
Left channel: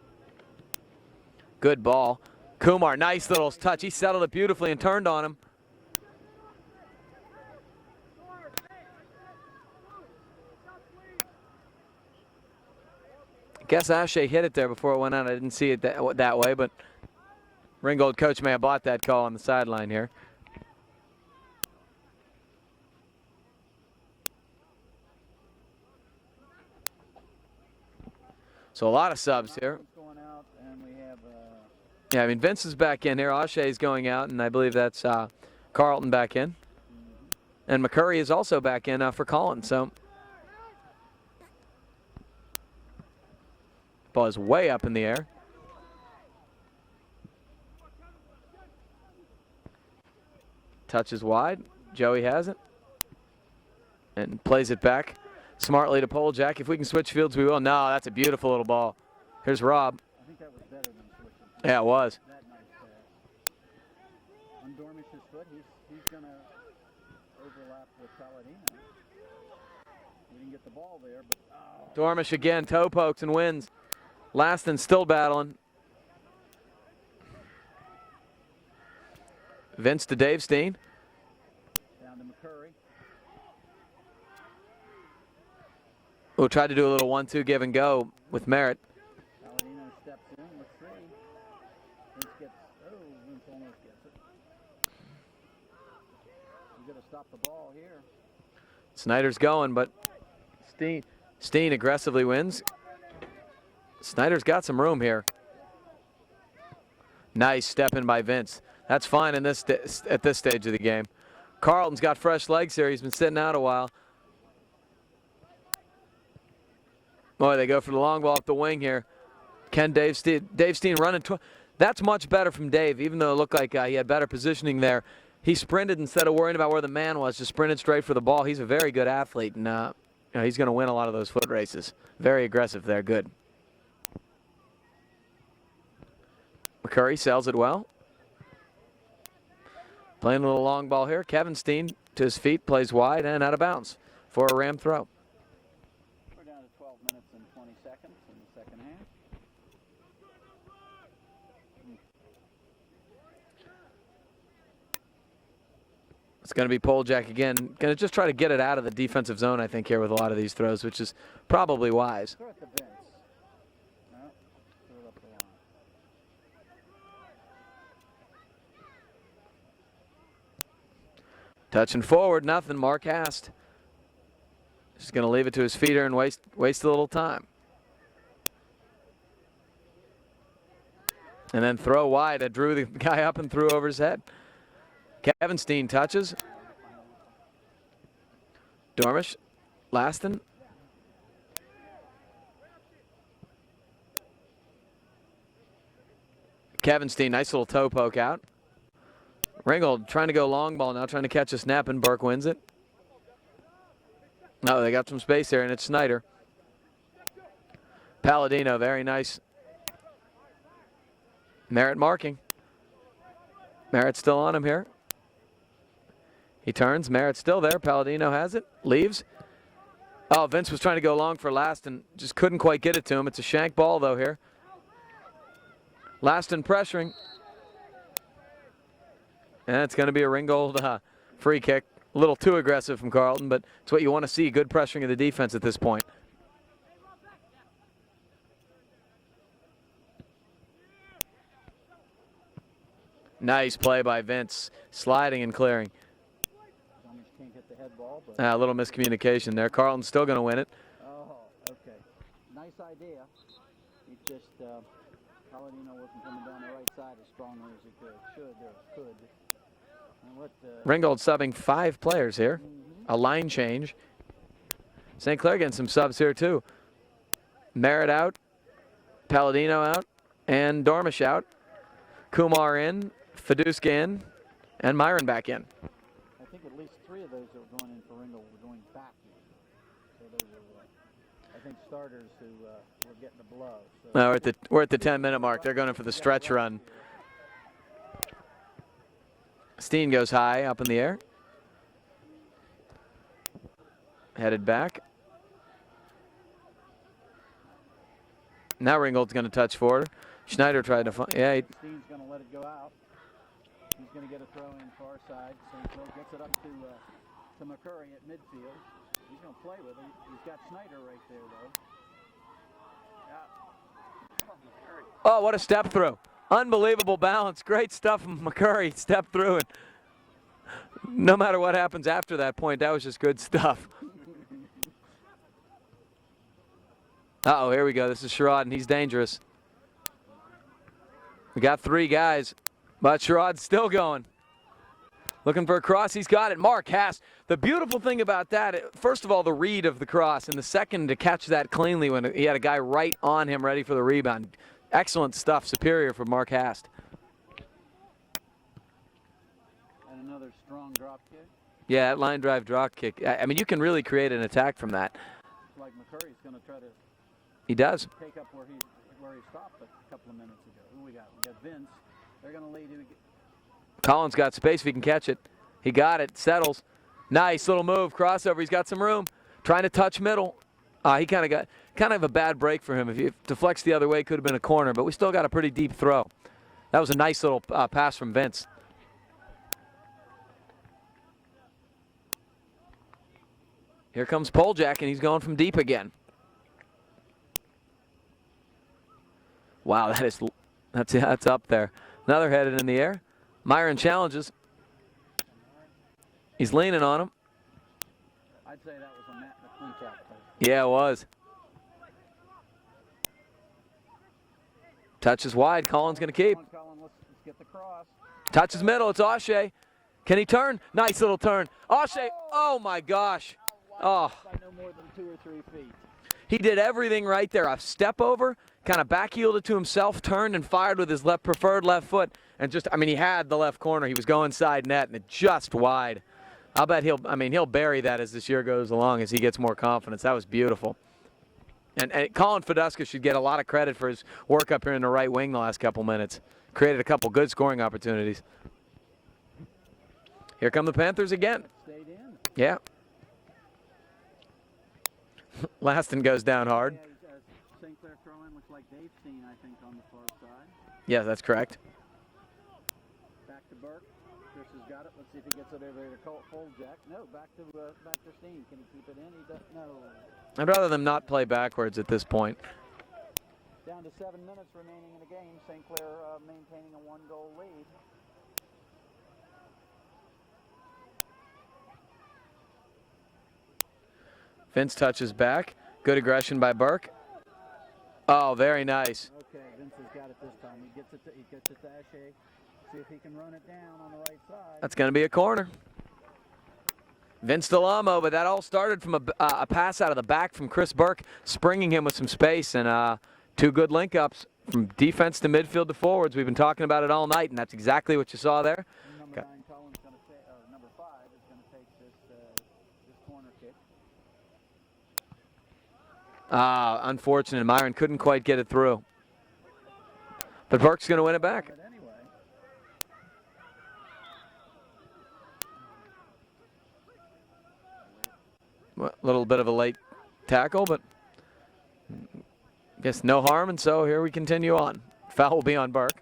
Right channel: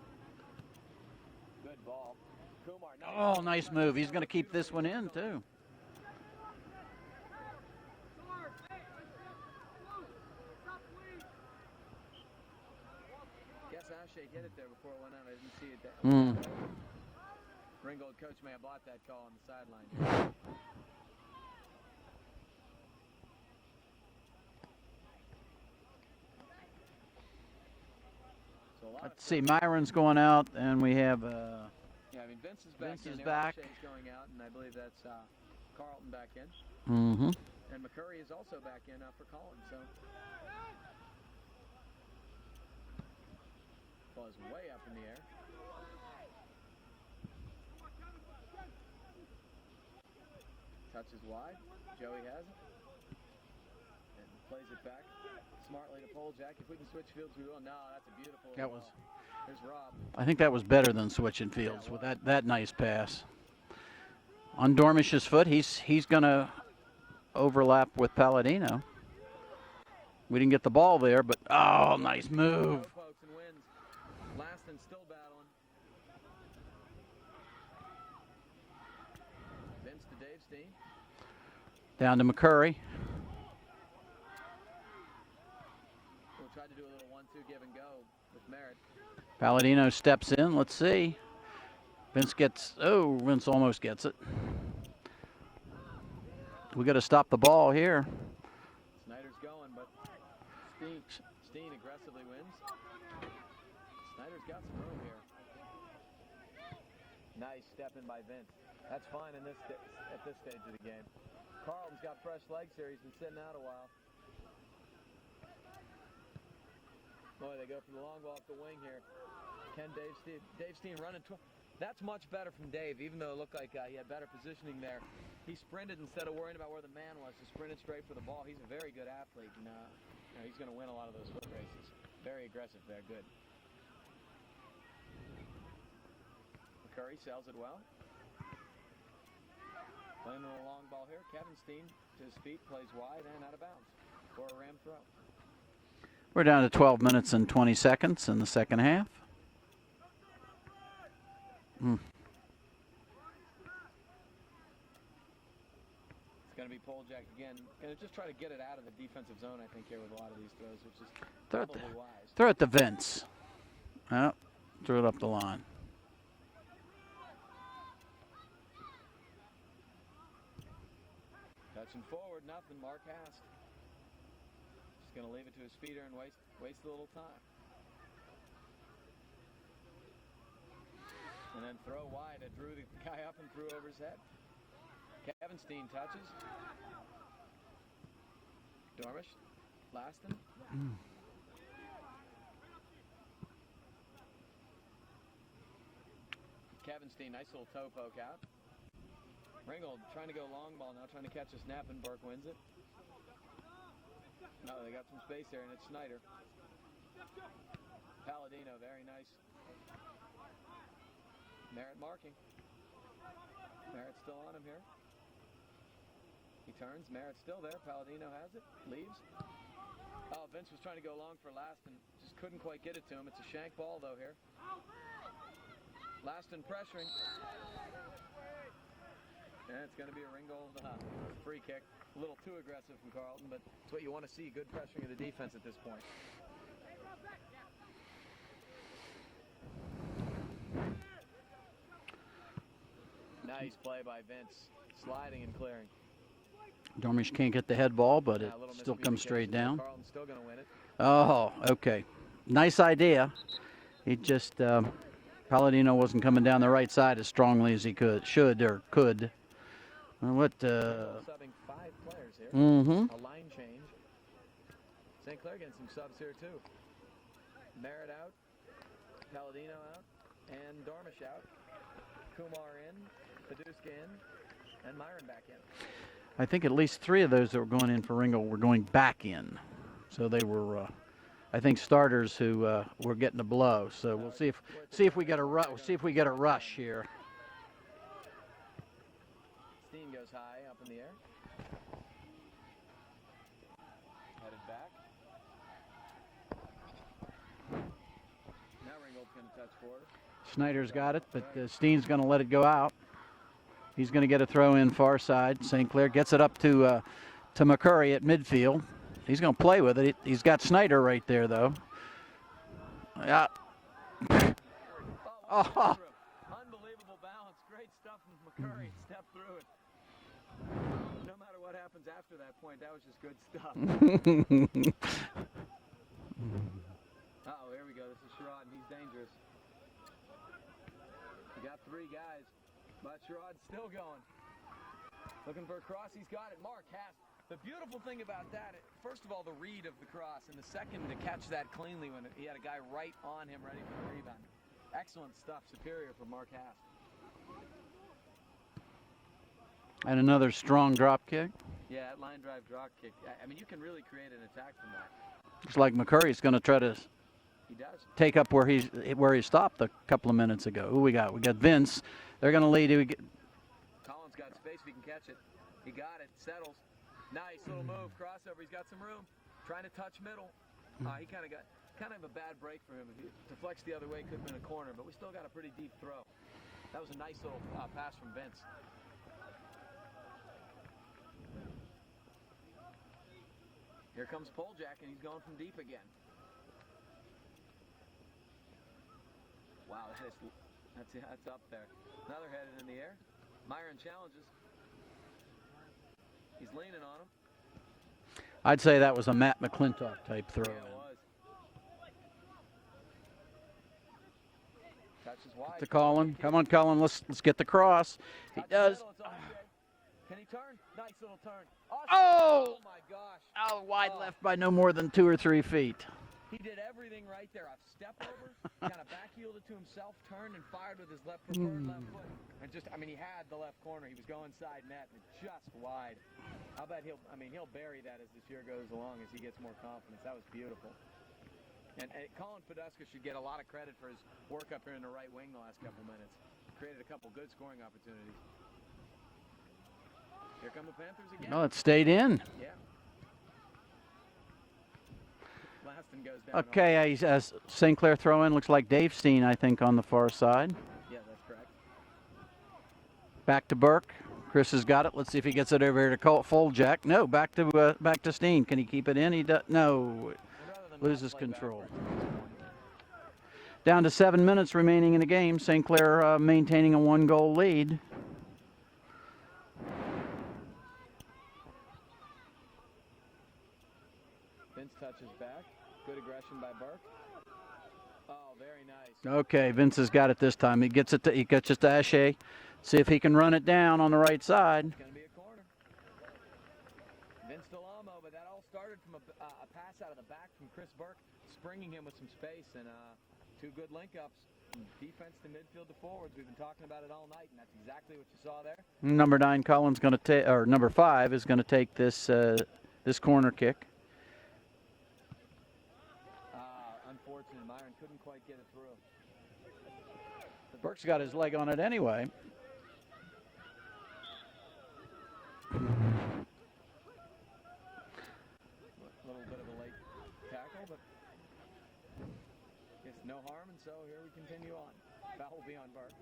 Good ball. Kumar, nice little nice touch. move. He He's settled gonna it keep beautifully this and one turned in, on him. too. Guess Ashe hit it there before it went out. I didn't see it that way, but Ringgold coach may have bought that call on the sideline here. So a lot of subs here. Myron's going out, and we have... Yeah, I mean, Vince is back in here. back. Ashe is going out, and I believe that's Carlton back in. And McCurry is also back in for Collins. So ball is way up in the air. Touches wide. Joey has it. And plays it back smartly to Poljack. If we can switch fields, we will. No, that's a beautiful little ball. Here's Rob. I think that was better than switching fields. Yeah, it was. That nice pass. On Dormish's foot, he's going to overlap with Palladino. We didn't get the ball there, but Dormish nice again, move. toe pokes and wins. Laston still battling. Vince to Dave Steen. Down to McCurry. We'll try to do a little 1-2 give and go with Merritt. Palladino steps in. Let's see. Vince almost gets it. We got to stop the ball here. Snyder's going, but Steen aggressively wins. Snyder's got some room here. Nice step in by Vince. That's fine in this at this stage of the game. Carlton's got fresh legs here. He's been sitting out a while. Boy, they go for the long ball up the wing here. Can Dave Steen running? That's much better from Dave, even though it looked like he had better positioning there. He sprinted instead of worrying about where the man was, just sprinted straight for the ball. He's a very good athlete, and he's going to win a lot of those foot races. Very aggressive there, good. McCurry sells it well. Playing a little long ball here. Kevin Steen to his feet, plays wide and out of bounds for a Ram throw. We're down to 12 minutes and 20 seconds in the second half. It's going to be Poljak again. Going to just try to get it out of the defensive zone, I think, here with a lot of these throws, which is probably wise. Throw it to Vince. Oh, threw it up the line. Touching forward, nothing. Mark Hast. Just going to leave it to his feeder and waste a little time. And then throw wide. I drew the guy up and threw over his head. Kevin Steen touches. Dormish. Laston. Kevin Steen, nice little toe poke out. Ringgold trying to go long ball now, trying to catch a snap, and Burke wins it. No, they got some space there, and it's Snyder. Palladino, very nice. Merritt marking. Merritt's still on him here. He turns. Merritt's still there. Palladino has it. Leaves. Oh, Vince was trying to go long for Laston. Just couldn't quite get it to him. It's a shank ball, though, here. Laston pressuring. And it's going to be a Ringgold free kick. A little too aggressive from Carlton, but it's what you want to see. Good pressuring of the defense at this point. Nice play by Vince. Sliding and clearing. Dormish can't get the head ball, but A little miscommunication there. Carlton's still going to win it. Oh, okay. Nice idea. He just, Palladino wasn't coming down the right side as strongly as he could. Ringgold subbing 5 players here. A line change. St. Clair getting some subs here too. Merritt out, Palladino out, and Dormish out. Kumar in, Fiduska in, and Myron back in. I think at least 3 of those that were going in for Ringgold were going back in. So they were, I think, starters who were getting a blow. So we're at the 10-minute mark. They're going for the stretch run. Here. Steen goes high up in the air. Headed back. Now Ringgold's going to touch forward. Schneider tried to find. Yeah, Steen's going to let it go out. He's going to get a throw in far side. St. Clair gets it up to McCurry at midfield. He's going to play with it. He's got Snyder right there, though. Yeah. Oh, what a step through. Unbelievable balance. Great stuff from McCurry. Step through it. No matter what happens after that point, that was just good stuff. Uh-oh, here we go. This is Sherrod, and he's dangerous. We got 3 guys, but Sherrod's still going. Looking for a cross. He's got it. Mark Haas. The beautiful thing about that, first of all, the read of the cross, and the second to catch that cleanly when he had a guy right on him ready for the rebound. Excellent stuff. Superior from Mark Hast. And another strong drop kick. Yeah, that line drive drop kick. I mean, you can really create an attack from that. Looks like McCurry's going to try to. He does take up where he stopped a couple of minutes ago. Who we got? We got Vince. They're going to lead. Collins got space if he can catch it. He got it. Settles. Nice little move. Crossover. He's got some room. Trying to touch middle. He kind of a bad break for him. If he deflects the other way, could have been a corner, but we still got a pretty deep throw. That was a nice little pass from Vince. Here comes Poljak, and he's going from deep again. Wow, that's up there. Another headed in the air. Myron challenges. He's leaning on him. I'd say that was a Matt McClintock type throw. Yeah, it was. Touches wide. Collins going to keep. Come on, Colin. Let's get the cross. Touches middle. It's O'Shea. Can he turn? Nice little turn. O'Shea. Oh my gosh. Wide left by no more than 2 or 3 feet. He did everything right there. A step over, kind of backheeled it to himself, turned and fired with his preferred left foot. And just, I mean, he had the left corner. He was going side net, and it just wide. I'll bet he'll bury that as this year goes along as he gets more confidence. That was beautiful. And Colin Fiduska should get a lot of credit for his work up here in the right wing the last couple minutes. Created a couple good scoring opportunities. Here come the Panthers again. Well, it stayed in. Yeah. Laston goes down hard. Okay, St. Clair throw in. Looks like Dave Steen, I think, on the far side. Yeah, that's correct. Back to Burke. Chris has got it. Let's see if he gets it over here to Foljack. No, back to Steen. Can he keep it in? He does. No. I'd rather them not Loses play control. backwards at this point. Down to 7 minutes remaining in the game. St. Clair maintaining a 1-goal lead. Vince touches back. Good aggression by Burke. Oh, very nice. Okay, Vince has got it this time. He gets it to Ashe. See if he can run it down on the right side. That's going to be a corner. Vince Delamo, but that all started from a pass out of the back from Chris Burke, springing him with some space, and 2 good link-ups from defense to midfield to forwards. We've been talking about it all night, and that's exactly what you saw there. Number 9, Collins going to take, or number 5 is going to take this this corner kick. Unfortunate. Myron couldn't quite get it through. But Burke's going to win it back. On it anyway. A little bit of a late tackle, but I guess no harm, and so here we continue on. Foul will be on Burke.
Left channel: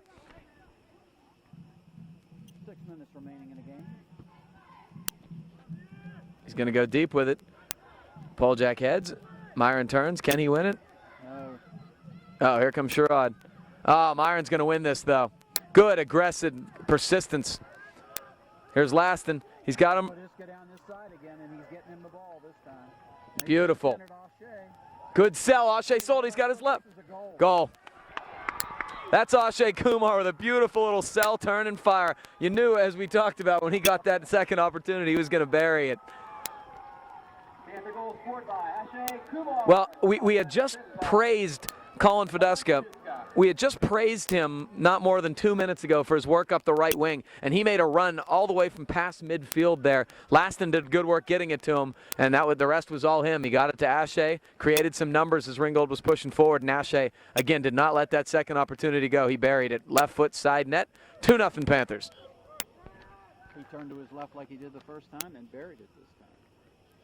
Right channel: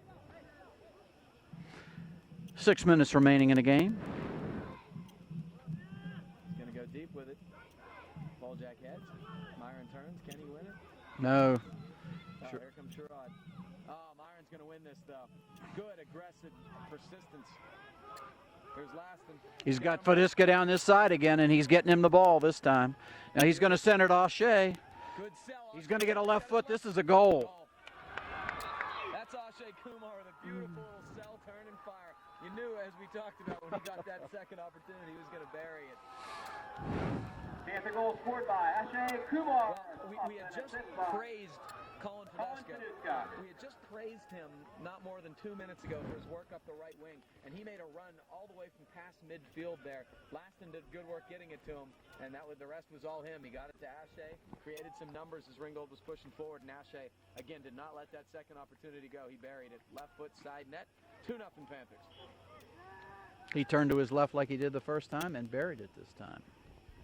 6 minutes remaining in the game. He's going to go deep with it. Poljack heads. Myron turns. Can he win it? No. Oh, here comes Sherrod. Oh, Myron's going to win this, though. Good, aggressive persistence. Here's Laston. He's got him. Fadiska down this side again, and he's getting him the ball this time. Now he's going to send it to Ashe. Good sell. Ashe sold. He's got his left. This is a goal. Goal. That's Ashe Kumar with a beautiful little cell, turn, and fire. You knew, as we talked about, when he got that second opportunity, he was going to bury it. Panther goal scored by Ashe Kumar. Well, we had just praised Colin Fadiska. We had just praised him not more than 2 minutes ago for his work up the right wing, and he made a run all the way from past midfield there. Laston did good work getting it to him, and the rest was all him. He got it to Ashe, created some numbers as Ringgold was pushing forward, and Ashe, again, did not let that second opportunity go. He buried it. Left foot, side net, 2-0 Panthers. He turned to his left like he did the first time and buried it this time.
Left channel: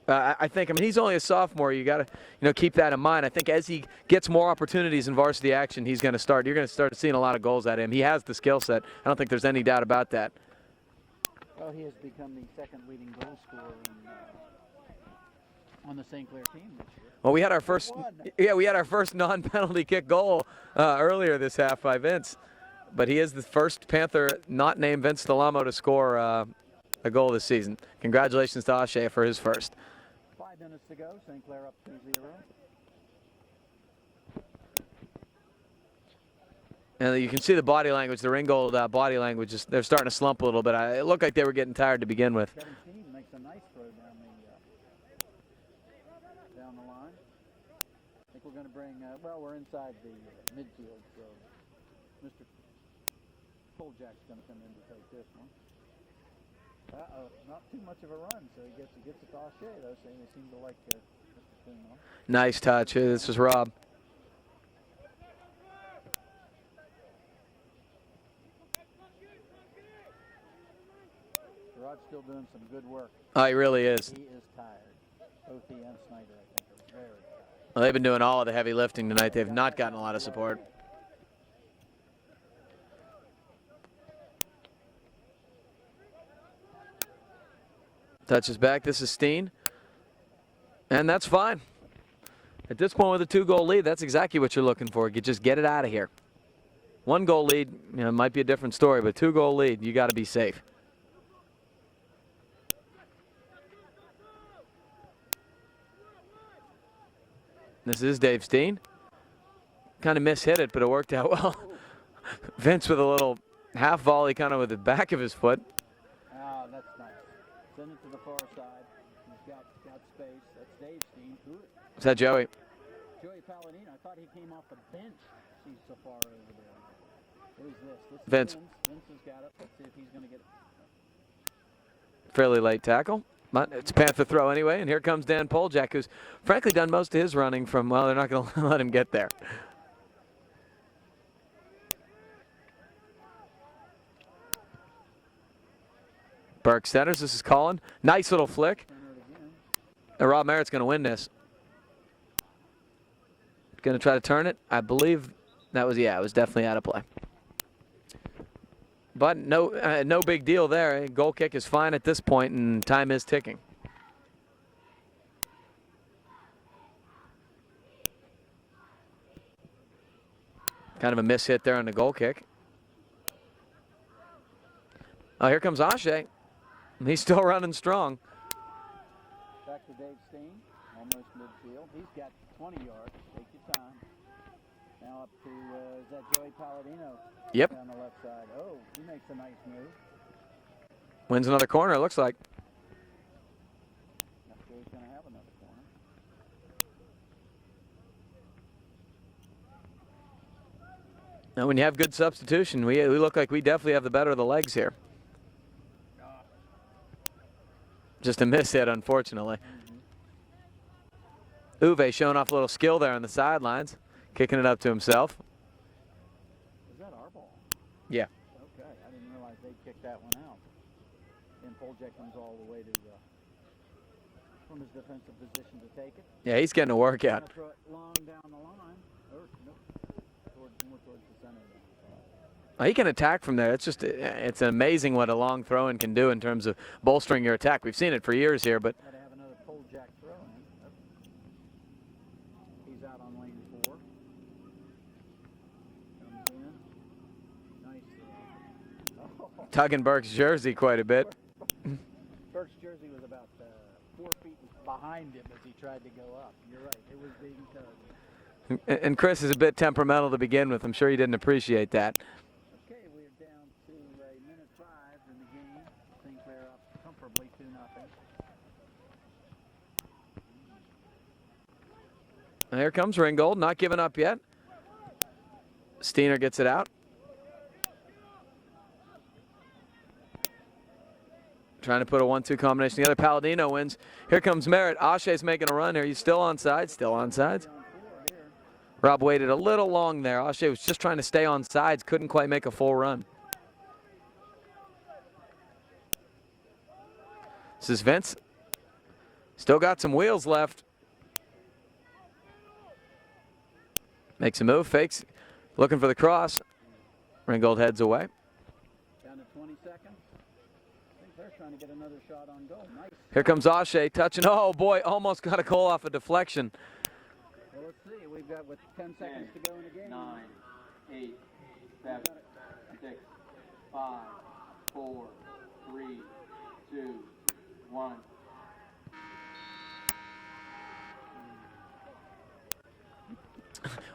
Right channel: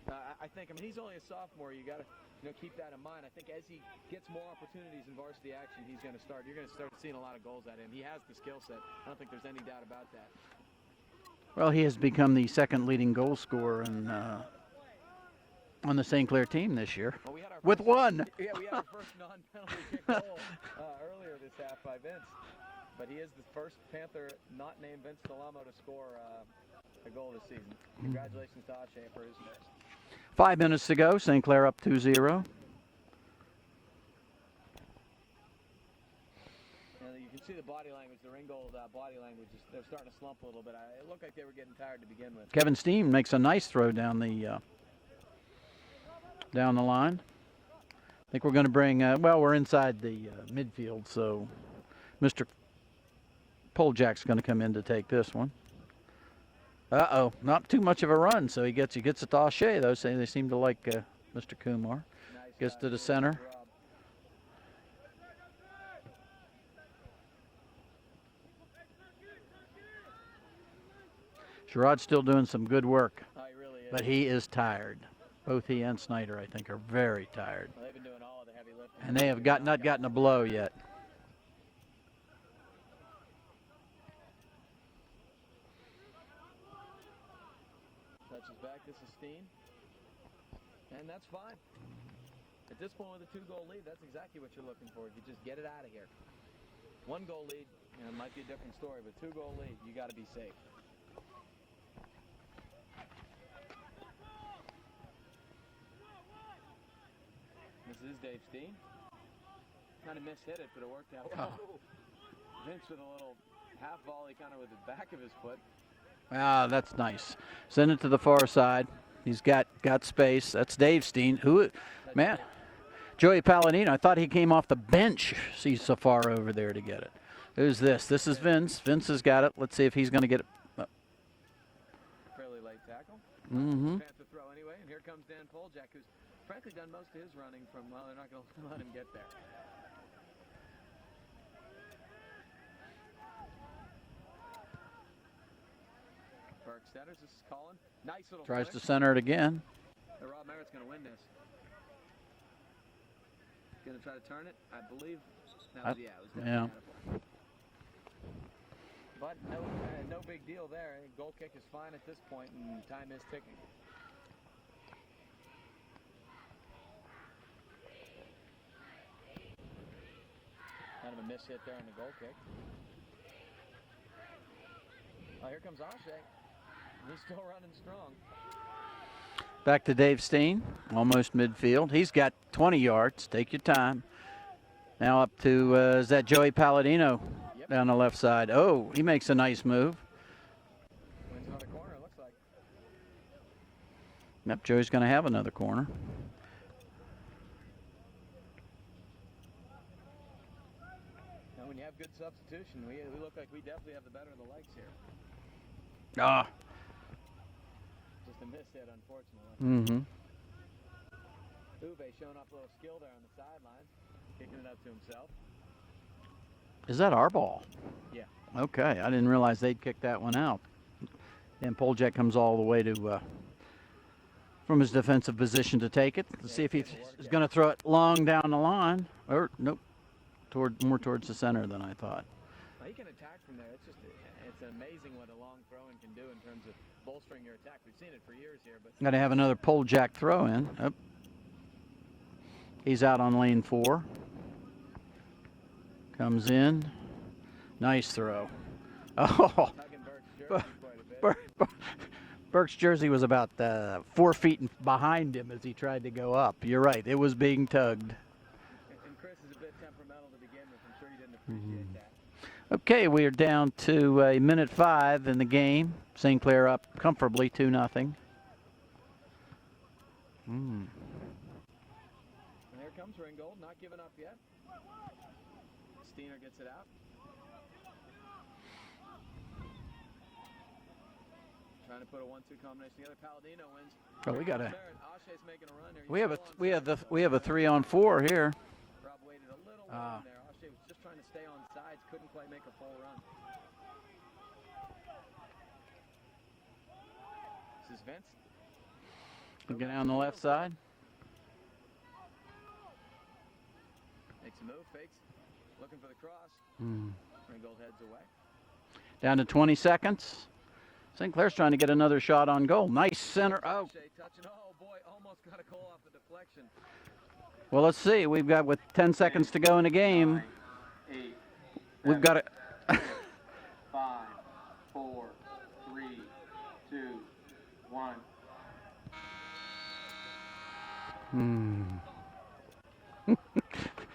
I mean, he's only a sophomore. You got to, keep that in mind. I think as he gets more opportunities in varsity action, you're going to start seeing a lot of goals at him. He has the skill set. I don't think there's any doubt about that. Well, he has become the second leading goal scorer on the St. Clair team this year. Well, we had our first one. Yeah, we had our first non-penalty kick goal earlier this half by Vince, but he is the first Panther not named Vince Delamo to score a goal this season. Congratulations to Ashe for his first. 5 minutes to go. St. Clair up 2-0. And you can see the body language, the Ringgold body language, they're starting to slump a little bit. It looked like they were getting tired to begin with. Kevin Steen makes a nice throw down the line. I think we're going to bring, well, we're inside the midfield, so Mr. Poljack's going to come in to take this one. Uh-oh, not too much of a run, so he gets it to Ashe, though, saying they seem to like Mr. Kumar. Nice touch. This is Rob. Sherrod's still doing some good work. Oh, he really is. But he is tired. Both he and Snyder, I think, are very tired. Well, they've been doing all of the heavy lifting tonight. They've not gotten a lot of support yet. Touches back. This is Steen. And that's fine. At this point with a 2-goal lead, that's exactly what you're looking for. You just get it out of here. 1-goal lead, might be a different story, but 2-goal lead, you got to be safe. This is Dave Steen. Kind of mishit it, but it worked out well. Vince with a little half volley kind of with the back of his foot. Ah, that's nice. Send it to the far side. He's got space. That's Dave Steen. Who is that? Joey? Joey Palladino. I thought he came off the bench. He's so far over there to get it. Who's this? This is Vince. Vince has got it. Let's see if he's going to get it. Fairly late tackle. But it's Panther throw anyway, and here comes Dan Poljack, who's frankly done most of his running from, well, they're not going to let him get there. Burke centers. This is Colin. Nice little Tries flick. to center it again. And Rob Merritt's going to win this. Going to try to turn it. I believe that was, yeah, it was definitely out of play. But no big deal there. Goal kick is fine at this point, and time is ticking. Kind of a miss hit there on the goal kick. Oh, here comes Ashe. He's still running strong. Back to Dave Steen, almost midfield. He's got 20 yards. Take your time. Now up to, is that Joey Palladino? Yep. Down the left side. Oh, he makes a nice move. Wins another corner, it looks like. Yep, Joey's going to have another corner. Now, when you have good substitution, we look like we definitely have the better of the legs here. Ah. Just a miss hit, unfortunately. Mm-hmm. Uwe showing off a little skill there on the sidelines, kicking it up to himself. Is that our ball? Yeah. Okay, I didn't realize they'd kick that one out. And Poljak comes all the way to from his defensive position to take it. Yeah, he's getting a workout. Going to throw it long down the line. Or nope, more towards the center than I thought. He can attack from there. It's amazing what a long throw-in can do in terms of bolstering your attack. We've seen it for years here, but Got to have another Poljak throw in. Oh. He's out on lane 4. Comes in. Nice throw. Oh, tugging Burke's jersey quite a bit. Burke's jersey was about 4 feet behind him as he tried to go up. You're right. It was being tugged. And Chris is a bit temperamental to begin with. I'm sure he didn't appreciate that. Okay, we are down to a minute 5 in the game. St. Clair up comfortably 2-0. Here comes Ringgold, not giving up yet. Steiner gets it out. Trying to put a 1-2 combination together. Palladino wins. Here comes Merritt. Ashe's making a run here. He's still onside. We have a 3-on-4 here. Rob waited a little long there. Ashe was just trying to stay on sides, couldn't quite make a full run. This is Vince. Still got some wheels left. Makes a move, fakes, looking for the cross. Ringgold heads away. Down to 20 seconds. St. Clair's trying to get another shot on goal. Nice. Here comes Ashe touching. Oh boy, almost got a goal off a deflection. Well, let's see. We've got with 10 seconds to go in the game. We've got it. 5, 4, 3, 2, 1.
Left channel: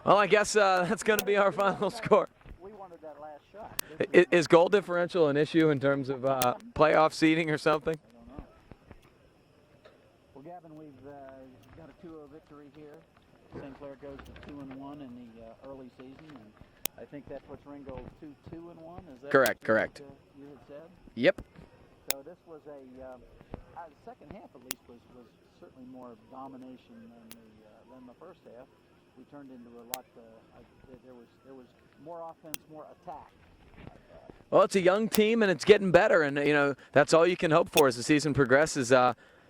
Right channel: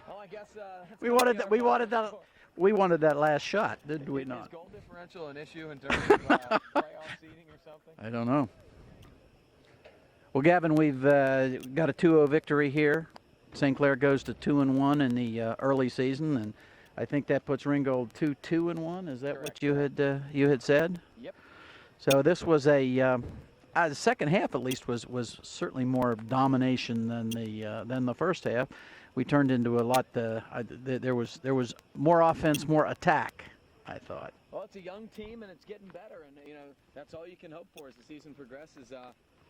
Well, I guess that's going to be our final score. We wanted that last shot. Is goal differential an issue in terms of playoff seeding or something? I don't know. Well, Gavin, we've got a 2-0 victory here. St. Clair goes to 2-1 in the early season, and I think that puts Ringgold 2-2-1. Is that correct? What you had said? Yep. So this was the second half, at least, was certainly more domination than the first half. We turned into a lot. There was more offense, more attack, I thought. Well, it's a young team, and it's getting better, and that's all you can hope for as the season progresses.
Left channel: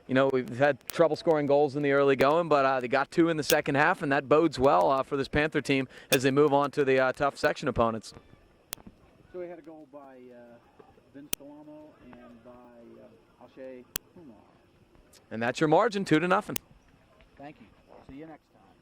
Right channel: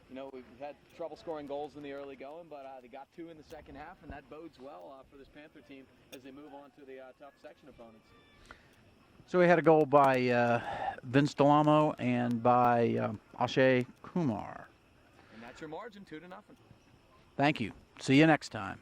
We've had trouble scoring goals in the early going, but they got 2 in the second half, and that bodes well for this Panther team as they move on to the tough section opponents. So we had a goal by Vince Delamo and by Ashe Kumar. And that's your margin, 2-0. Thank you. See you next time.